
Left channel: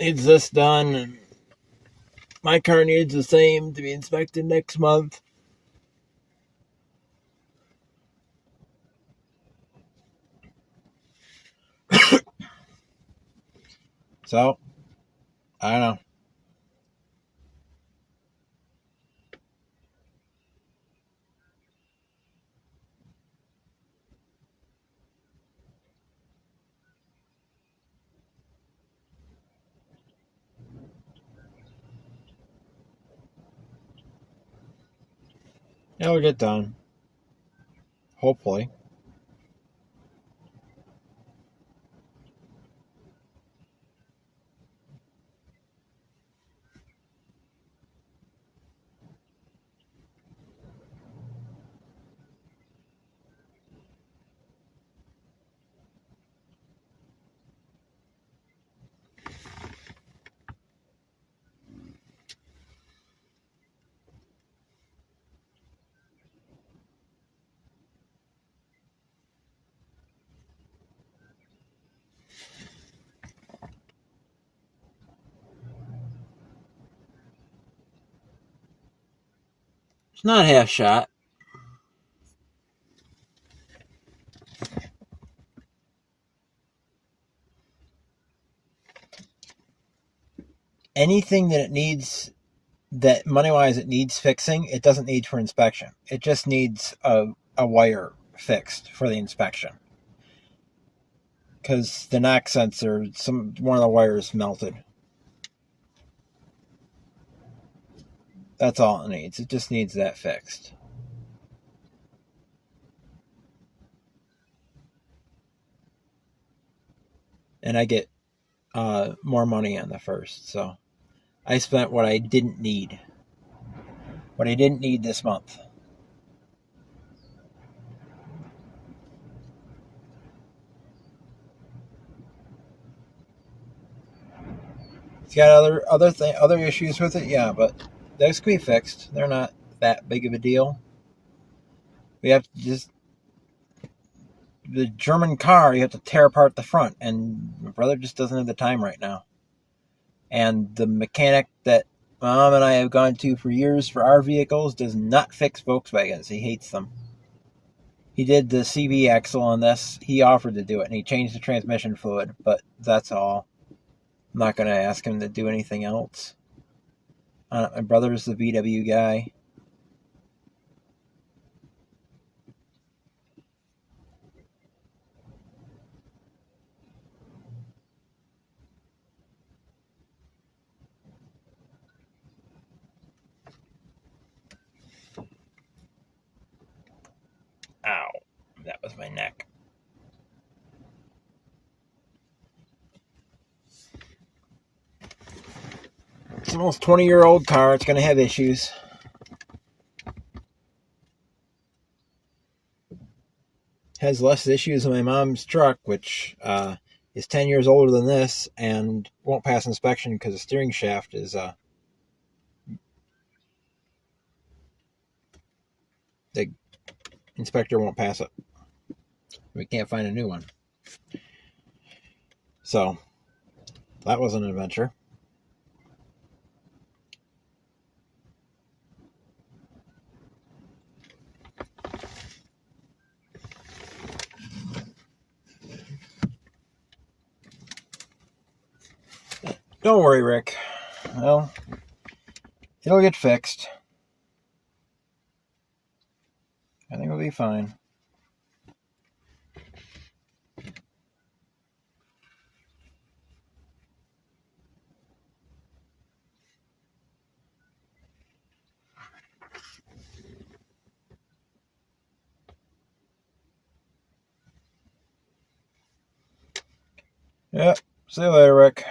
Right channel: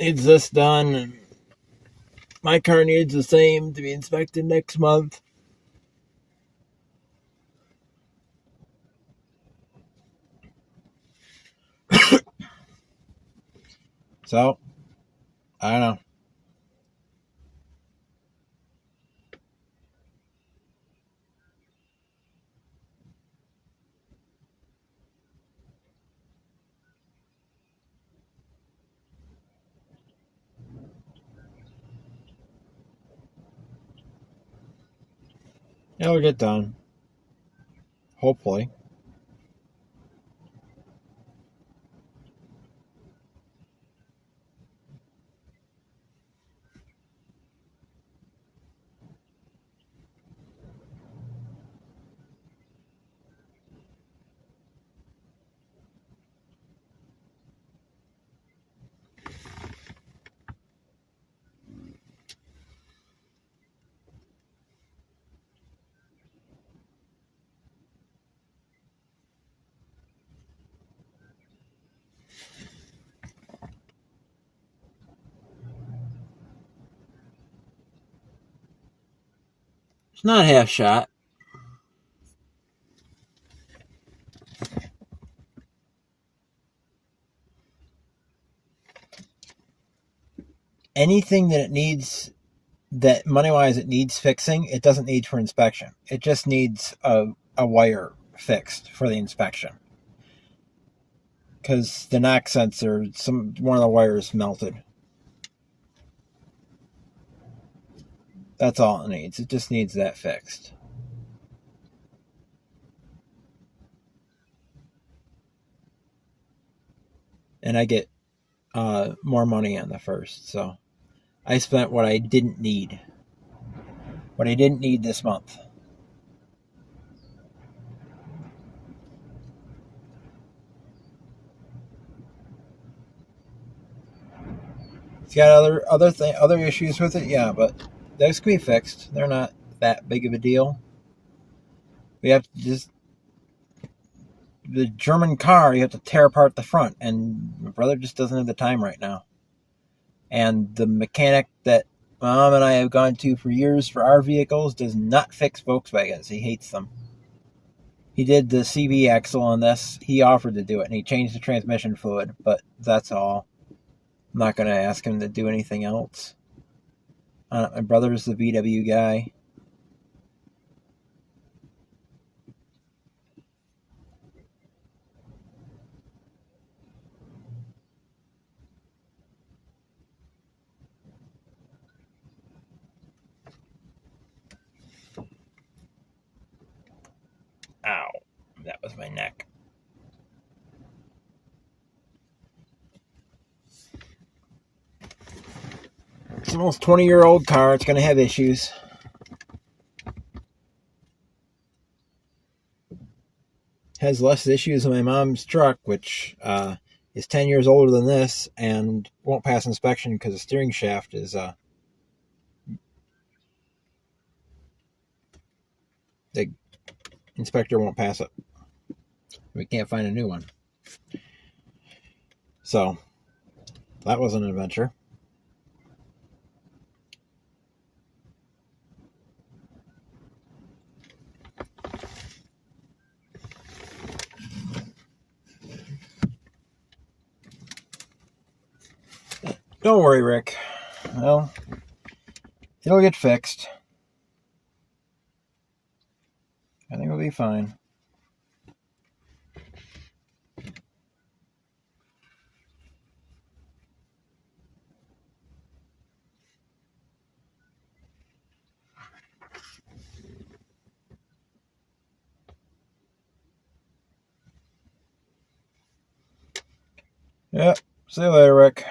Needs this done, and my car needs the same to be inspected next month. So, I don't know. It'll get done. Hopefully. It's not half shot. Anything that it needs, that money-wise it needs fixing, it doesn't need for inspection. It just needs a wire fixed for the inspection. Because the knock sensor, one of the wires melted. That's all it needs. It just needs that fixed. And I get more money on the first, so I spent what I didn't need. What I didn't need this month. It's got other issues with it, yeah, but those can be fixed. They're not that big of a deal. We have to just the German car, you have to tear apart the front, and my brother just doesn't have the time right now. And the mechanic that Mom and I have gone to for years for our vehicles does not fix Volkswagens. He hates them. He did the CV axle on this. He offered to do it, and he changed the transmission fluid, but that's all. I'm not going to ask him to do anything else. My brother's the VW guy. Ow, that was my neck. It's an almost 20-year-old car. It's going to have issues. Has less issues than my mom's truck, which is 10 years older than this and won't pass inspection because the steering shaft is the inspector won't pass it. We can't find a new one. So that was an adventure. Don't worry, Rick. Well, it'll get fixed. I think it'll be fine. Yep. See you later, Rick.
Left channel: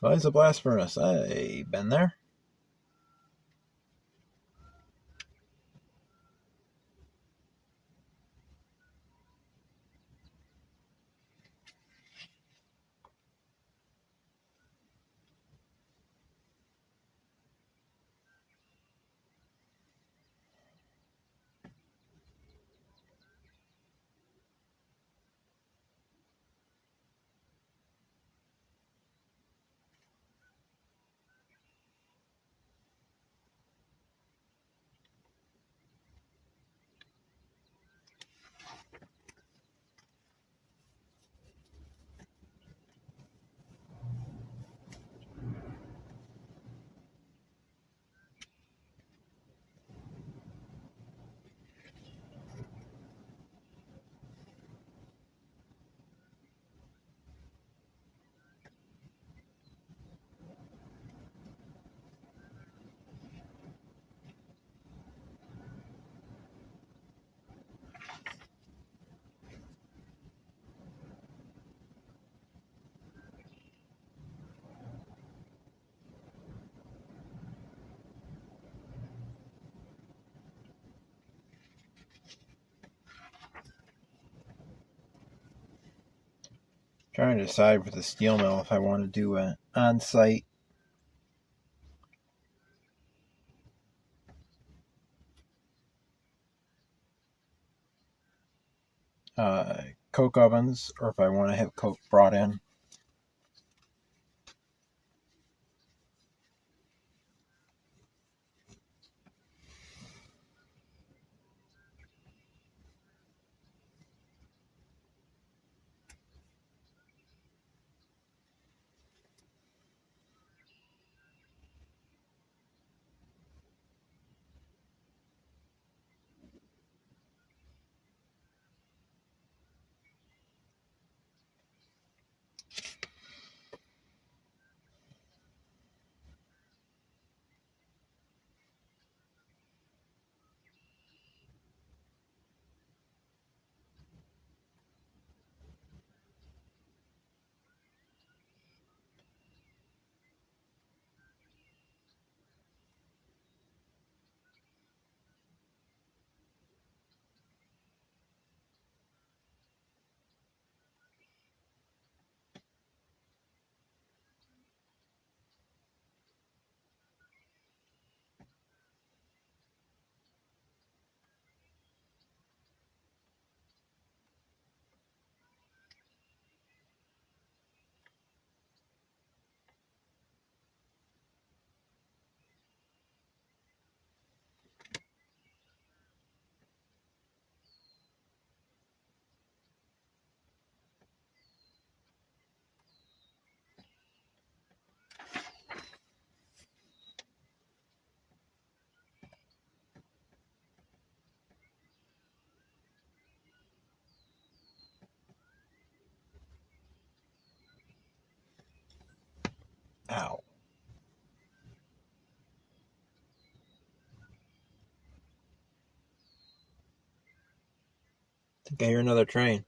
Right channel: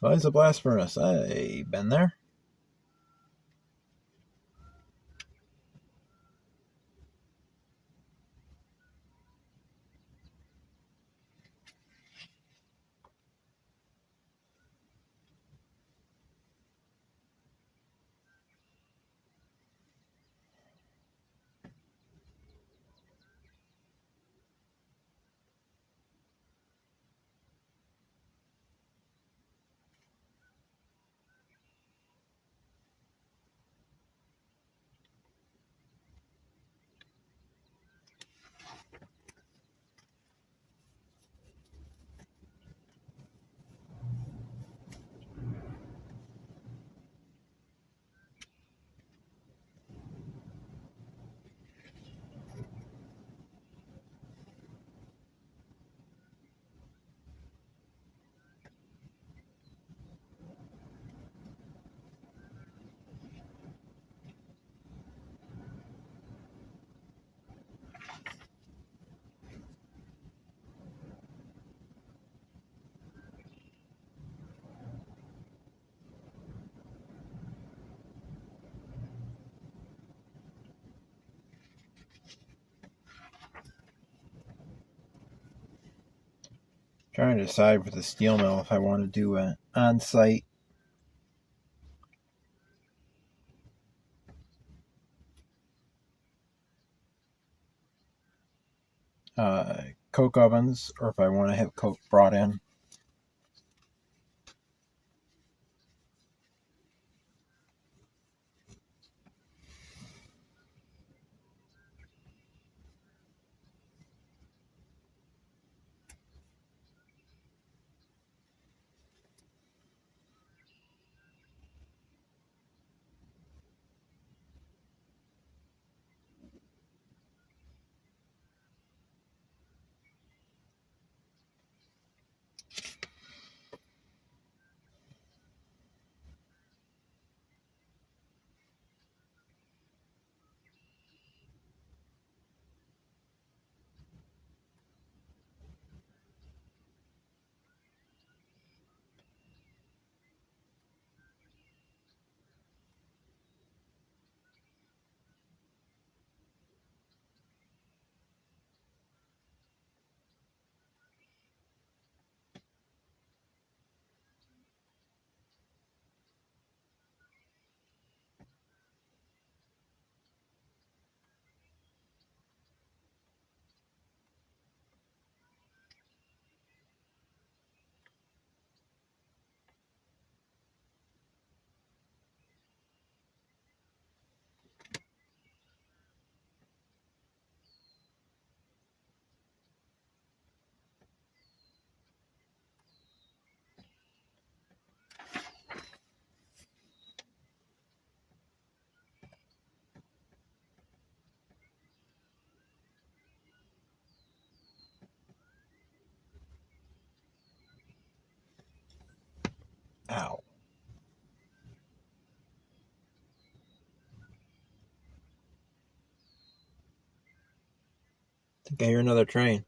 Why is a blast furnace? I've been there. Trying to decide for the steel mill if I want to do an on-site coke ovens or if I want to have coke brought in. Ow. I think I hear another train.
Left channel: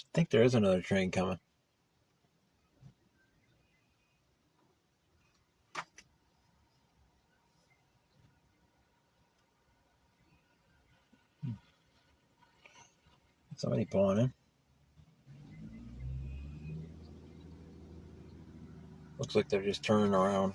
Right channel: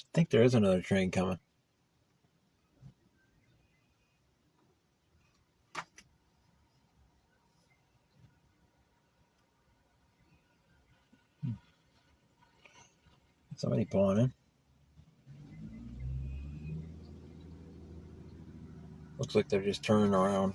I think there is another train coming. Somebody pulling in. Looks like they're just turning around.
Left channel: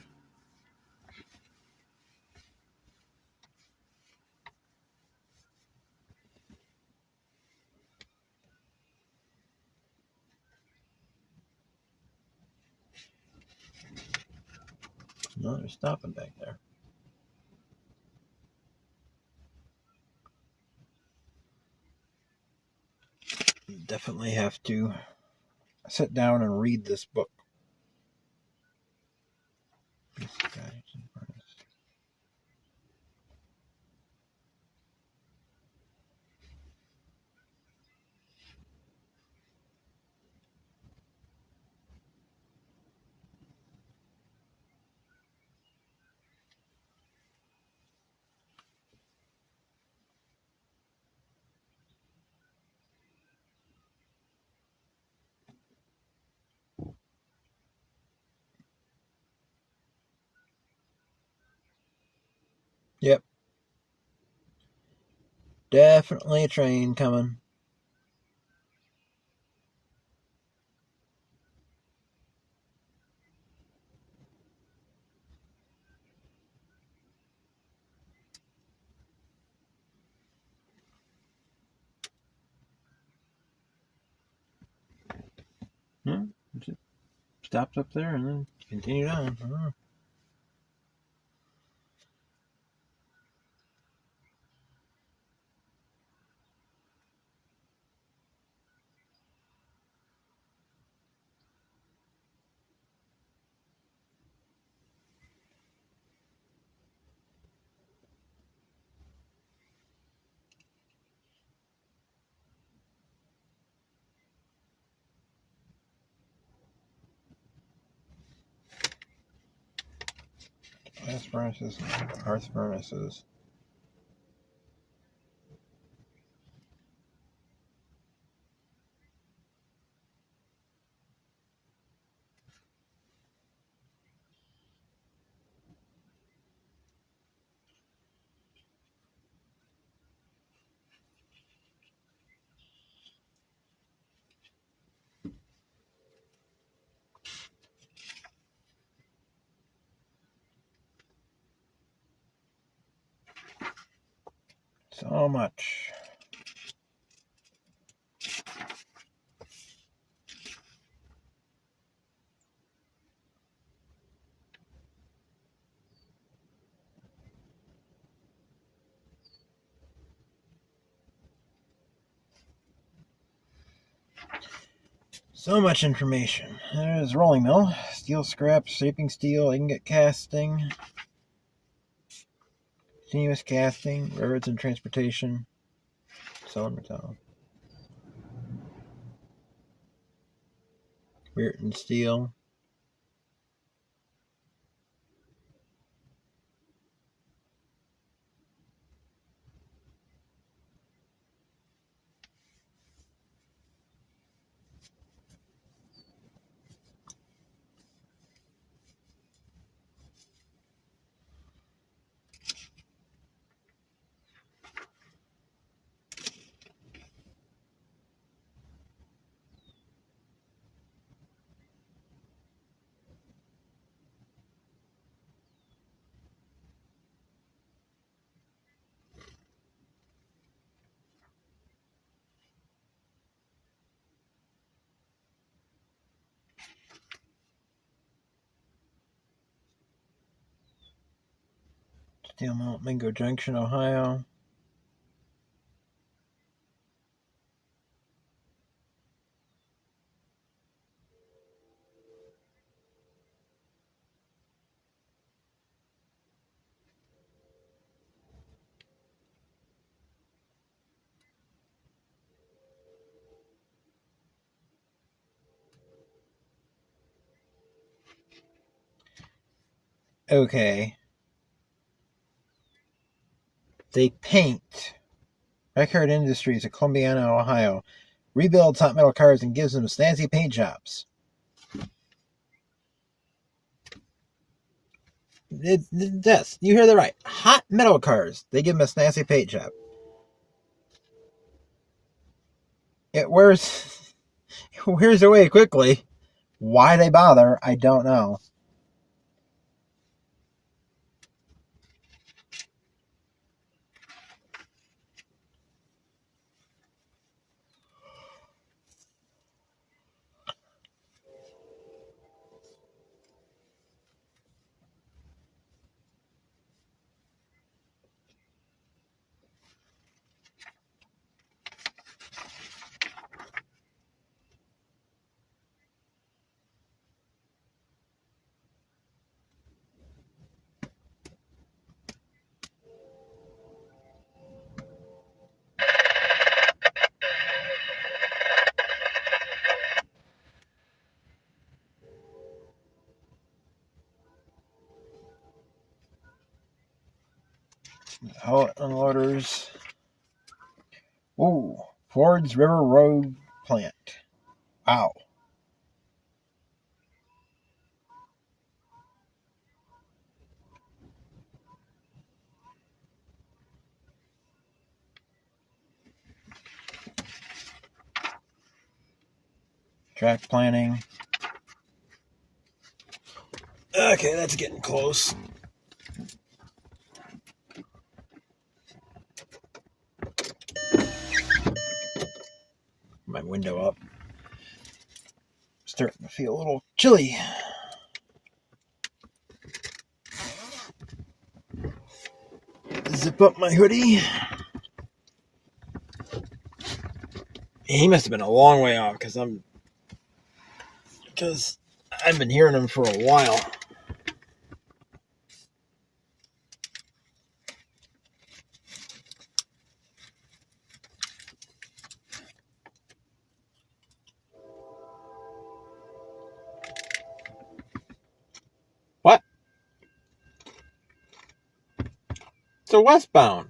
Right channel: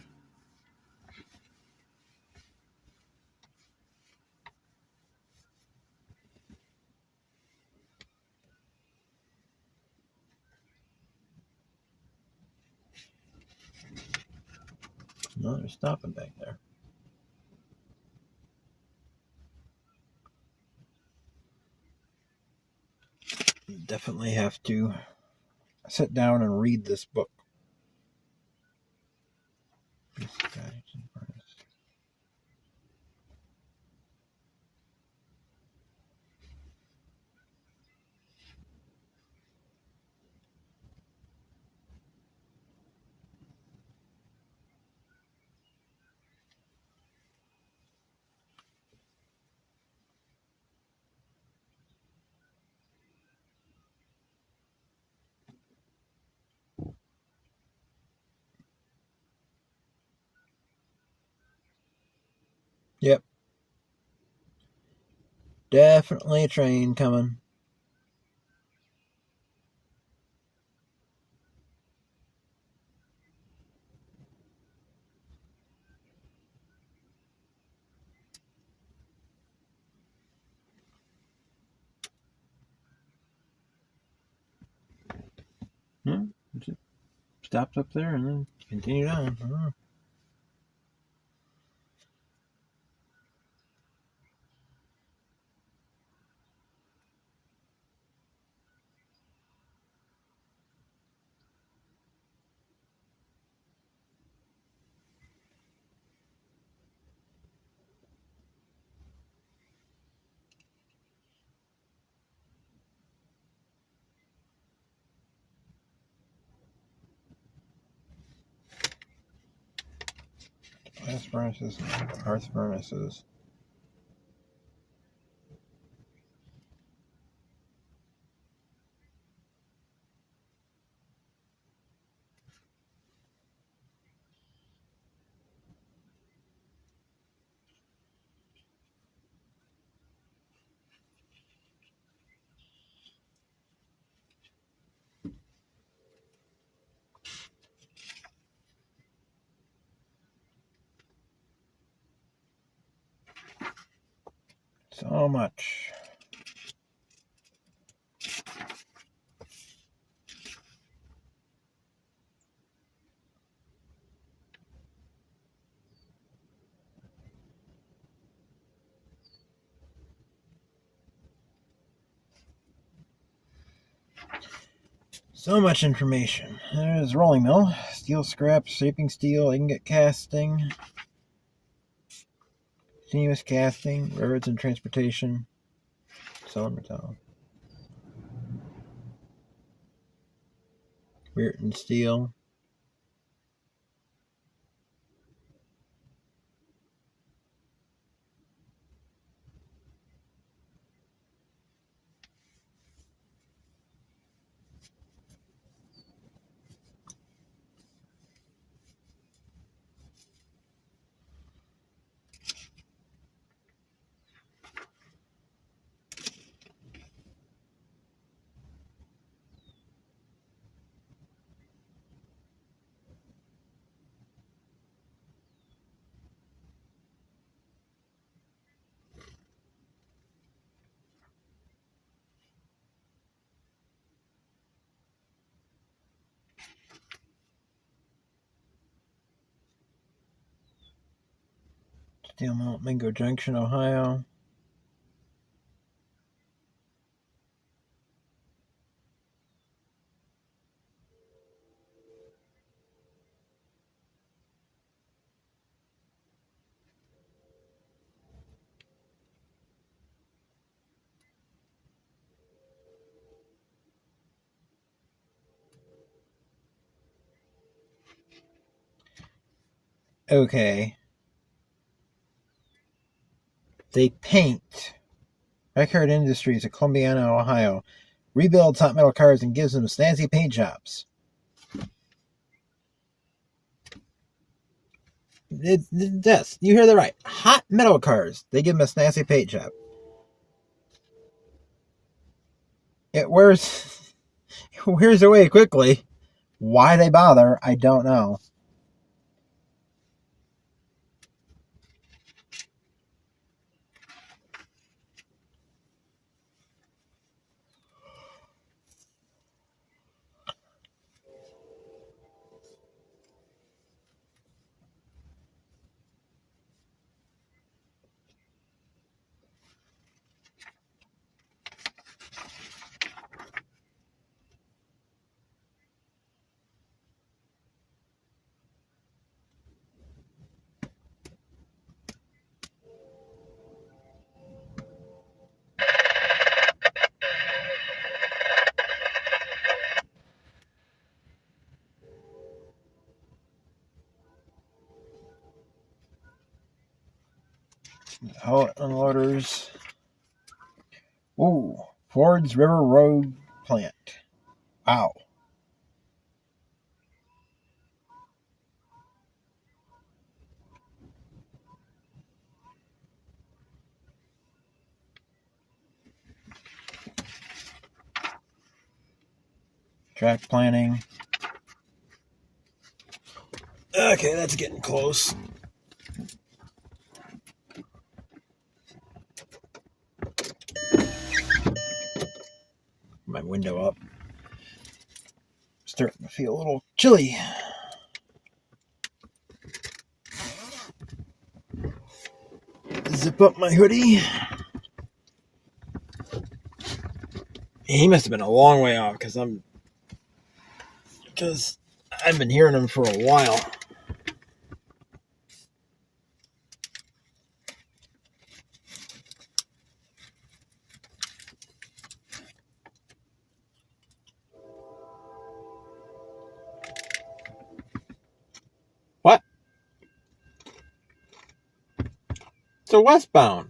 No, they're stopping back there. You definitely have to sit down and read this book. Yep. Definitely a train coming. It stopped up there and then continued on. Gas furnaces, hearth furnaces. How much? So much information. There's rolling mill, steel scrap, shaping steel, ingot casting, continuous casting, railroads and transportation, selling metal, Burton steel. Steel mill, Mingo Junction, Ohio. Okay. They paint. Backyard Industries of Columbiana, Ohio. Rebuilds hot metal cars and gives them snazzy paint jobs. Yes, you hear that right. Hot metal cars. They give them a snazzy paint job. It wears away quickly. Why they bother, I don't know. Unloaders. Ooh, Ford's River Road plant. Wow. Track planning. Okay, that's getting close. My window up. Starting to feel a little chilly. Zip up my hoodie. He must have been a long way off because I've been hearing him for a while. What? It's a westbound.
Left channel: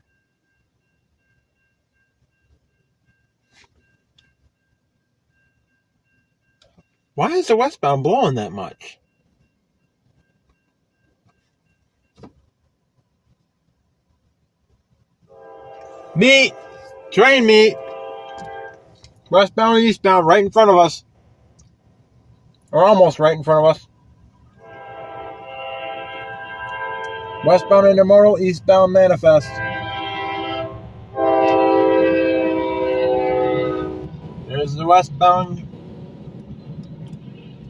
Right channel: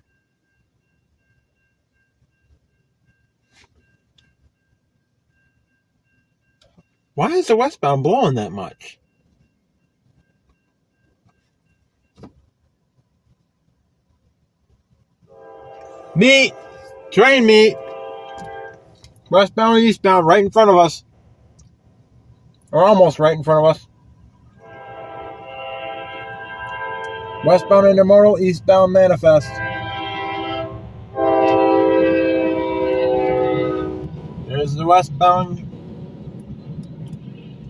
Why is the westbound blowing that much? Meet! Train meet! Westbound and eastbound right in front of us. Or almost right in front of us. Westbound intermodal, eastbound manifest. the westbound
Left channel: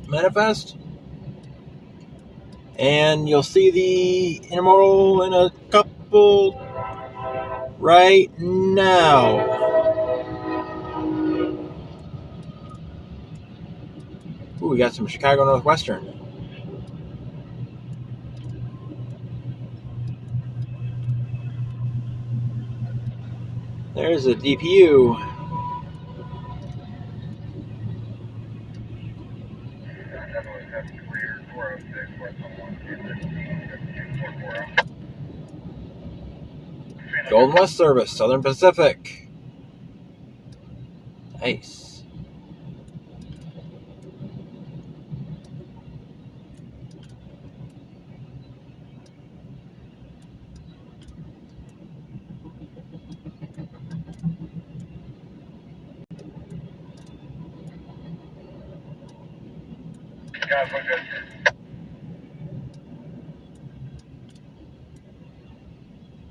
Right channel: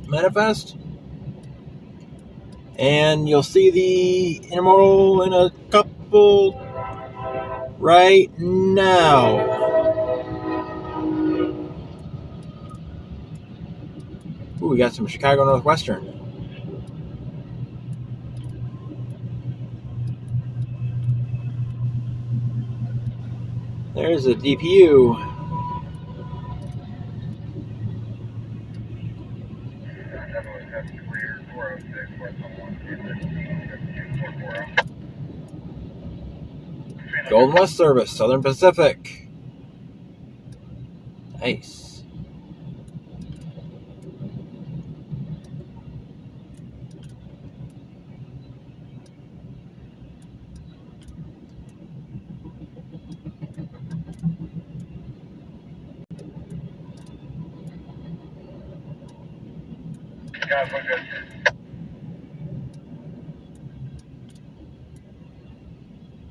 manifest. And you'll see the intermodal in a couple right now. Ooh, we got some Chicago Northwestern. There's a DPU. Golden West Service, Southern Pacific. Nice.